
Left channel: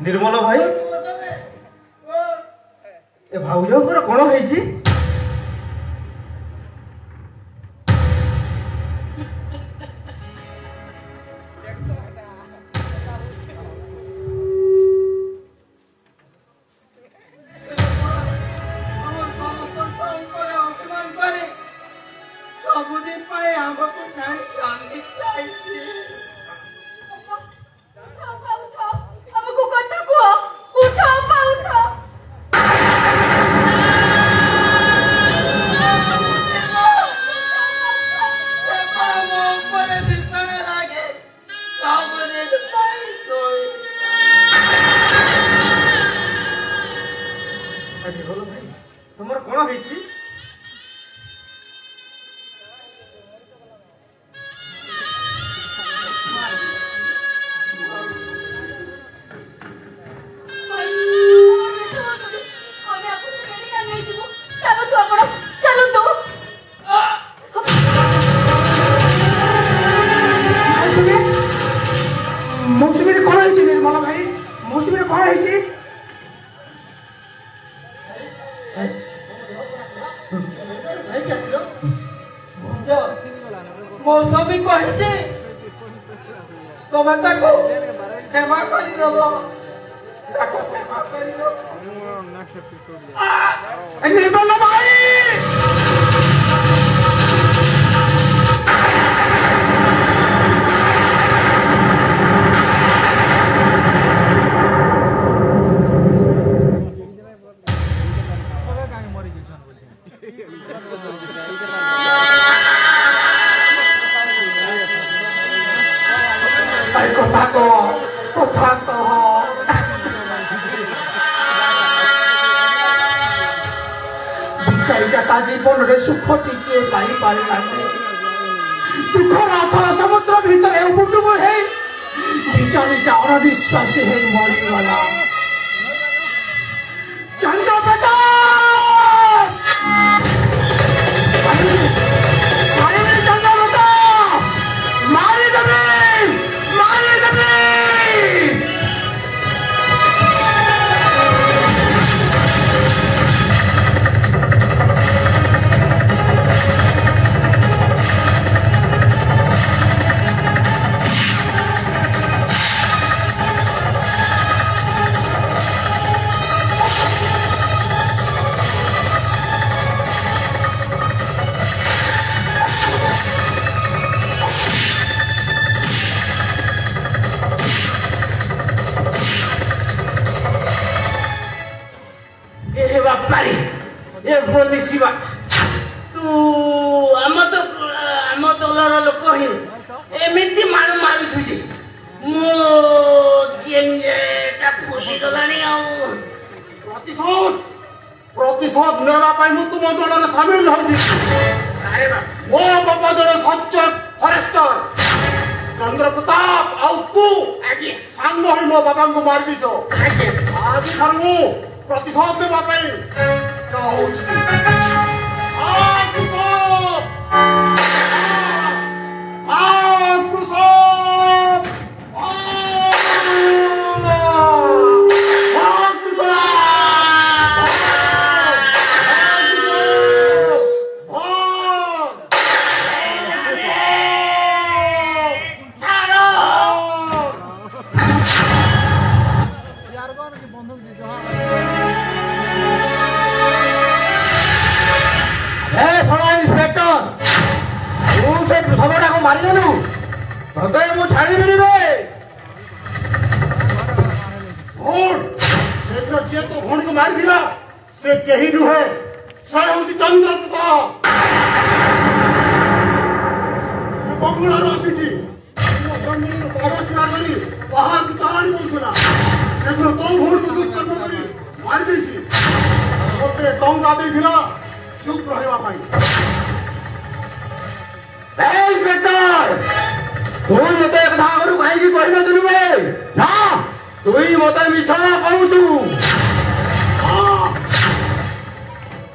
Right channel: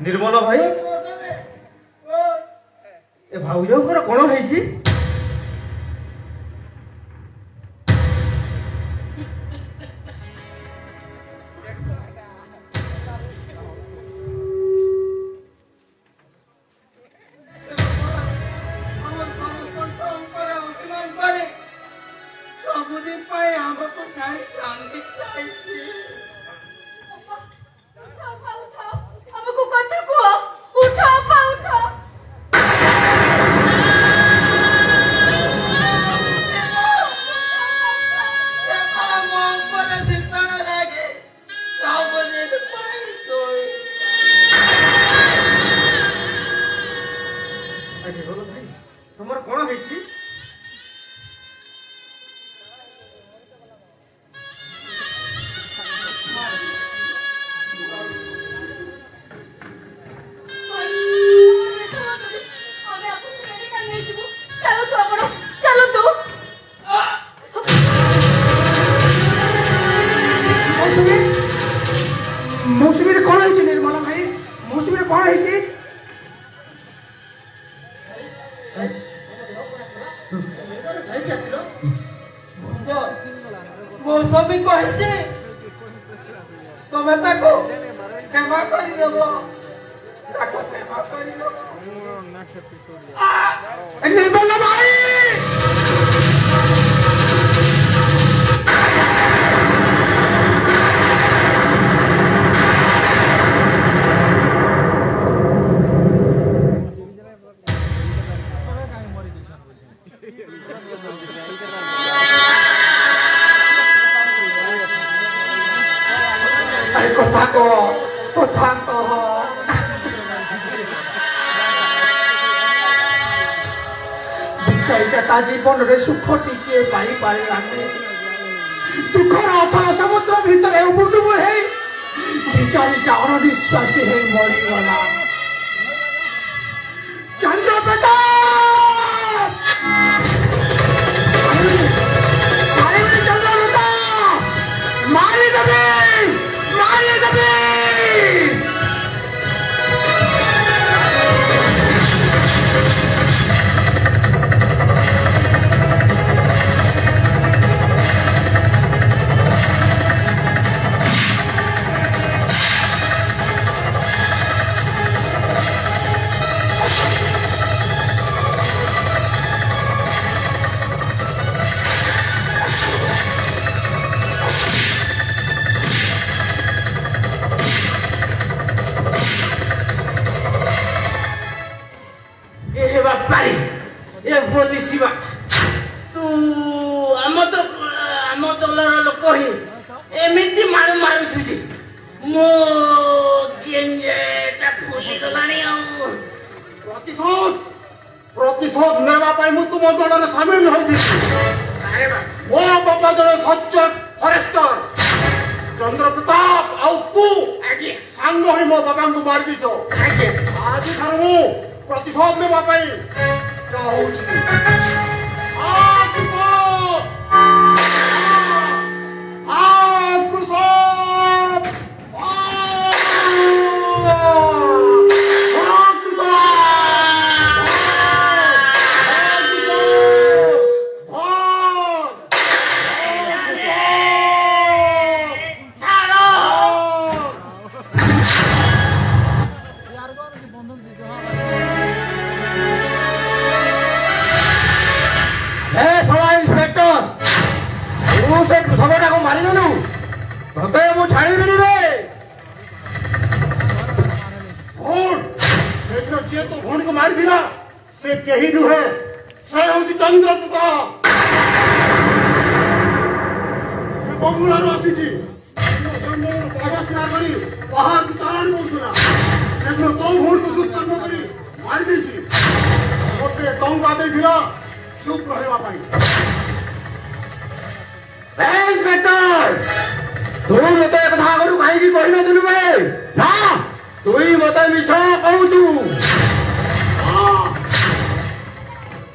निर्मल भाई ए भाउजଙ୍କର କଣ ହେଇଛି? ସବୁଦିନ ପାଇଁ ଆମକୁ ଛାଡ଼ି କାନ୍ଦି ଯାଇଛି। हमको कथा को उठा पा उठा ଭାଇ ତମର କଣ ହେଇଛି? मौसुमी कौन है निर्मला भाई? मौसुमी कौन है? मौसमी कही तुम्हें ताको क्षमा कर निर्मला भाई কথা কহ ବିଚାରିଟା ତା ଜୀବନରେ ସୁଖ ଟିକିଏ ପାଇପାରିଲାନି। ଦୁଃଖର ଅଥଳ ସମୁଦ୍ର ଭିତରେ ଉବୁଟୁବୁ ହେଇ ବିଚାରିଟା ଅଣନିଶ୍ୱାସୀ ହେଇ ମରିଗଲା। ଚନ୍ଦ୍ରପ୍ରତାପ ମାରିଦେବେ ମାରିଦେବେ। तू आम दलर लोक ही एमती मानु मारुछु जे मो गेंजेटा फुली गलानी आ प्रतिशोध नेवा पाई मु तुम दलर शामिल होई। अरे बा मो बाबा जन सच्चर फरेस्टर चंद्रप्रताप आउ तू आगे सांग होई मो बाबा को मार दीछो। आगे आज थारू प्रतिशोध नेवा पाई कहूची। आज को आज प्रसाद ମାରିଦେଲୁ ତତେ ମୁଁ ଛାଡ଼ିବିନି ରେ। ଯିଏ ତୋ ଭଉଣୀକୁ ମାରିଥିଲା ସେ କେହି ନୁହେଁ, ସେ ହେଉଛି ଚନ୍ଦ୍ରପ୍ରତାପ। ସେ ବଙ୍ଗୁଳାରୁ ଆସିଛି ବାହାରକୁ ତାଳାଣି ଦଉଥିଲା। ସେଦିନ ତୋ ଭଉଣୀକୁ ଦୁଷ୍କର୍ମ କରି ମାରିଦେଇଛି। ମୋତେ ଟଙ୍କା ଦେଇଥିଲା ଚୁପ୍ ରହିବା ପାଇଁ। ତୁ ମତେ କଥା ଆଗରୁ କାହିଁକି କହିନଥିଲୁ ବେ? ନା ତୁଇ ମତେ ମିଛ କହୁଛୁ।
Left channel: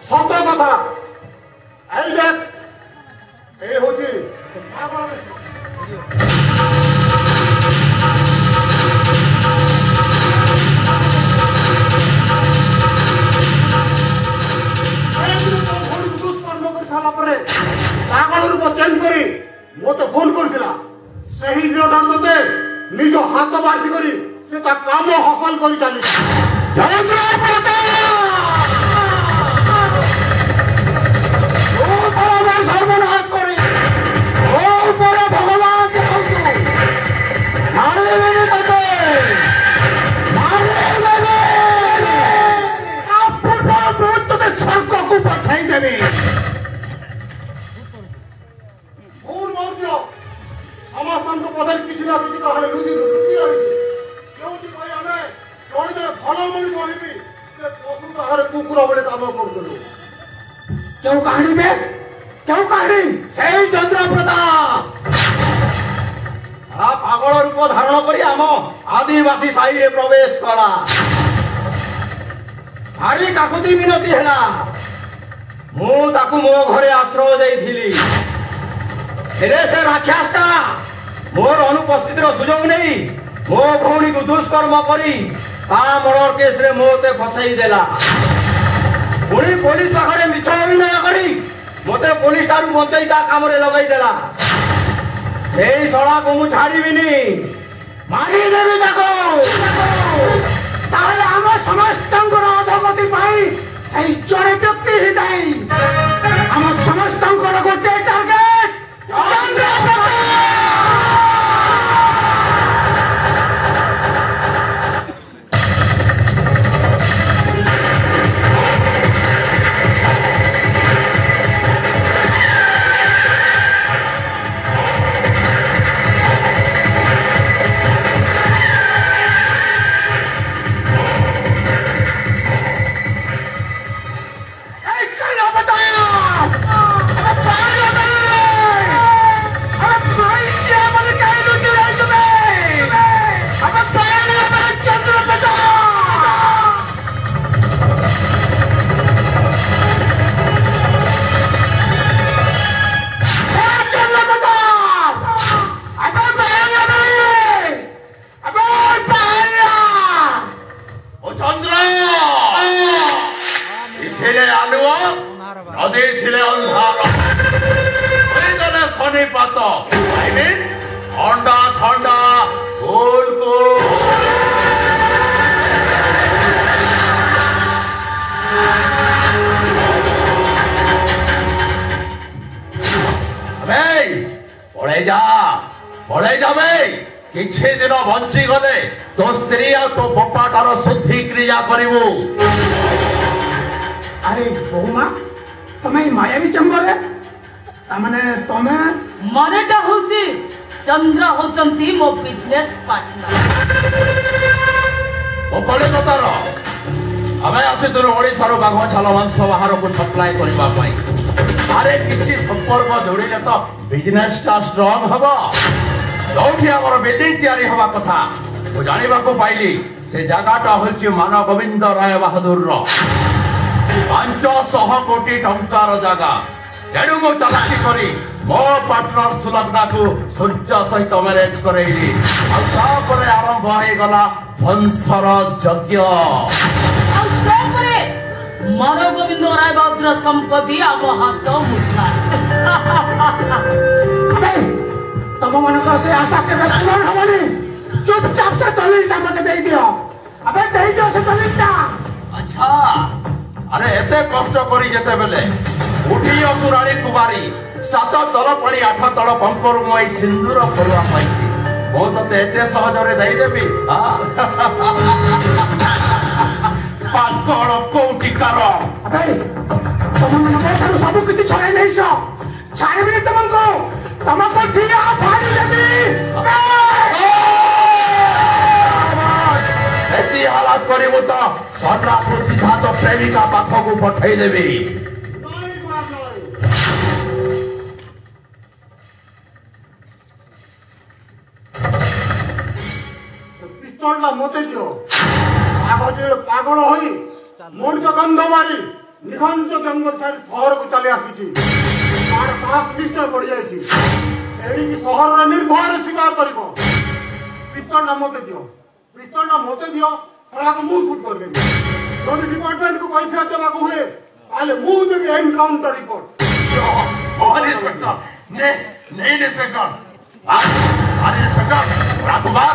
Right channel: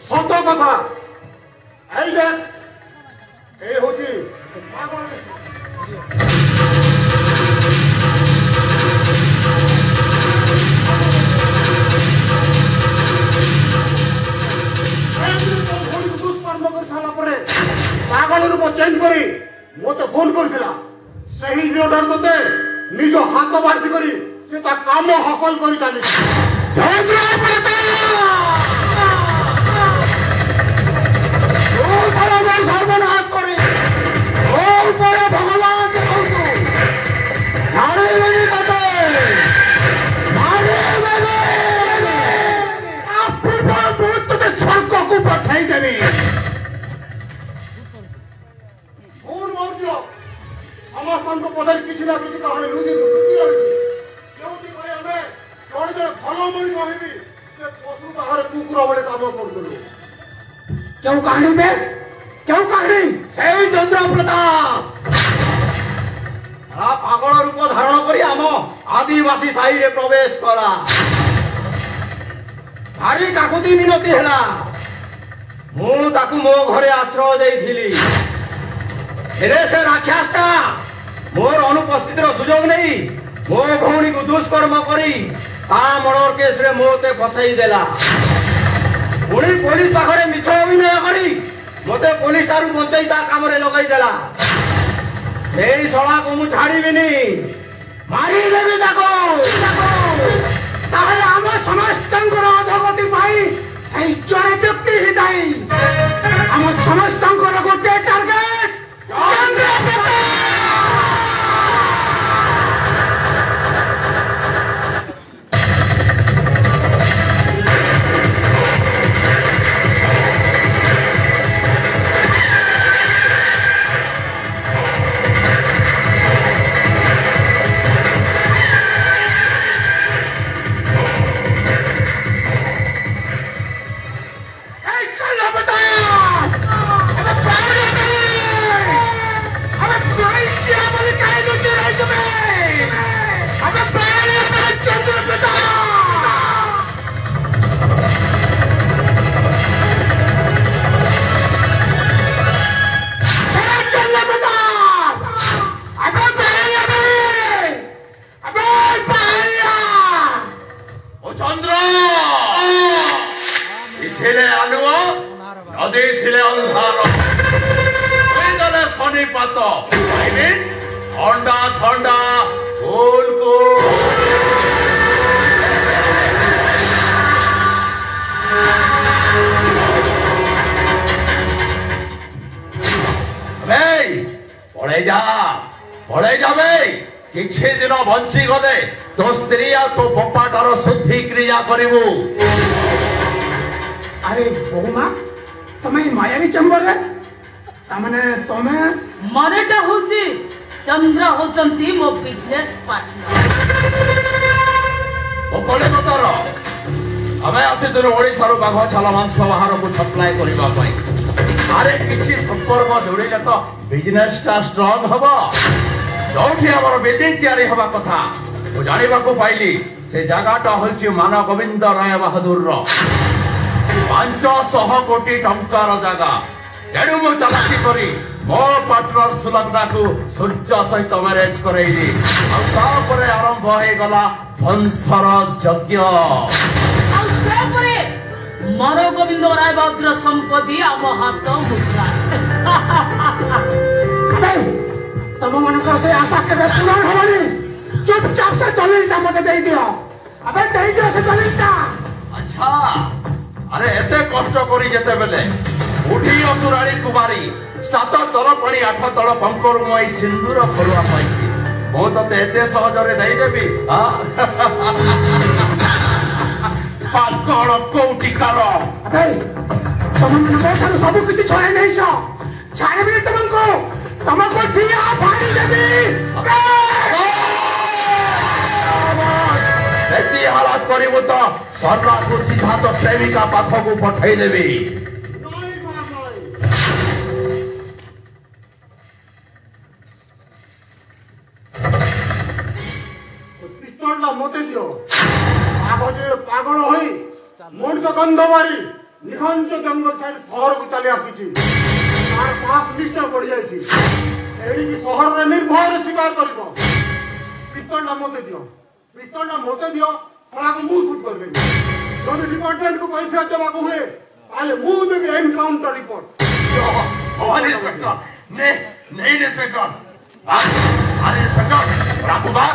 ସତ କଥା। ଏଇ ଦେଖ ଏ ହଉଛି ବାର୍ତ୍ତି କରି ସେ ତା କାମ ହାସଲ କରି ଚାଲିଛି। ସର୍ବନାଶ କରି ମୋ ଉପରେ ଭଗବାନ ଦେଖନ୍ତୁ ମାରିବେନି ତତେ ତତେ ସ୍ୱର୍ଗକୁ ପଠାଇଦେବି। ସମସ୍ତଙ୍କ ପଦରେ କିଛି ନା କିଛି କାହାଣୀ ଲୁଚି ରହିଛି। ଯେଉଁଥିପାଇଁ ଆମେ ଜଣେ ଜଣେ ଭଲ ମଣିଷ ହେବି ସେ ପଶୁ ବାହାରେ କୁକୁର ଭଳି କାମ କରୁଥିଲୁ। କେଉଁ କାହାଣୀ ବେ କେଉଁ କାହାଣୀ? ସେଇ ଚନ୍ଦ୍ରପ୍ରତାପ ପାଗଳ ରୂପ ଧାରଣ କରି ଆମ ଆଦିବାସୀ ସାହିରେ ପ୍ରବେଶ କଲା। ଭାରି କାକୁତି ମିନତି ହେଲା। ମୁଁ ତାକୁ ମୋ ଘରେ ଆଶ୍ରୟ ଦେଇଥିଲି। ହେଲେ ସେ ରାକ୍ଷସଟା ମୋର ଅନୁପସ୍ଥିତିର ସୁଯୋଗ ନେଇ ମୋ ଭଉଣୀକୁ ଦୁଷ୍କର୍ମ କରି ତା ମର୍ଡର କେସରେ ମୋତେ ଫସାଇ ଦେଲା। ପୁଣି ପୋଲିସ ପାଖରେ ମିଛ ଅଭିନୟ କରି ମୋତେ ପୋଲିସ ଠାରୁ ବଞ୍ଚାଇ ତା କାମରେ ଲଗାଇ ଦେଲା। ସେଇ ଶଳାକୁ ମୁଁ ଛାଡ଼ିବିନି, ମାରିଦେବି ତାକୁ। ତାହେଲେ ଆମ ସମସ୍ତଙ୍କର ଅଧଗତି ପାଇଁ ସେଇ ଜଣେ ବ୍ୟକ୍ତି ହିଁ ଦାୟୀ। ଆମ ସମସ୍ତଙ୍କର ଗୋଟେ ଟାର୍ଗେଟ ଚନ୍ଦ୍ରପ୍ରତାପ। କିଛି ଦିନ ବଞ୍ଚିଗଲେ ତୋ ସ୍ତ୍ରୀ ଆଉ ତୋ ବୋପାଟାର ଶୁଦ୍ଧି କ୍ରିୟା କରିବୁ। ଆରେ ବୋହୁମା, ତମେ ମାୟାବୀ ଚେମ୍ବରରେ ତାମାନେ ତମେ ମନେଟା ହଉଛି ଚନ୍ଦ୍ର ହଉଛନ୍ତି ମୋ ବିଜନେସ ପାର୍ଟନର। ଓ କଳିକତାର ଆମେ ଆସିଥିଲୁ ଓଡ଼ିଶାରୁ ବାଘ ଛାଲ ମାଂସ ବାହାରକୁ ସପ୍ଲାଏ କରିବା ପାଇଁ। ଆରେ କିଛି ସମ୍ପର୍କ ଯୋଡ଼ିଲେ ତ ବିଜନେସଟା ଷ୍ଟ୍ରଙ୍ଗ ହବ। ଯୋଉଠି ଆମର ବିଲ୍ଡିଂ ତିଆରି ହେବା କଥା ମୁଁ ଜାଣିବାକୁ ପାଇଲି ସେ ଜାଗାଟା ହେଉଛି ମାନ ଗୋବିନ୍ଦ ରାୟ ବାହାଦୁରର 500 କୋଟି ଟଙ୍କାର ଜାଗା। ତେଣୁ ମୁଁ ଚାଲାକି କରି ମୋ ପାର୍ଟନର ସୁଲଗ୍ନାକୁ ସୂର୍ଯ୍ୟ ସହିତ ମ୍ୟାରେଜ କରେଇଲି। ଆଉ ତାପରେ ଆରମ୍ଭ ହେଇଗଲା ବଂଶର ଯଜ୍ଞ। ଆଉ ତାପରେ ମାନ ଗୋବିନ୍ଦ ରାୟ ବାହାଦୁର ସମ୍ପତ୍ତି ଆମ ହାତ ମୁଠାଏ। ତମ ମାନଙ୍କର ସେ ଆଶା କେବେ ପୂରଣ ହବନି। ଚୁପଚାପ ସେ ଦଲିଲଟା ମତେ ଦେଇଦିଅ। ଏବେ ଦେଇଦିଅ ସେ ଦଲିଲଟା। ଆଚ୍ଛା, ଆରେ ଏତେ କଷ୍ଟ କରି ଯେତେବେଳେ ଉଠି ଅସୁରାଳି କୁମାରୀ 7 ତଳ ପାଣି 8 ତଳ ପଙ୍କରୁ ମୁଁ ଏଇ ସିନ୍ଦୁର ଫରୁଆ ପାଇଛି। ମୁଁ ତତେ ଏତେ ସହଜରେ ଦେଇଦେବି? ପାଗଳ କୋଉଠିକାର। ତମମାନଙ୍କ ଠାରୁ ସବୁ କିଛି ଛଡ଼ାଇ ନେଇଛ। ଛାଡ଼ିବିନି ତମକୁ। ତମକୁ ଠିଆ ଫାଡ଼ିଦେବି। ବେଶୀ ହାଲାତ କରିବୁ ତ ସର୍ଣ୍ଣାକୁ ସିଧା ତ ପ୍ରେମିକା ପାଖକୁ ପଠେଇଦେବି। ପିସ୍ତଲଟା ମତେ ଦିଅ। ପାଗଳ ହୋଇ ମଣିଷ ଗନ୍ଧ ମାରି ନିଘଞ୍ଚ ଜଙ୍ଗଲ ଛାଡ଼ି ସହରକୁ ଚାଲି ଆସିଛି। ତାର ସାହସ ନିଶ୍ଚୟ ବଢିଯାଇଛି। ଏଣିକି ସହରରେ ନିର୍ଭୟରେ ଶିକାର କରିବ। ପିସ୍ତଲଟା ମତେ ଦିଅ। ପିସ୍ତଲଟା ମତେ ଦିଅ। ଖରାକୁ ମୁଁ ସୁଟ୍ କରିଦେବି। ଯଦି ଡିପାର୍ଟମେଣ୍ଟକୁ କୈଫିୟତ ଦେବାକୁ ହୁଏ ତାହେଲେ ମୁଁ ଦେବି ଏନକାଉଣ୍ଟର ରିପୋର୍ଟ। ଇନ୍ସପେକ୍ଟର नहीं इंस्पेक्टर इंस्पेक्टर राघुबार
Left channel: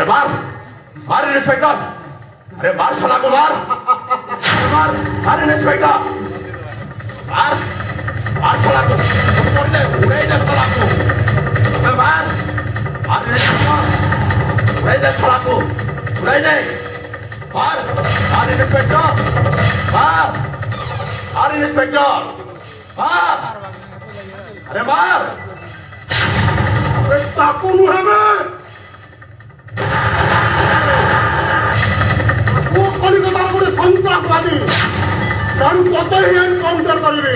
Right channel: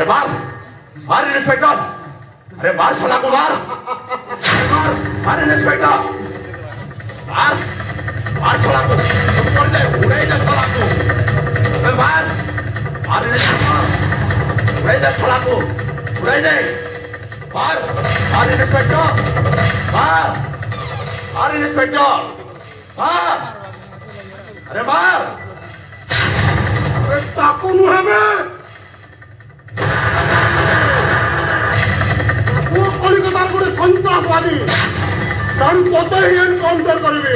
अरे मार मार इंस्पेक्टर, अरे मार साला को मार, मार मार इंस्पेक्टर, मार मार साला को, ऊपर ले उड़े जा साला को, अरे मार मार इंस्पेक्टर, उड़े जा साला को, उड़े जा, मार मार इंस्पेक्टर, मार मार इंस्पेक्टर, मार, अरे मार, अरे चाकू मुहे में वो कलिकतार गोटे सन्त्रासवादी तारू कत ही एनकाउंटर करिवे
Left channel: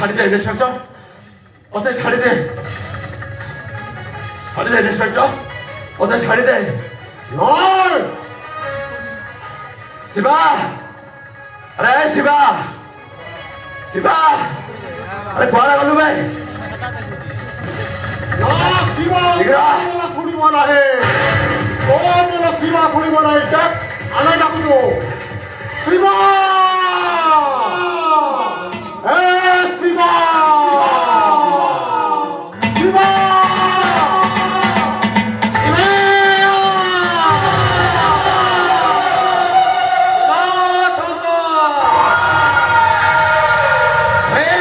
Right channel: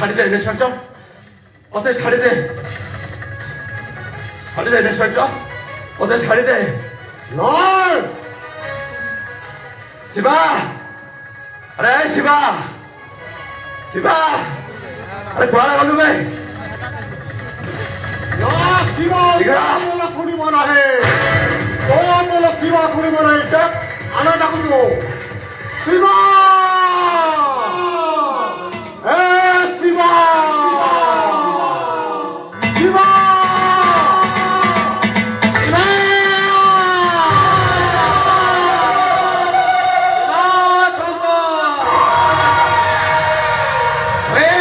छाड़ी दे इंस्पेक्टर, ओते छाड़ी दे इंस्पेक्टर, ओते छाड़ी दे। नहीं शिवा, अरे शिवा, शिवा, अरे कुआरा गलू भाई, ना शिवा बोला थोड़ी बना है, कौन बोला शिवा थोड़ी बना है, जब आना डाकू जो शिवा शिवा शिवा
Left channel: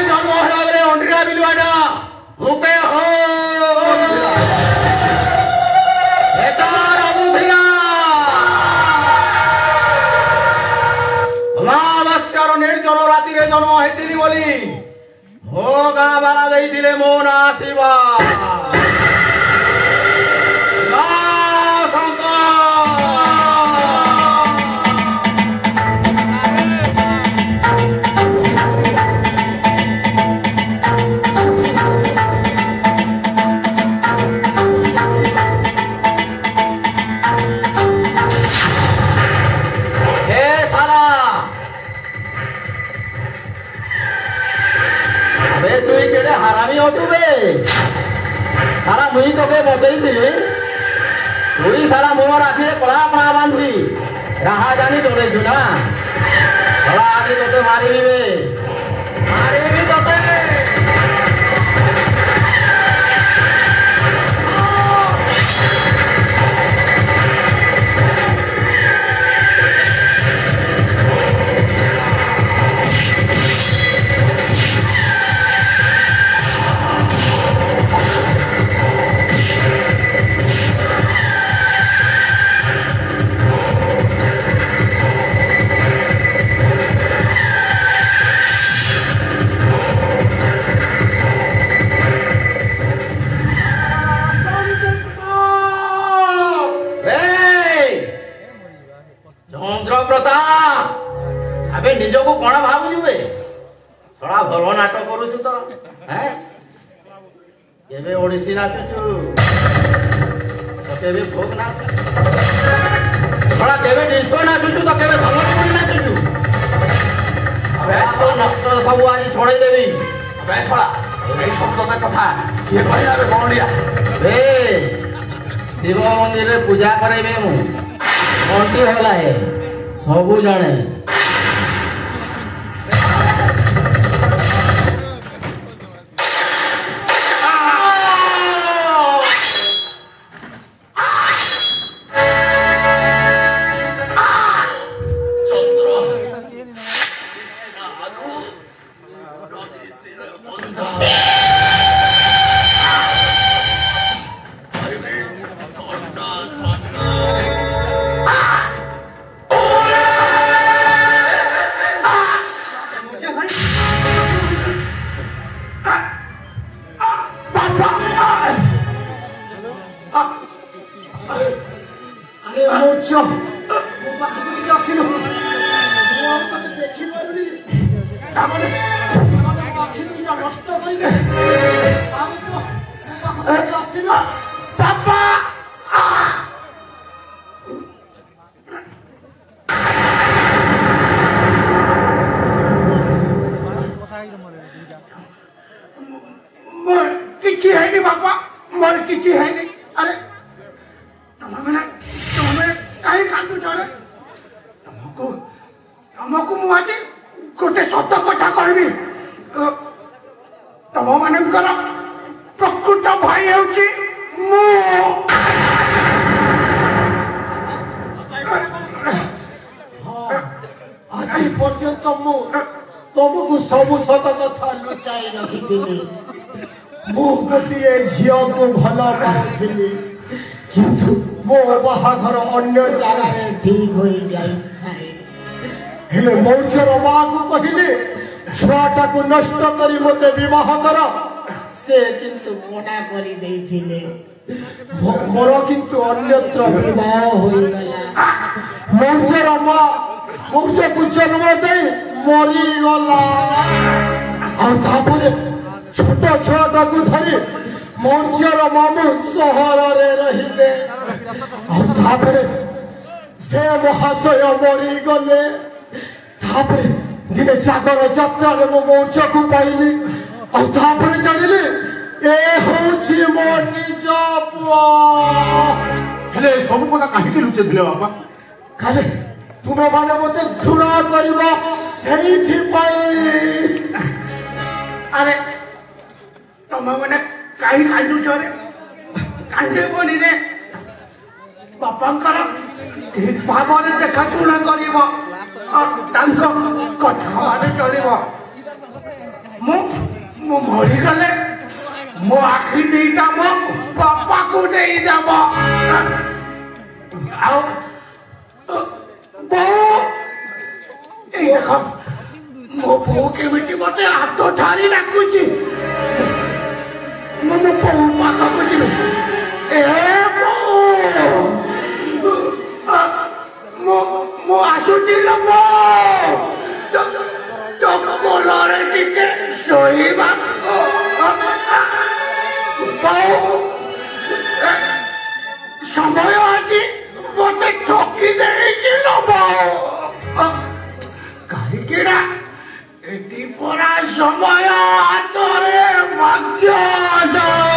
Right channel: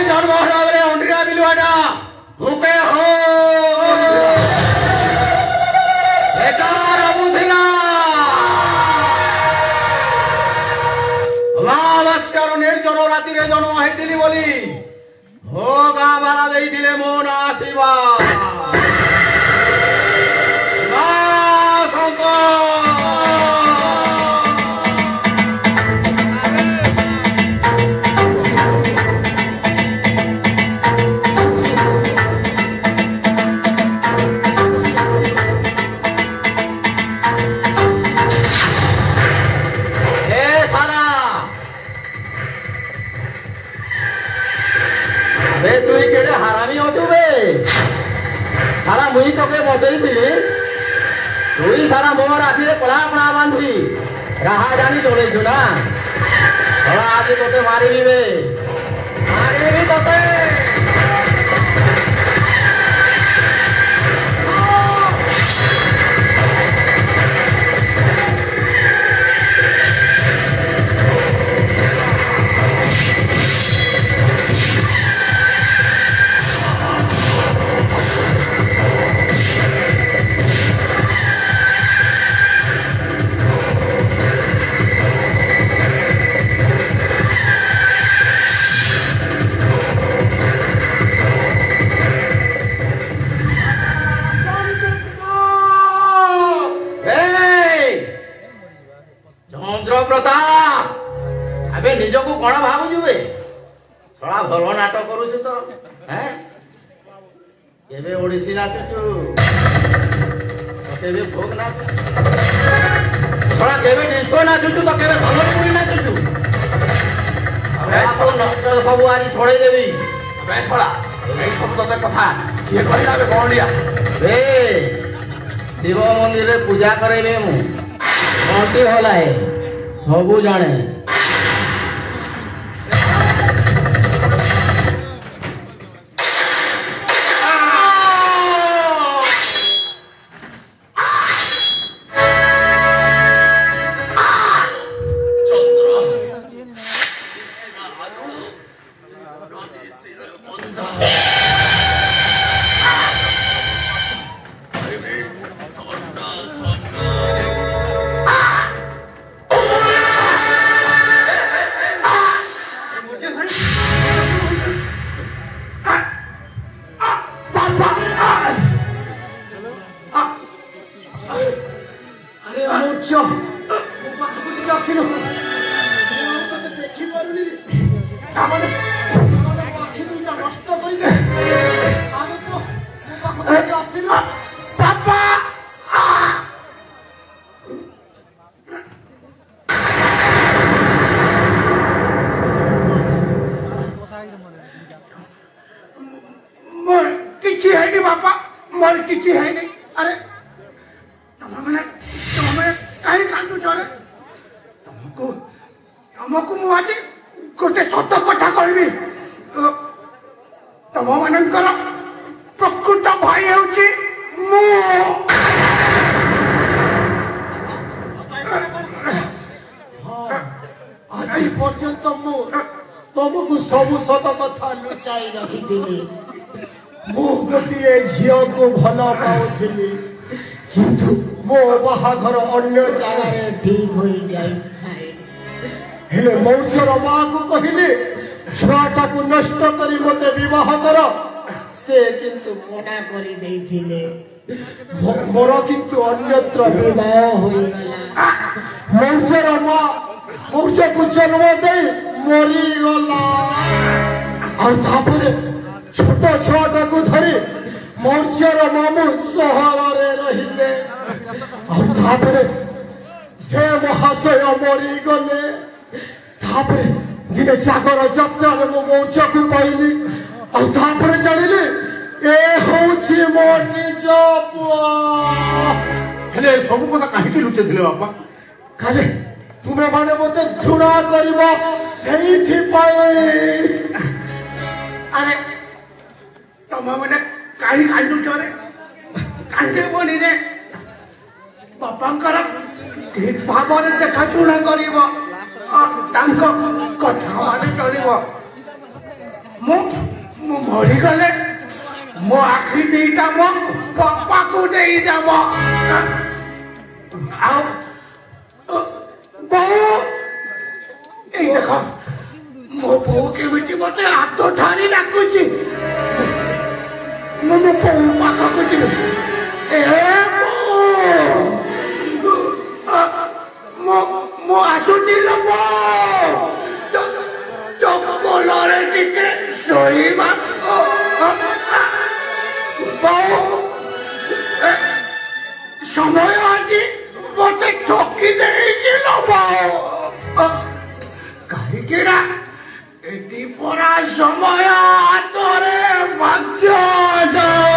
जन्म हलागले अंडा बिलुआटा भूखे हो ରାତିରେ ଜନ୍ମ ହେଇଥିଲି ବୋଲି ମୋ ଗାଁ ବାଲା ଦେଇଥିଲେ ମୋ ନାଁ ଶିବା। তুই কেড়ে হারামি অছু বে সারা মুই তোকে বসেইছিলি তুই সারা মো রাখিলে কলা কলা বাঁধি রাহা জানি চলেছু না কলা আগে তোকে মারিলি বে মারিলি তোকে আবে নিজকু কোন ভাবুছু বে সড়া ভাল নাটক করুছু তো হ্যাঁ কেবে ওড়িশি নাচুছু তো কেবে ভোগ নাচ সড়া কেবে ডিস্কো নাচুছু তো কেবে সম্বলপুরি নাচুছু আবে তো নষ্ট সবু আজ ছড়াই দেবি আবে সড়া এই সব কথা কিয়ে কইলা বে গড়লিয়া বে শিব মন্দিরে পূজা করাইবে মু ঘন্টি হলায় সবু জানে ଝିଅ ମୋ ପାଖକୁ ଟିକେ ଆସିଲୁ ମୁଁ ଆଉ ତତେ ଦେଖିପାରୁନି ତାମାନେ ମୋ ଆଖି ଦୁଇଟା ନଷ୍ଟ କରିଦେ ଆଉ ମୋ ପାଖକୁ ଟିକେ ଆସିଲୁ ବାପା मोर किसी है नहीं बापा मोर किसी है नहीं अरे तुमने कहीं कांदु चले तुमको मुझे गोटे सत कथा कहबी तुम मानकर प्रकृत भाई होची मु आज पर्यंत मु तुमको सब सत कथा लुचाई रखी मु गोटे झील को भल पाऊली किंतु मो बाहाघर अन्य जगार ठीक हो जाए मौचर माँ को कहले छुआटा को नष्ट कर मत विवाह कर से किंतु मना कर मोर किंतु अन्यत्र विवाह हो गला मौचर माँ मौच को जन्म दे मरीगला और छोट छुआटा को धरी मौचर मामू सहर रहिले से महाशय मरीगले दिने जागर जात्रार मो मौच को पाइली और जानिली ए हूँ मो निज पुआ हेले सब कथा कहीं लुचे थे बापा खाली तुम्हें माने मत घृणा कर अरे तुम मैंने कहीं कांदुच रे कांदे बोली रे बापांकर ठीक भाव देखाशुणा कर कथा मान चलो मु मरीगले मो आखि दीटा मो बापा को देदेव देख मो बो केमी मत हाथ ठारी डाकुची मो बो पाखक जी मो आसुची लोबो कोलरे टिके शोइबा समय आज मत ठकी देछि लोबो कहीं एटी परा समय हाथ भाग्य